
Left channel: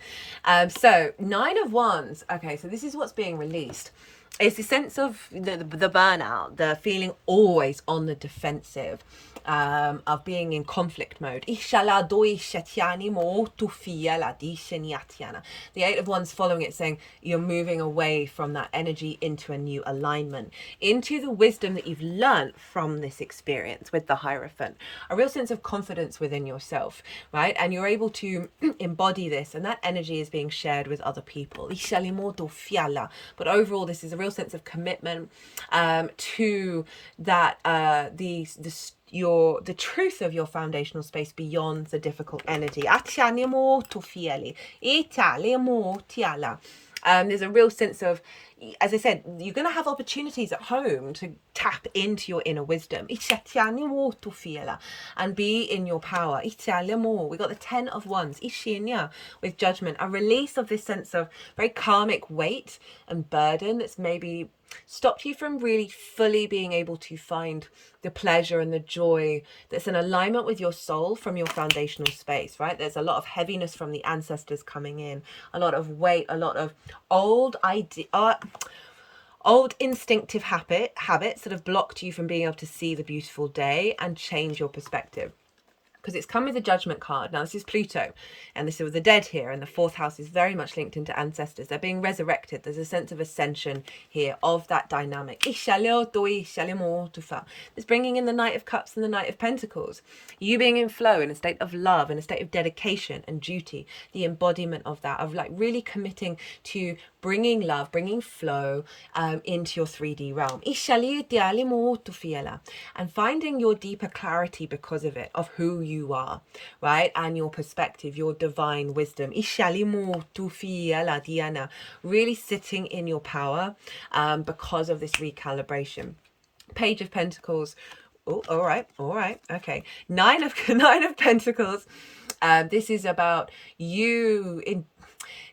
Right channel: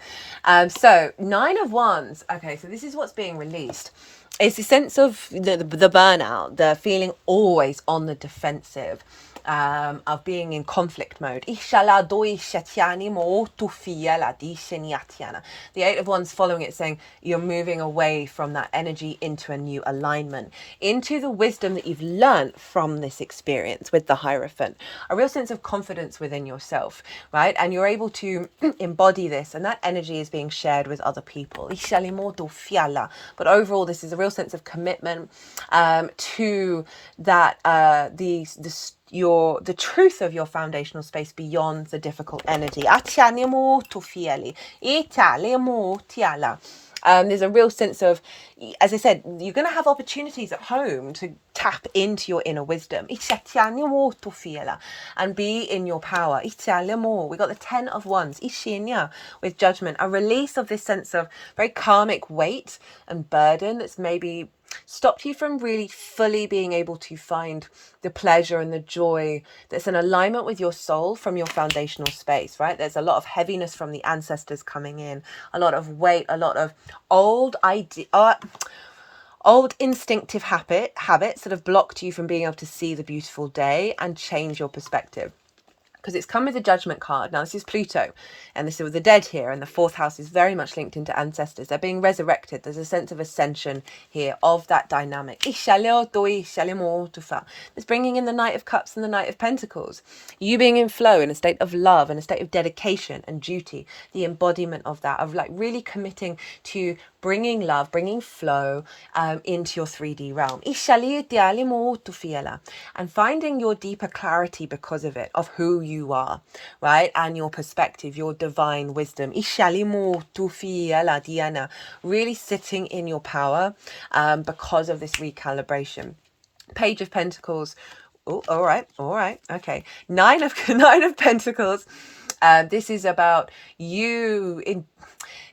So 9 of Wands. Okay, so this is what's being released. It's the sense of the burnout, the feeling always on the defensive, of being in conflict mode. The Eight of Wands following it, saying you're moving away from that energy into a new alignment, into the wisdom that you've learned from this experience with the Hierophant, a real sense of confidence within yourself, right? And you're able to embody this, and that energy is being shared with other people. But overall, this is a real sense of commitment to that, the truth of your foundational space beyond the difficult energy. There's a real sense of, as I said, you're going to have opportunities at home to tap into your inner wisdom and be in your power. We got the 10 of Wands with Judgment, a release of this sense of very karmic weight and burden that's maybe stopped you from really fully being able to find the pleasure and the joy that's in alignment with your soul from your foundational space, right? There's a lot of heaviness from the ancestors coming in, a lot of weight, a lot of old instinctive habits that have blocked you from being able to see the beautiful day and change your perspective. Because it's come with a Judgment card. Now, this is Pluto, and this is with the dead here, and the 4th house is very much linked into ancestors. They're being resurrected. There's a sense of ascension here of that dynamic. There's bringing in the Knight of Cups and the Knight of Pentacles. You being in flow, in a state of love, in a state of dedication and duty, the embodiment of that, of like really committing to bringing love, bringing flow into your 3D realm. And finding your deeper clarity because of it, of who you are, right? And your perspective, your divine wisdom. Really sitting in your power because of this recalibration. Page of Pentacles. Oh, all right. Okay. Nine of Pentacles. This is about you in.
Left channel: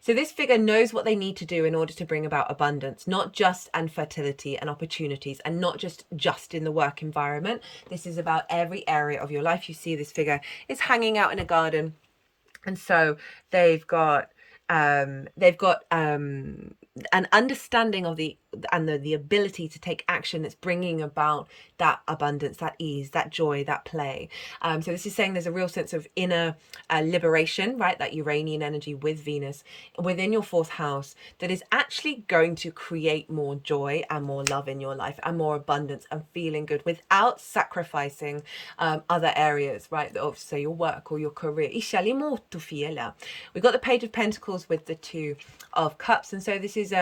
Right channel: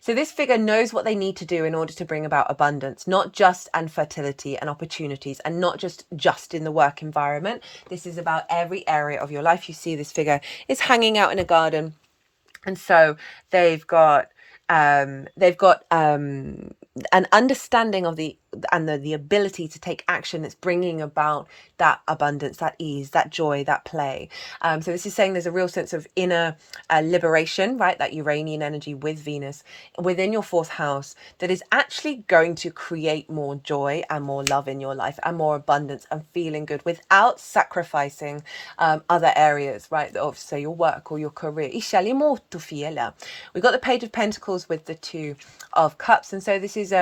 So this figure knows what they need to do in order to bring about abundance, not just and fertility and opportunities, and not just in the work environment. This is about every area of your life. You see this figure is hanging out in a garden, And so they've got an understanding of the ability to take action that's bringing about that abundance, that ease, that joy, that play. So this is saying there's a real sense of inner liberation, right? That Uranian energy with Venus within your fourth house that is actually going to create more joy and more love in your life and more abundance and feeling good without sacrificing other areas, right? Of, say, your work or your career. We got the Page of Pentacles with the Two of Cups, and so this is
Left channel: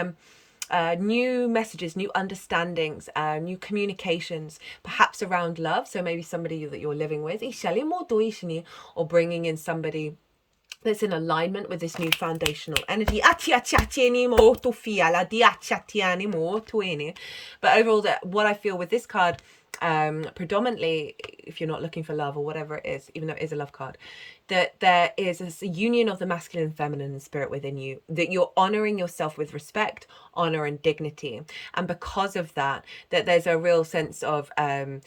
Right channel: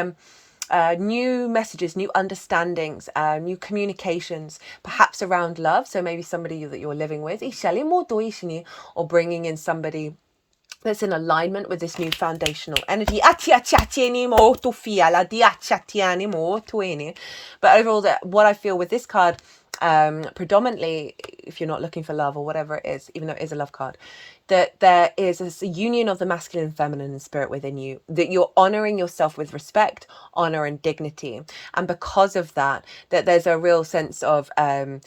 new messages, new understandings, new communications, perhaps around love. So maybe somebody that you're living with, or bringing in somebody that's in alignment with this new foundational energy. But overall, what I feel with this card, predominantly, if you're not looking for love or whatever it is, even though it is a love card, that there is a union of the masculine and feminine spirit within you, that you're honoring yourself with respect, honor, and dignity. And because of that, that there's a real sense of a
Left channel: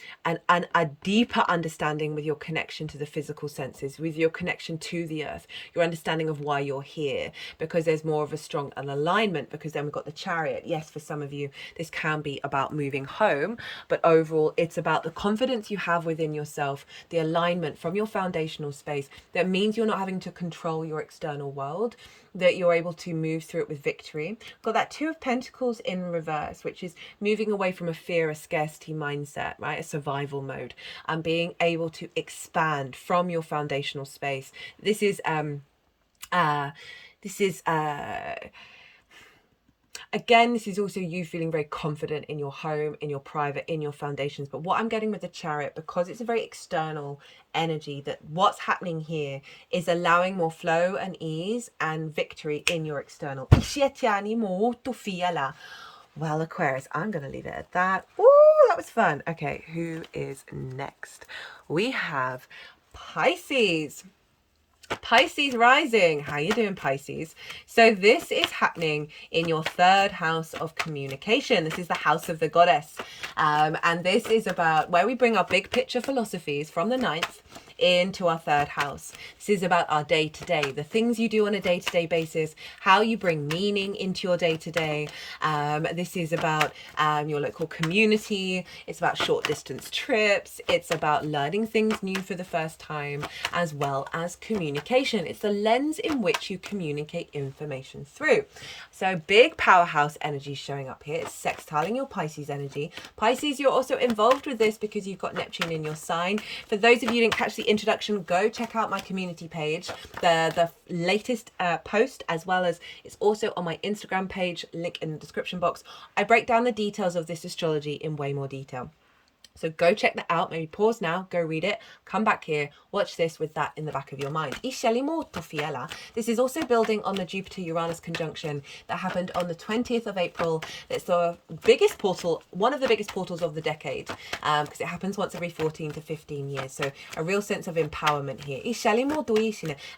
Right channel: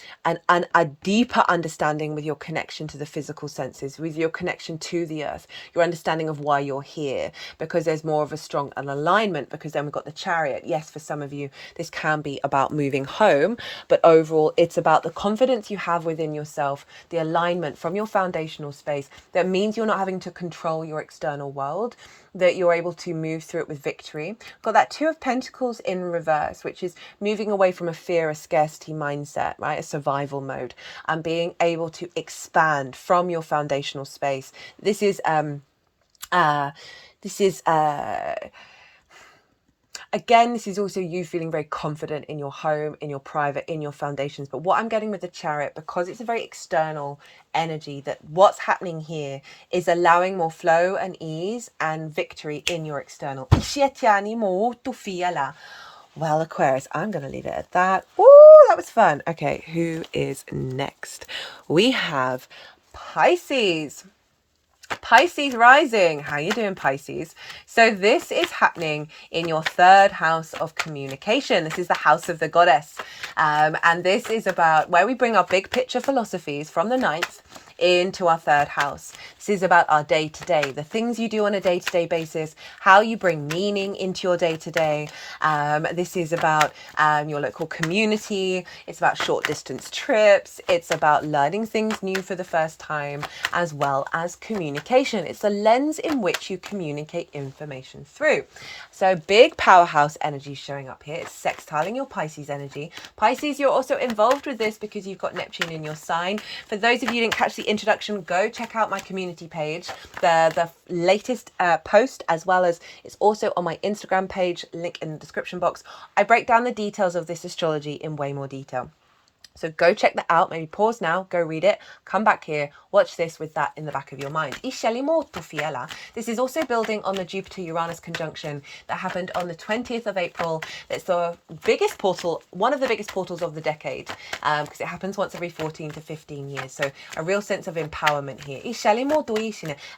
deeper understanding with your connection to the physical senses, with your connection to the earth, your understanding of why you're here, because there's more of a strong an alignment. Because then we've got the Chariot. Yes, for some of you, this can be about moving home, but overall, it's about the confidence you have within yourself, the alignment from your foundational space. That means you're not having to control your external world, that you're able to move through it with victory. Got that Two of Pentacles in reverse, which is moving away from a fear, a scarcity mindset, right? A survival mode, and being able to expand from your foundational space. This is again, this is also you feeling very confident in your home, in your private, in your foundations. But what I'm getting with the Chariot, because it's a very external energy, that what's happening here is allowing more flow and ease and victory in your external. Well, Aquarius, I'm going to leave it at that. Woo, that was fun. Okay, who is next? We have Pisces. Pisces rising. How you doing, Pisces? So this is happening in your third house of communication. This is the house of the goddess. And this is about where we bring our big picture philosophies from the ninth into our third house. This is about our day-to-day, the things you do on a day-to-day basis, how you bring meaning into your day-to-day. This is about your local community. It's about short distance trips. It's about learning things new for the first time, as well as communication. It's the lens in which you communicate information through. So big powerhouse energy showing up here. It's sextiling your Pisces energy. Pisces, you're also involved with this because you've got Neptune in your sign. For those of you who didn't catch the introduction, go check out my community page, the latest post, as well as it's also on my Instagram page, link in the description box. I break down the details of this astrology in way more detail. So go check that out. Maybe pause now, go read it, come back here, watch this with that in the back of your mind. This is also building on the Jupiter-Uranus conjunction that happened on the 20th of April. It's the biggest portal, one of the biggest portals of the decade, because it happens once every 14 to 15 years. So a real sense of empowerment here.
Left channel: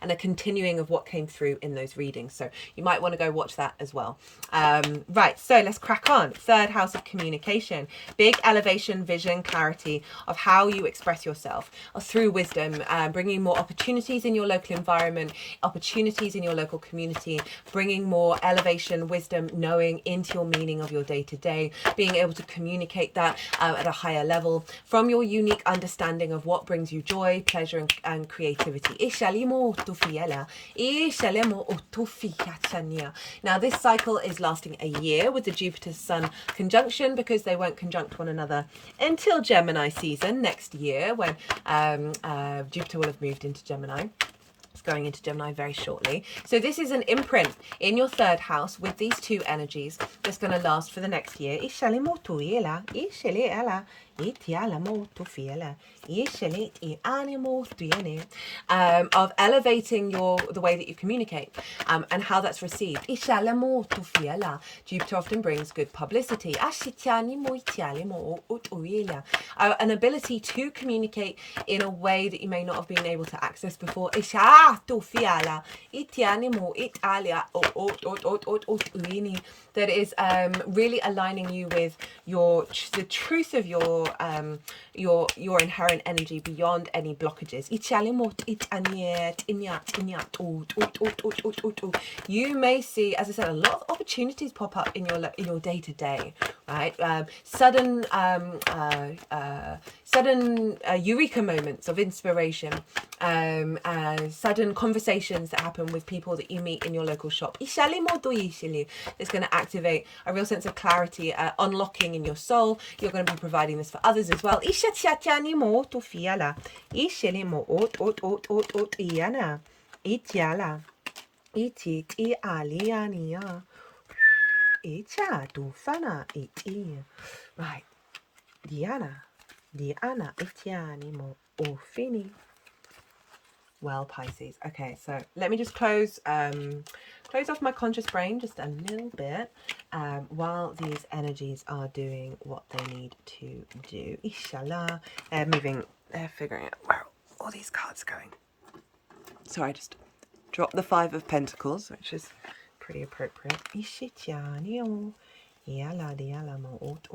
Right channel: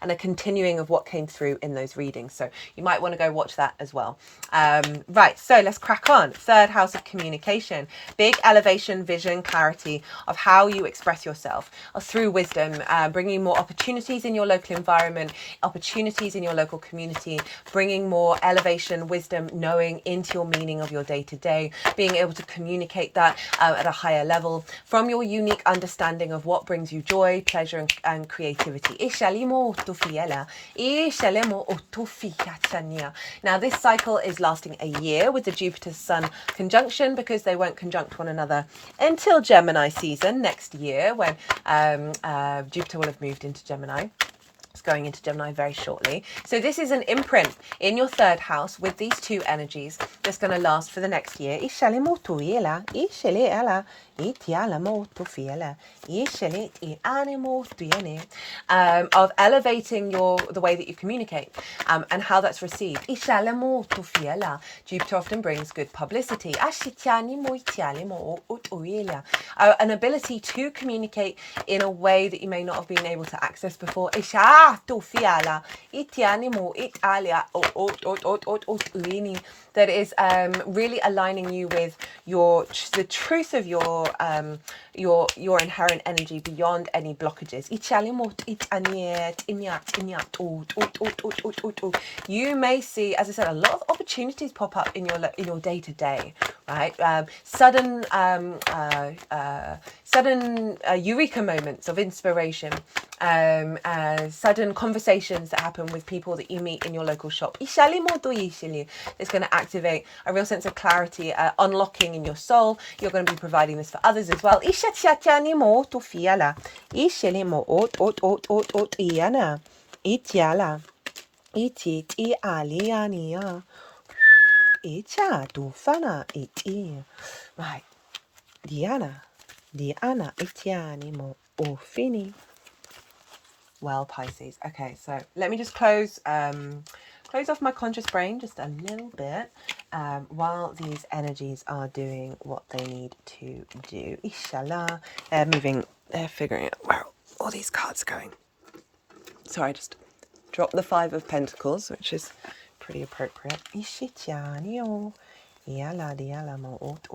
And a continuing of what came through in those readings. So you might want to go watch that as well. Right, so let's crack on. Third house of communication. Big elevation, vision, clarity of how you express yourself through wisdom, bringing more opportunities in your local environment, opportunities in your local community, bringing more elevation, wisdom, knowing into your meaning of your day-to-day, being able to communicate that at a higher level from your unique understanding of what brings you joy, pleasure, and creativity. Now this cycle is lasting a year with the Jupiter-Sun conjunction, because they won't conjunct one another until Gemini season next year, when Jupiter will have moved into Gemini. It's going into Gemini very shortly. So this is an imprint in your third house with these two energies that's going to last for the next year. Of elevating the way that you communicate, and how that's received. Jupiter often brings good publicity. An ability to communicate in a way that you may not have been able to access before. tu fiala, itianimo, italia, uini. That is really aligning you with the truth of your inherent energy beyond any blockages. You may see, as I said, a lot of opportunities pop up in your day to day, right? Sudden eureka moments of inspiration, sudden conversations that happen with people that you meet in your local shop. It's going to activate a real sense of clarity, unlocking in your soul. You're going to be providing this for others as well. Right. Diana, itianimo, ofini. Well, Pisces. Okay, so let me just close off my conscious brain just a little bit while these energies are doing what they need to do. Inshallah. They're figuring out where all these cards are going. So I just dropped the Five of Pentacles, which is pretty appropriate. Ishitianio. Yala diala mo ot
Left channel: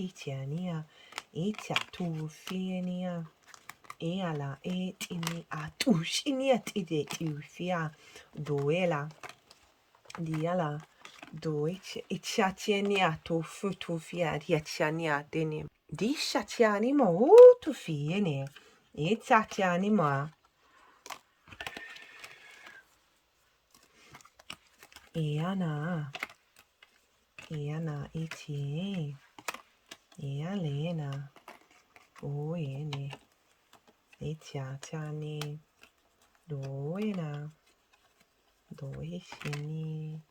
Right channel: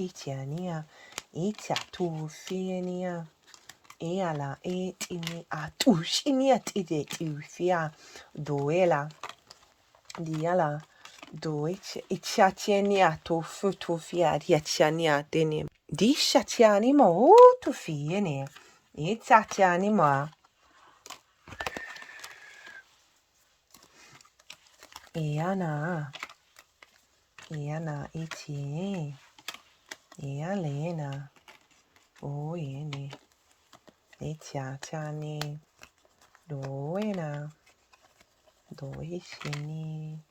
itiania. Itia tu fienia. Eala et ini atush iniat idet ufia doela diala doich itchatiania to futufia diachania denim dishatiani mo to fiene itchatiani ma iana iti ialena o yeni Etiatani Doena Doishini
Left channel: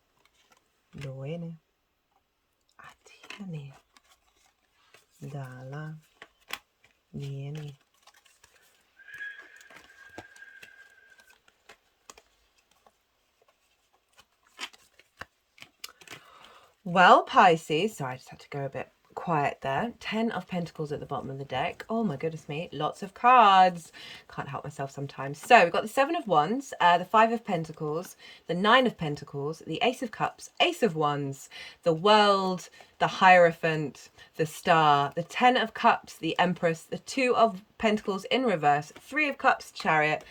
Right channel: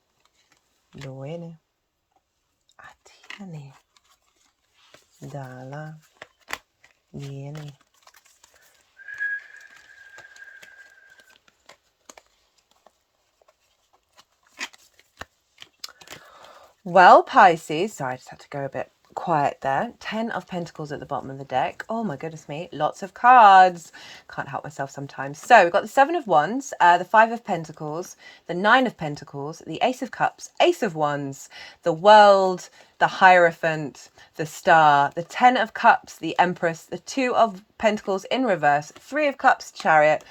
Doene Atiani Dala Nieni. Well, Pisces, sorry, I just had to go a bit quiet there. 10 of Pentacles at the bottom of the deck. Oh my goodness me, lots of cards. Can't help myself sometimes. So we've got the 7 of Wands, the 5 of Pentacles, the 9 of Pentacles, the Ace of Cups, Ace of Wands, the World, the Hierophant, the Star, the 10 of Cups, the Empress, the 2 of Pentacles in reverse, 3 of Cups, Chariot,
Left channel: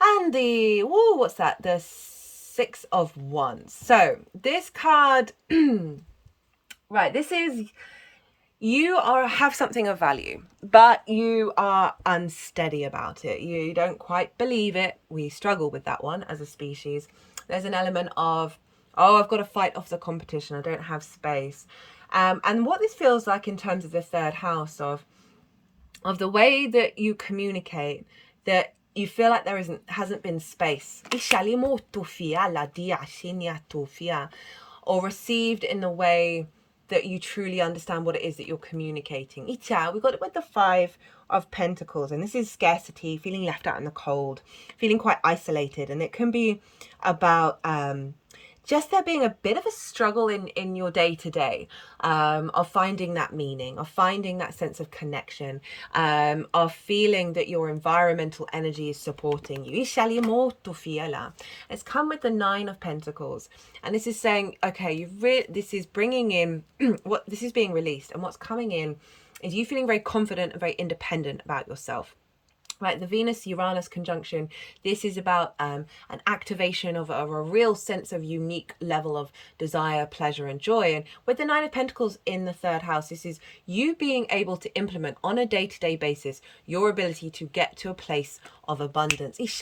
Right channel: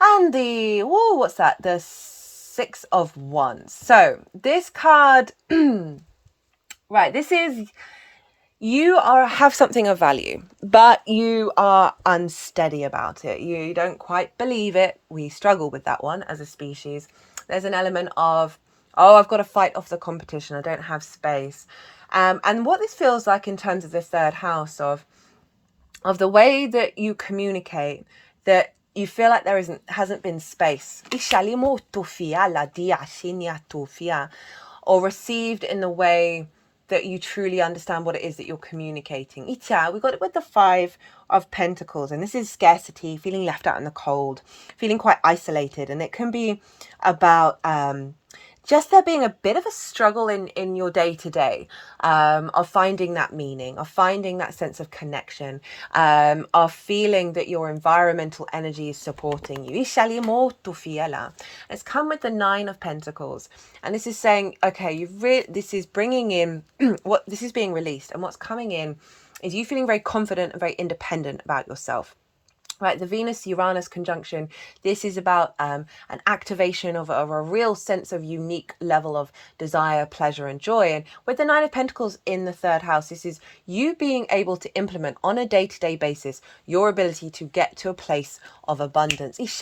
and the, whoa, what's that? The 6 of Wands. So this card, right, this is, you have something of value, but you are unsteady about it. You don't quite believe it. We struggle with that one as a species. There's an element of, oh, I've got to fight off the competition. I don't have space. And what this feels like in terms of the third house of the way that you communicate, that you feel like there hasn't been space, or received in the way that you truly understand what it is that you're communicating. We got it with the 5 of Pentacles, and this is scarcity, feeling left out in the cold, feeling quite isolated, and it can be about just there being a bit of a struggle in your day-to-day, of finding that meaning, of finding that sense of connection, of feeling that your environmental energy is supporting you. It's come with the 9 of Pentacles, and this is saying, okay, this is bringing in what this is being released, and what's coming in is you feeling very confident and very independent about yourself. Right, the Venus-Uranus conjunction, this is about an activation of a real sense of unique level of desire, pleasure, and joy. And with the 9 of Pentacles in the third house, this is you being able to implement on a day-to-day basis your ability to get to a place of abundance. We've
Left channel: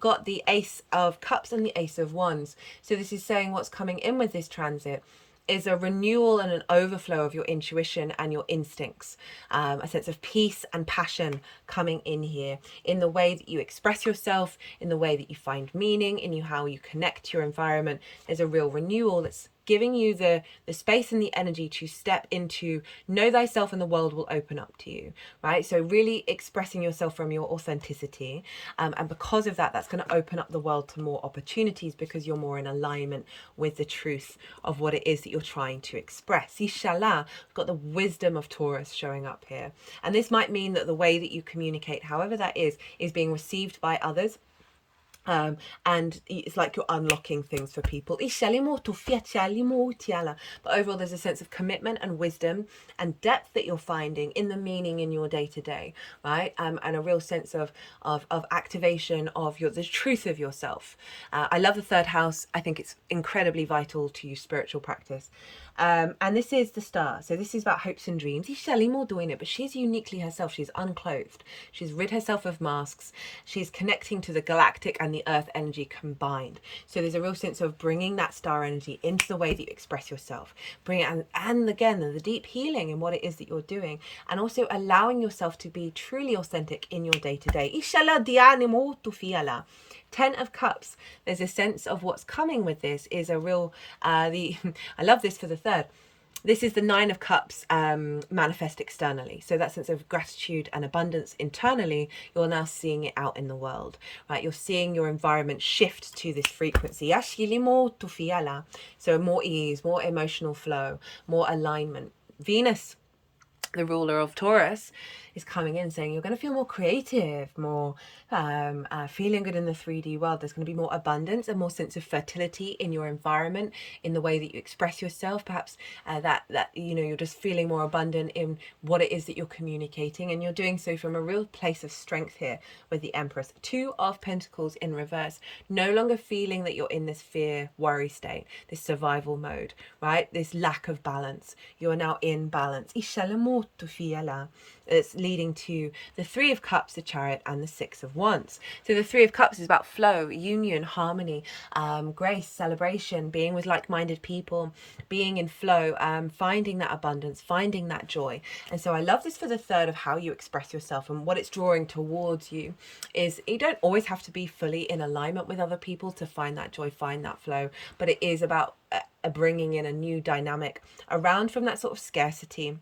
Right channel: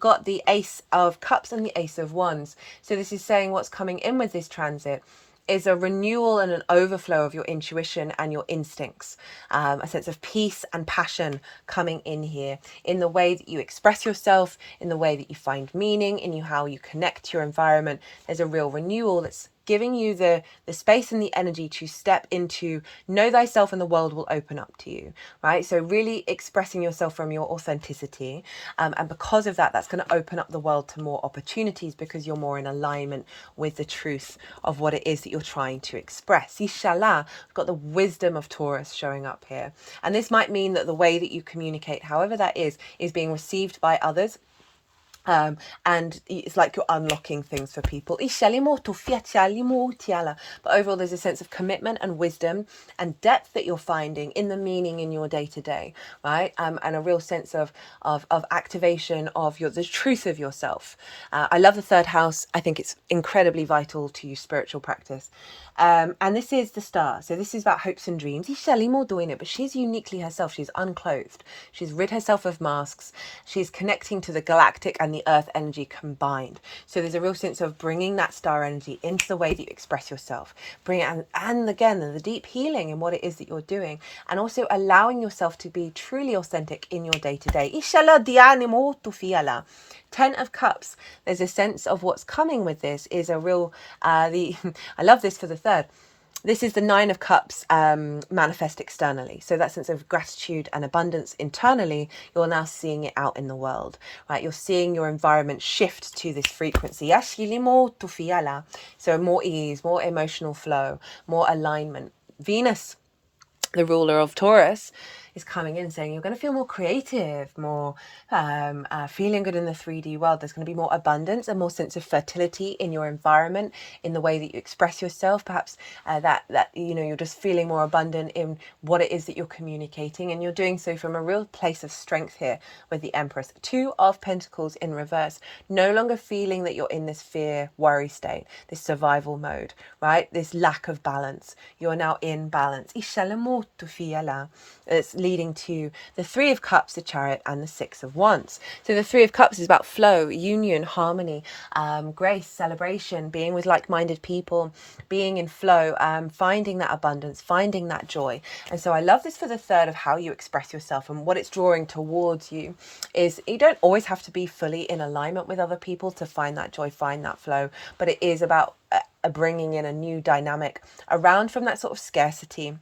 got the Ace of Cups and the Ace of Wands. So this is saying what's coming in with this transit is a renewal and an overflow of your intuition and your instincts, a sense of peace and passion coming in here, in the way that you express yourself, in the way that you find meaning, in how you connect to your environment. There's a real renewal that's giving you the space and the energy to step into know thyself, and the world will open up to you, right? So really expressing yourself from your authenticity, and because of that, that's going to open up the world to more opportunities, because you're more in alignment with the truth of what it is that you're trying to express. Inshallah, we've got the wisdom of Taurus showing up here, and this might mean that the way that you communicate, however that is being received by others. And it's like you're unlocking things for people. But overall, there's a sense of commitment and wisdom and depth that you're finding in the meaning in your day-to-day, right? And a real sense of activation of the truth of yourself. I love the third house. I think it's incredibly vital to spiritual practice. And this is the star. So this is about hopes and dreams. She's more doing it, but she's uniquely herself. She's unclothed. She's rid herself of masks. She's connecting to the galactic and the earth energy combined. So there's a real sense of bringing that star energy into the way that you express yourself. Bring it, and again, the deep healing in what it is that you're doing, and also allowing yourself to be truly authentic in your day-to-day. Ten of Cups. There's a sense of what's coming with this is a real, I love this for the third. This is the Nine of Cups manifest externally. So that sense of gratitude and abundance internally, you're now seeing it out in the world, right? You're seeing your environment shift to this frequency. So more ease, more emotional flow, more alignment. Venus, the ruler of Taurus, is coming in saying you're going to feel more creative, more feeling good in the 3D world. There's going to be more abundance and more sense of fertility in your environment, in the way that you express yourself. Perhaps that you're just feeling more abundant in what it is that you're communicating, and you're doing so from a real place of strength here with the Empress. Two of Pentacles in reverse. No longer feeling that you're in this fear, worry state, this survival mode, right? This lack of balance. You're now in balance. It's leading to the Three of Cups, the Chariot, and the Six of Wands. So the Three of Cups is about flow, union, harmony, grace, celebration, being with like-minded people, being in flow, finding that abundance, finding that joy. And so I love this for the third of how you express yourself, and what it's drawing towards you is you don't always have to be fully in alignment with other people to find that joy, find that flow, but it is about bringing in a new dynamic around from that sort of scarcity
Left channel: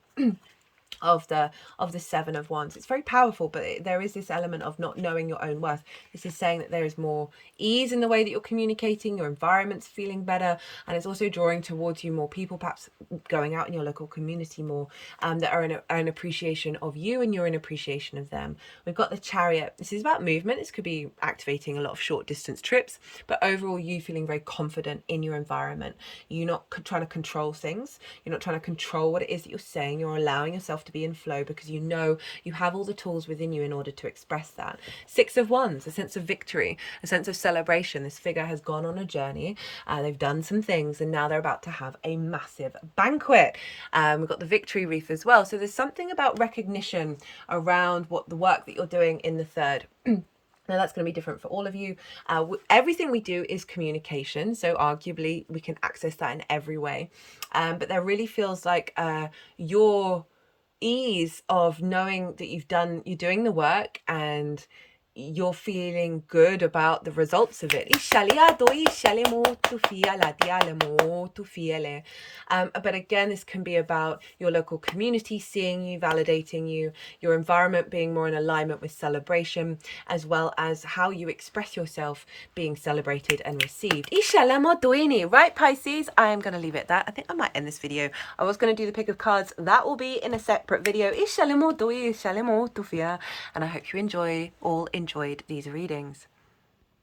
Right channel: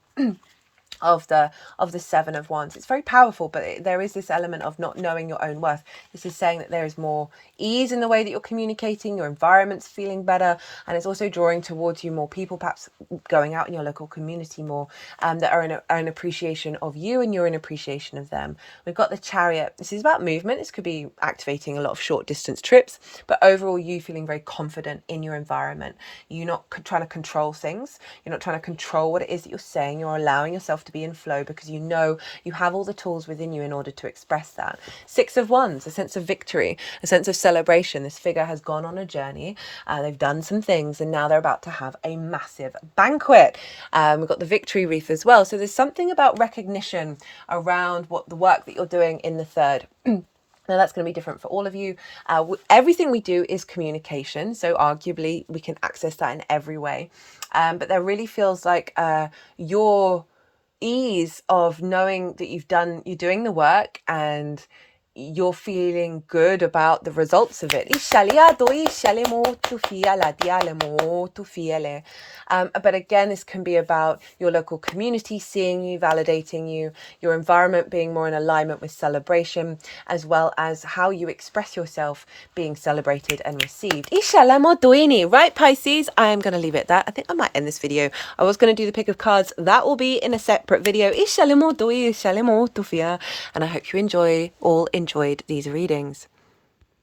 of the Seven of Wands. It's very powerful, but there is this element of not knowing your own worth. This is saying that there is more ease in the way that you're communicating, your environment's feeling better, and it's also drawing towards you more people, perhaps going out in your local community more, that are in appreciation of you, and you're in appreciation of them. We've got the Chariot. This is about movement. This could be activating a lot of short distance trips, but overall you feeling very confident in your environment. You're not trying to control things. You're not trying to control what it is that you're saying. You're allowing yourself to be in flow, because you know you have all the tools within you in order to express that. Six of Wands, a sense of victory, a sense of celebration. This figure has gone on a journey. They've done some things, and now they're about to have a massive banquet. We've got the victory wreath as well. So there's something about recognition around what the work that you're doing in the third. Now that's going to be different for all of you. Everything we do is communication, so arguably we can access that in every way. But there really feels like your ease of knowing that you're doing the work, and you're feeling good about the results of it. But again, this can be about your local community seeing you, validating you, your environment being more in alignment with celebration, as well as how you express yourself being celebrated and received. Right, Pisces? I am going to leave it at that. I think I might end this video. I was going to do the pick of cards. That will be in a separate video. And I hope you all enjoyed these readings.